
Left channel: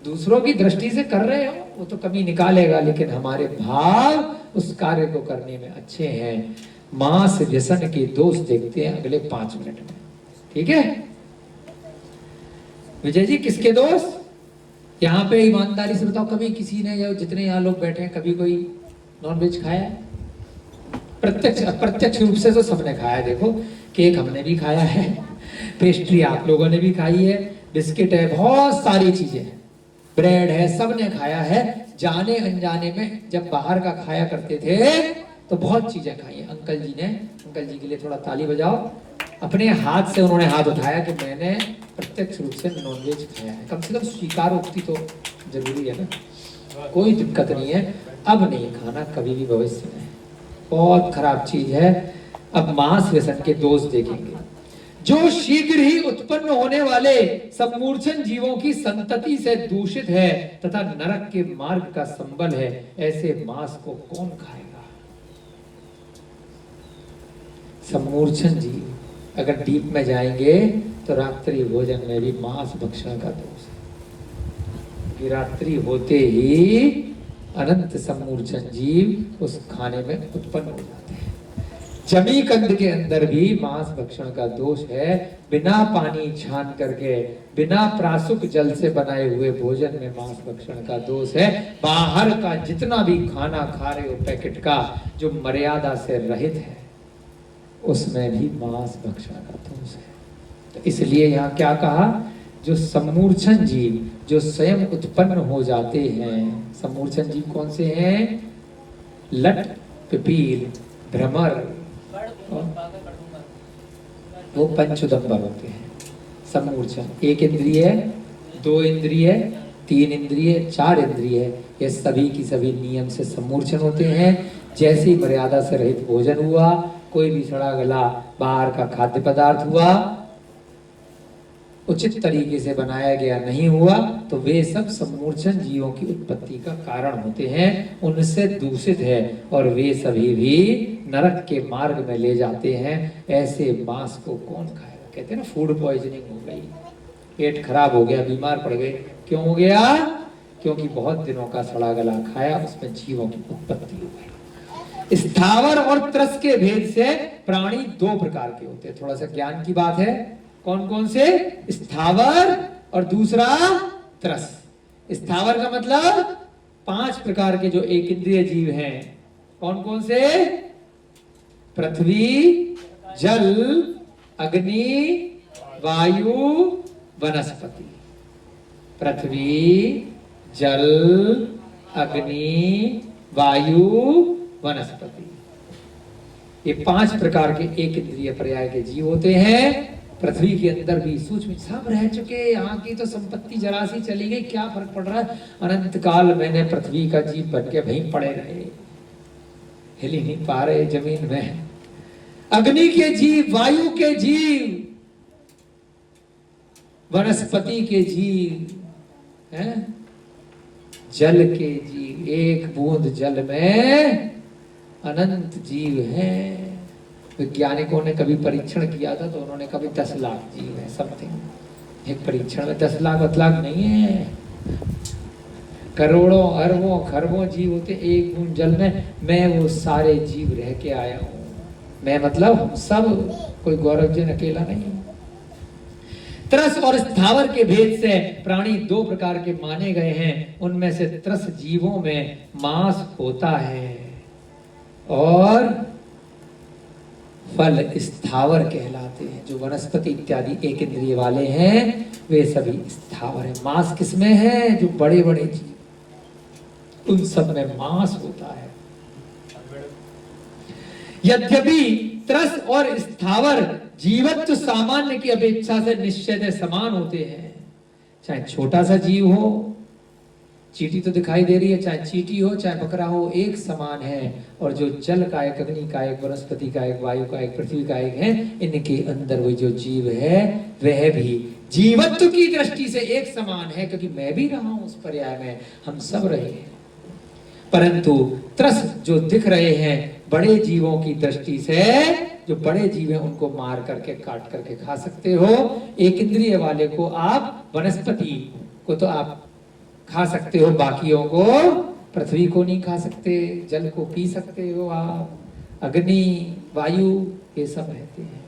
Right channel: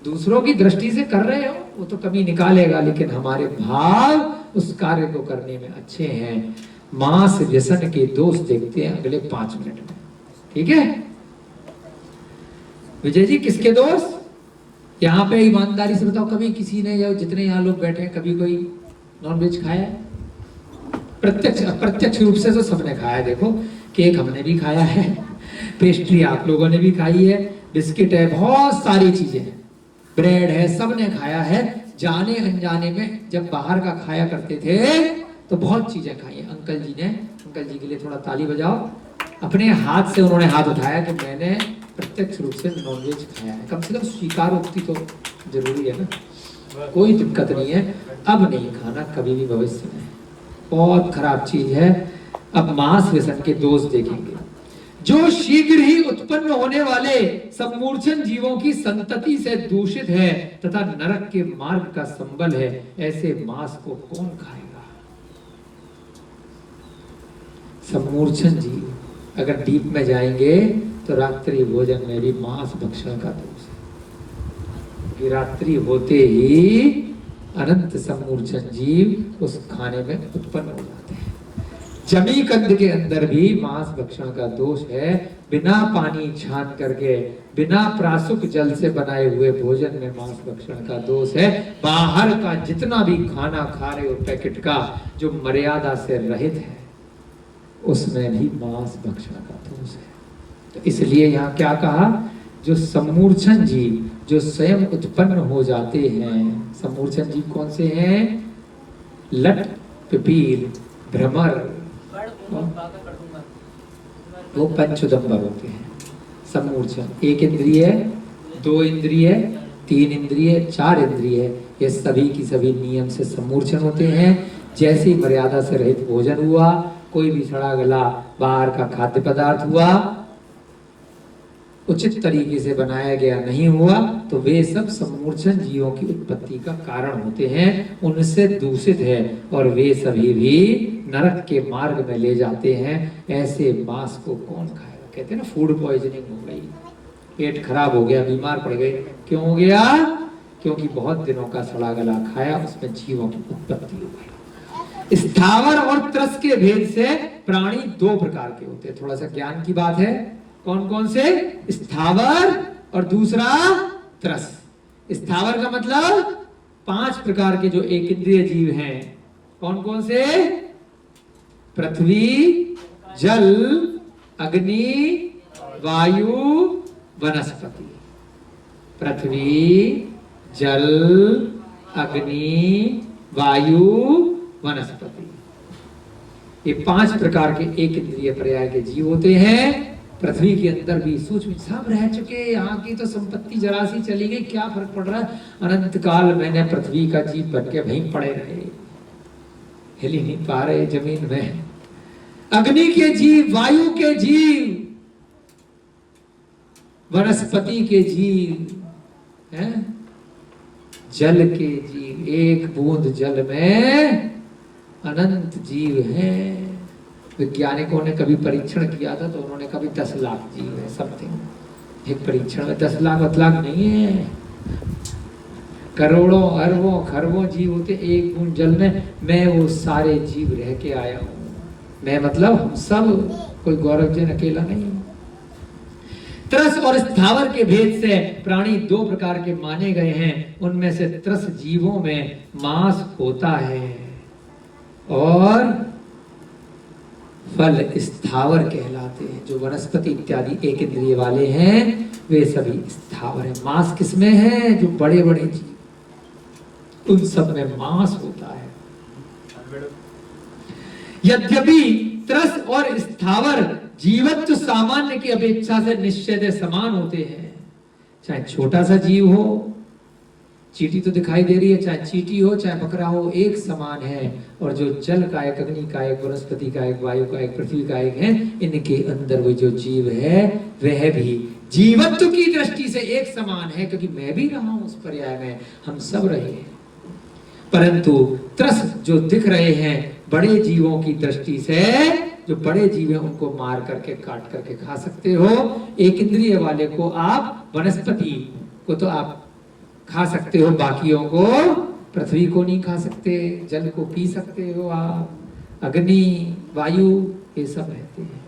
दूसरों की दृष्टि से कर रहे हो, वो तो कमी निकालेगा, लेकिन हमारे भाव उस कार्य को करने में अच्छे हैं। मांस व्यसन के दोष देखते हैं अगले 5 मिनट में, ठीक है विजय जी? किसके दोष? यहाँ पे ईमानदारी से बताओ, कभी किसी ने या जितने यहाँ लोग बैठे हैं कभी कोई नॉनवेज खाया? प्रत्यक्ष अप्रत्यक्ष रूप से तो सबने खाया। देखो केक हमने भी खाया है, पेस्ट्री आप लोगों ने भी खाई है, बिस्किट है, बहुत सारी चीजें हैं, ब्रेड है, सबने खाया है। जाने अनजाने में जब बाहर का खाया करते थे तो बहुत चीजें खाई है। अंकल जी के लिए थोड़ा ताली बजाओ। अपने हाथ से उन्होंने हाथ उठाया कि मैंने प्रत्यक्ष रूप से नॉनवेज खाया है, कम से कम स्वीकारोक्ति तो जरूरी है ना। कोई दिक्कत नहीं है, अब नहीं खाना, कभी भी भविष्य में। बहुत खराब चीज है। अब मांस व्यसन के दोष देखेंगे। जो शीघ्र ही उत्पन्न होने वाले सम्मूर्छन जीवों की संतति से दूषित है तथा नरक के मार्ग का संबल है, ऐसे मांस को कौन खाएगा। सम्मूर्छन जीव अगर डीप में जाएंगे तो रात्रि भोजन में भी मांस भक्षण का दोष है कि रात्रि होते ही अनंत सम्मूर्छन जीव उस खाने में उत्पन्न हो जाते हैं। जमी कंद के अंदर भी मांस भक्षण का दोष है। बिना पानी छान करके, बिना प्रासुक जल से बनाए हुए भोजन में मांस भक्षण का दोष है। बाहर का जितना भी खाना खा रहे हो पैकेट का, जो मर्यादा से रहित है, उसमें भी मांस भक्षण का दोष है। तो इसलिए यहाँ क्या कहा, जो सम्मूर्छन जीव जो स्वयं उत्पन्न हो जाते हैं, सम्मूर्छन जीव कौन से हैं, लट, पिपील, भ्रमर, वो पंचोदंबर होते हैं। सम्मूर्छन एक इंद्रिय, दो इंद्रिय, तीन इंद्रिय, चार इंद्रिय, ये सभी की सभी नियम से सम्मूर्छन होते हैं। जैसी मर्यादा से रहित भोजन हुआ, कोई भी सड़ा गला बाहर का खाद्य पदार्थ हुआ, उचित तरीके से बनाया गया नहीं हुआ, तो वे सब सम्मूर्छन जीवों की उत्पत्ति का कारण होते हैं, उनसे दूषित है और वे सभी भी नरक के मार्ग में ले जाते हैं। ऐसे मांस को कौन खाएगा। कहते हैं ना फूड पॉइजनिंग हो गई, पेट खराब हो गया, बीमार पड़ गए। क्यों हो गया, क्योंकि बहुत दिनों का सड़ा गला खाया, उसमें जीवों की उत्पत्ति हो गई। स्थावर और त्रस के भेद से प्राणी दो प्रकार के होते हैं। थोड़ा सा ज्ञान की बात है, कौन कौन से, स्थावर और दूसरा त्रस। स्थावर का मतलब 5 प्रकार के जो एक इंद्रिय जीव हैं, कौन कौन से, पृथ्वी, जल, अग्नि, वायु, वनस्पति। पृथ्वी, जल, अग्नि, वायु, वनस्पति, ये 5 प्रकार के एक इंद्रिय पर्याय के जीव होते हैं। पृथ्वी के अंदर भी सूक्ष्म सब रह चुके, यहाँ की तो संपत्ति जरा सी चली गई, क्या फर्क पड़ रहा है। अनंत काल मैंने पृथ्वी का जीव बन के वहीं पड़े रहे, हिल ही नहीं पा रहे जमीन में। अग्नि के जीव, वायु के जीव, वनस्पति के जीव हैं, जल के जीव, एक बूंद जल में अनंत जीव हैं। वैज्ञानिकों ने कभी परीक्षण किया था तो उन्होंने कभी 10 लाख जीव है समथिंग। एक परीक्षण में 10 लाख नहीं है, करोड़ों अरबों खरबों जीव होते एक बूंद जल में। मैं वो सारे जीव रह के आया हूं। मैं मतलब हम सब, कोई गौरव जन अकेला नहीं। त्रस और स्थावर के भेद से प्राणी 2 प्रकार के माने गए हैं। उनमें से त्रस जीवों में मांस होता है और फल स्थावर कहलाते हैं। जो वनस्पति इत्यादि एक इंद्रिय वाले हैं वे सभी स्थावर हैं। मांस किसमें है, जो बड़े बड़े जीव, उन सब में मांस होता है। यद्यपि त्रस और स्थावर जीवत्व सामान्य की अपेक्षा से निश्चय समान होते हैं। चाहे छोटा सा जीव हो, चींटी तो दिखाई दे रही है, चाहे चींटी हो चाहे बकरा हो, एक समान है। और जो जल कायक, अग्नि कायक, वनस्पति कायक, वायु कायक, पृथ्वी कायक है, इनके अंदर वो जो जीव है वह भी जीवत्व की दृष्टि से एक समान है, क्योंकि मैं भी रहा हूं उस पर्याय में, हम सब रहे हैं। परंतु त्रस जो दिख रहे हैं बड़े जीवों की दृष्टि से, जो बड़े जीव हैं उनको मार करके काट करके खा सकते हो। एक इंद्रिय वाले को आप, वनस्पति को तो आप खा सकते हो, बाकियों को, पृथ्वी को नहीं खा सकते, जल को पी सकते हो आप, अग्नि, वायु, ये सब रहते हैं।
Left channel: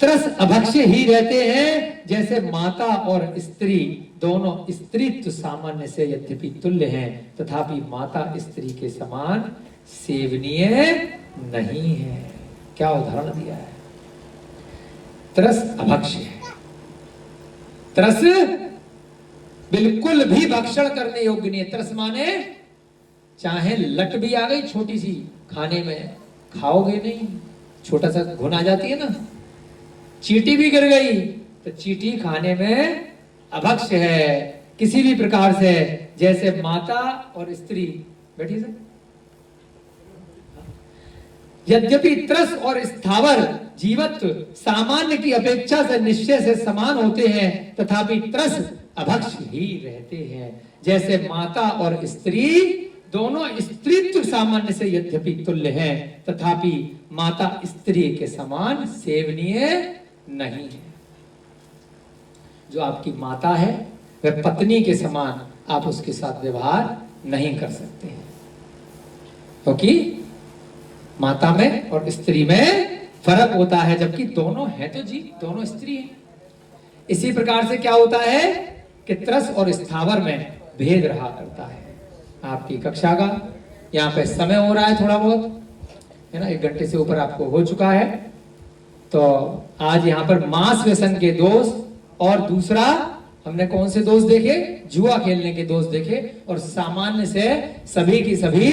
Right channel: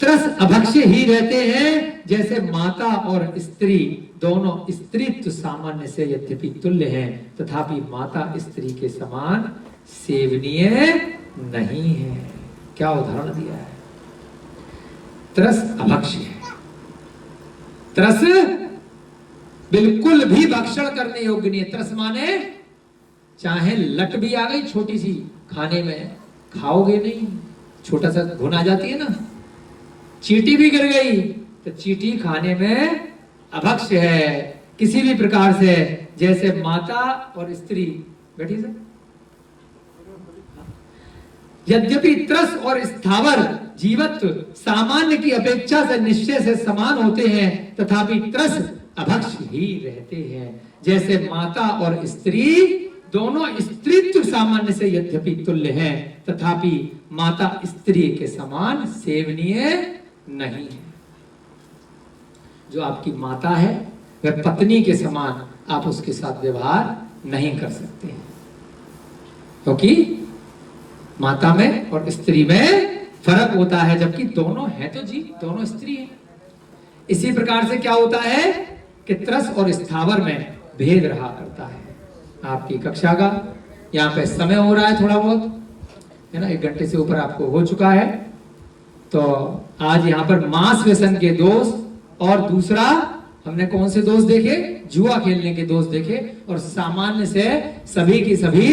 त्रस अभक्ष्य ही रहते हैं, जैसे माता और स्त्री दोनों स्त्रीत्व सामान्य से यद्यपि तुल्य हैं, तथापि माता स्त्री के समान सेवनीय नहीं है। क्या उदाहरण दिया है, त्रस अभक्ष्य है। त्रस बिल्कुल भी भक्षण करने योग्य नहीं है। त्रस माने चाहे लट भी आ गई छोटी सी खाने में, खाओगे नहीं, छोटा सा घुन आ जाती है ना, चींटी भी गिर गई तो चींटी खाने में अभक्ष्य है किसी भी प्रकार से। जैसे माता और स्त्री, बैठिए सर। यद्यपि त्रस और स्थावर जीवत्व सामान्य की अपेक्षा से निश्चय से समान होते हैं, तथापि त्रस अभक्ष्य ही रहते हैं। जैसे माता और स्त्री दोनों स्त्रीत्व सामान्य से यद्यपि तुल्य हैं, तथापि माता स्त्री के समान सेवनीय नहीं है। जो आपकी माता है वह पत्नी के समान आप उसके साथ व्यवहार नहीं कर सकते, क्योंकि माता में और स्त्री में फर्क होता है, जबकि दोनों है तो जी, दोनों स्त्री है। इसी प्रकार से क्या होता है कि त्रस और स्थावर में भेद रहा करता है। आपकी कक्षा का यहाँ पे समय हो रहा है थोड़ा बहुत, है ना, 1 घंटे से ऊपर आपको हो चुका है। तो आज यहाँ पर मांस व्यसन के दोष और दूसरा हमने कौन से दोष देखे, जुआ खेलने के दोष देखे, और सामान्य से सभी की सभी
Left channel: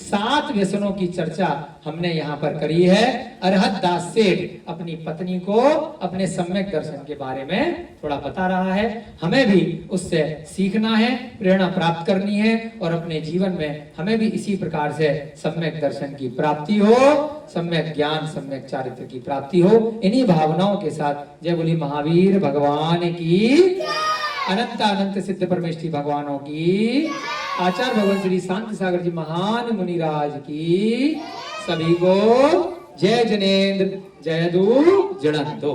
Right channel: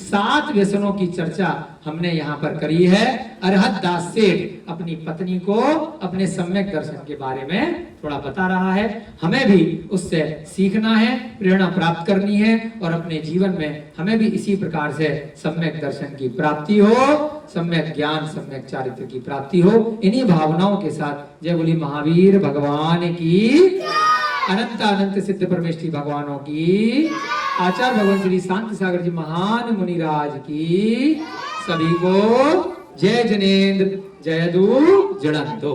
7 व्यसनों की चर्चा हमने यहाँ पर करी है। अरहत दास सेठ अपनी पत्नी को अपने सम्यक दर्शन के बारे में थोड़ा बता रहा है। हमें भी उससे सीखना है, प्रेरणा प्राप्त करनी है, और अपने जीवन में हमें भी इसी प्रकार से सम्यक दर्शन की प्राप्ति हो, सम्यक ज्ञान, सम्यक चारित्र की प्राप्ति हो। इन्हीं भावनाओं के साथ जय बोली महावीर भगवान की, अनंत अनंत सिद्ध परमेश्वरी भगवानों की, आचार्य भगवान श्री शांति सागर जी महान मुनिराज की, सभी को जय जनेन्द्र जय दू जड़ंतो।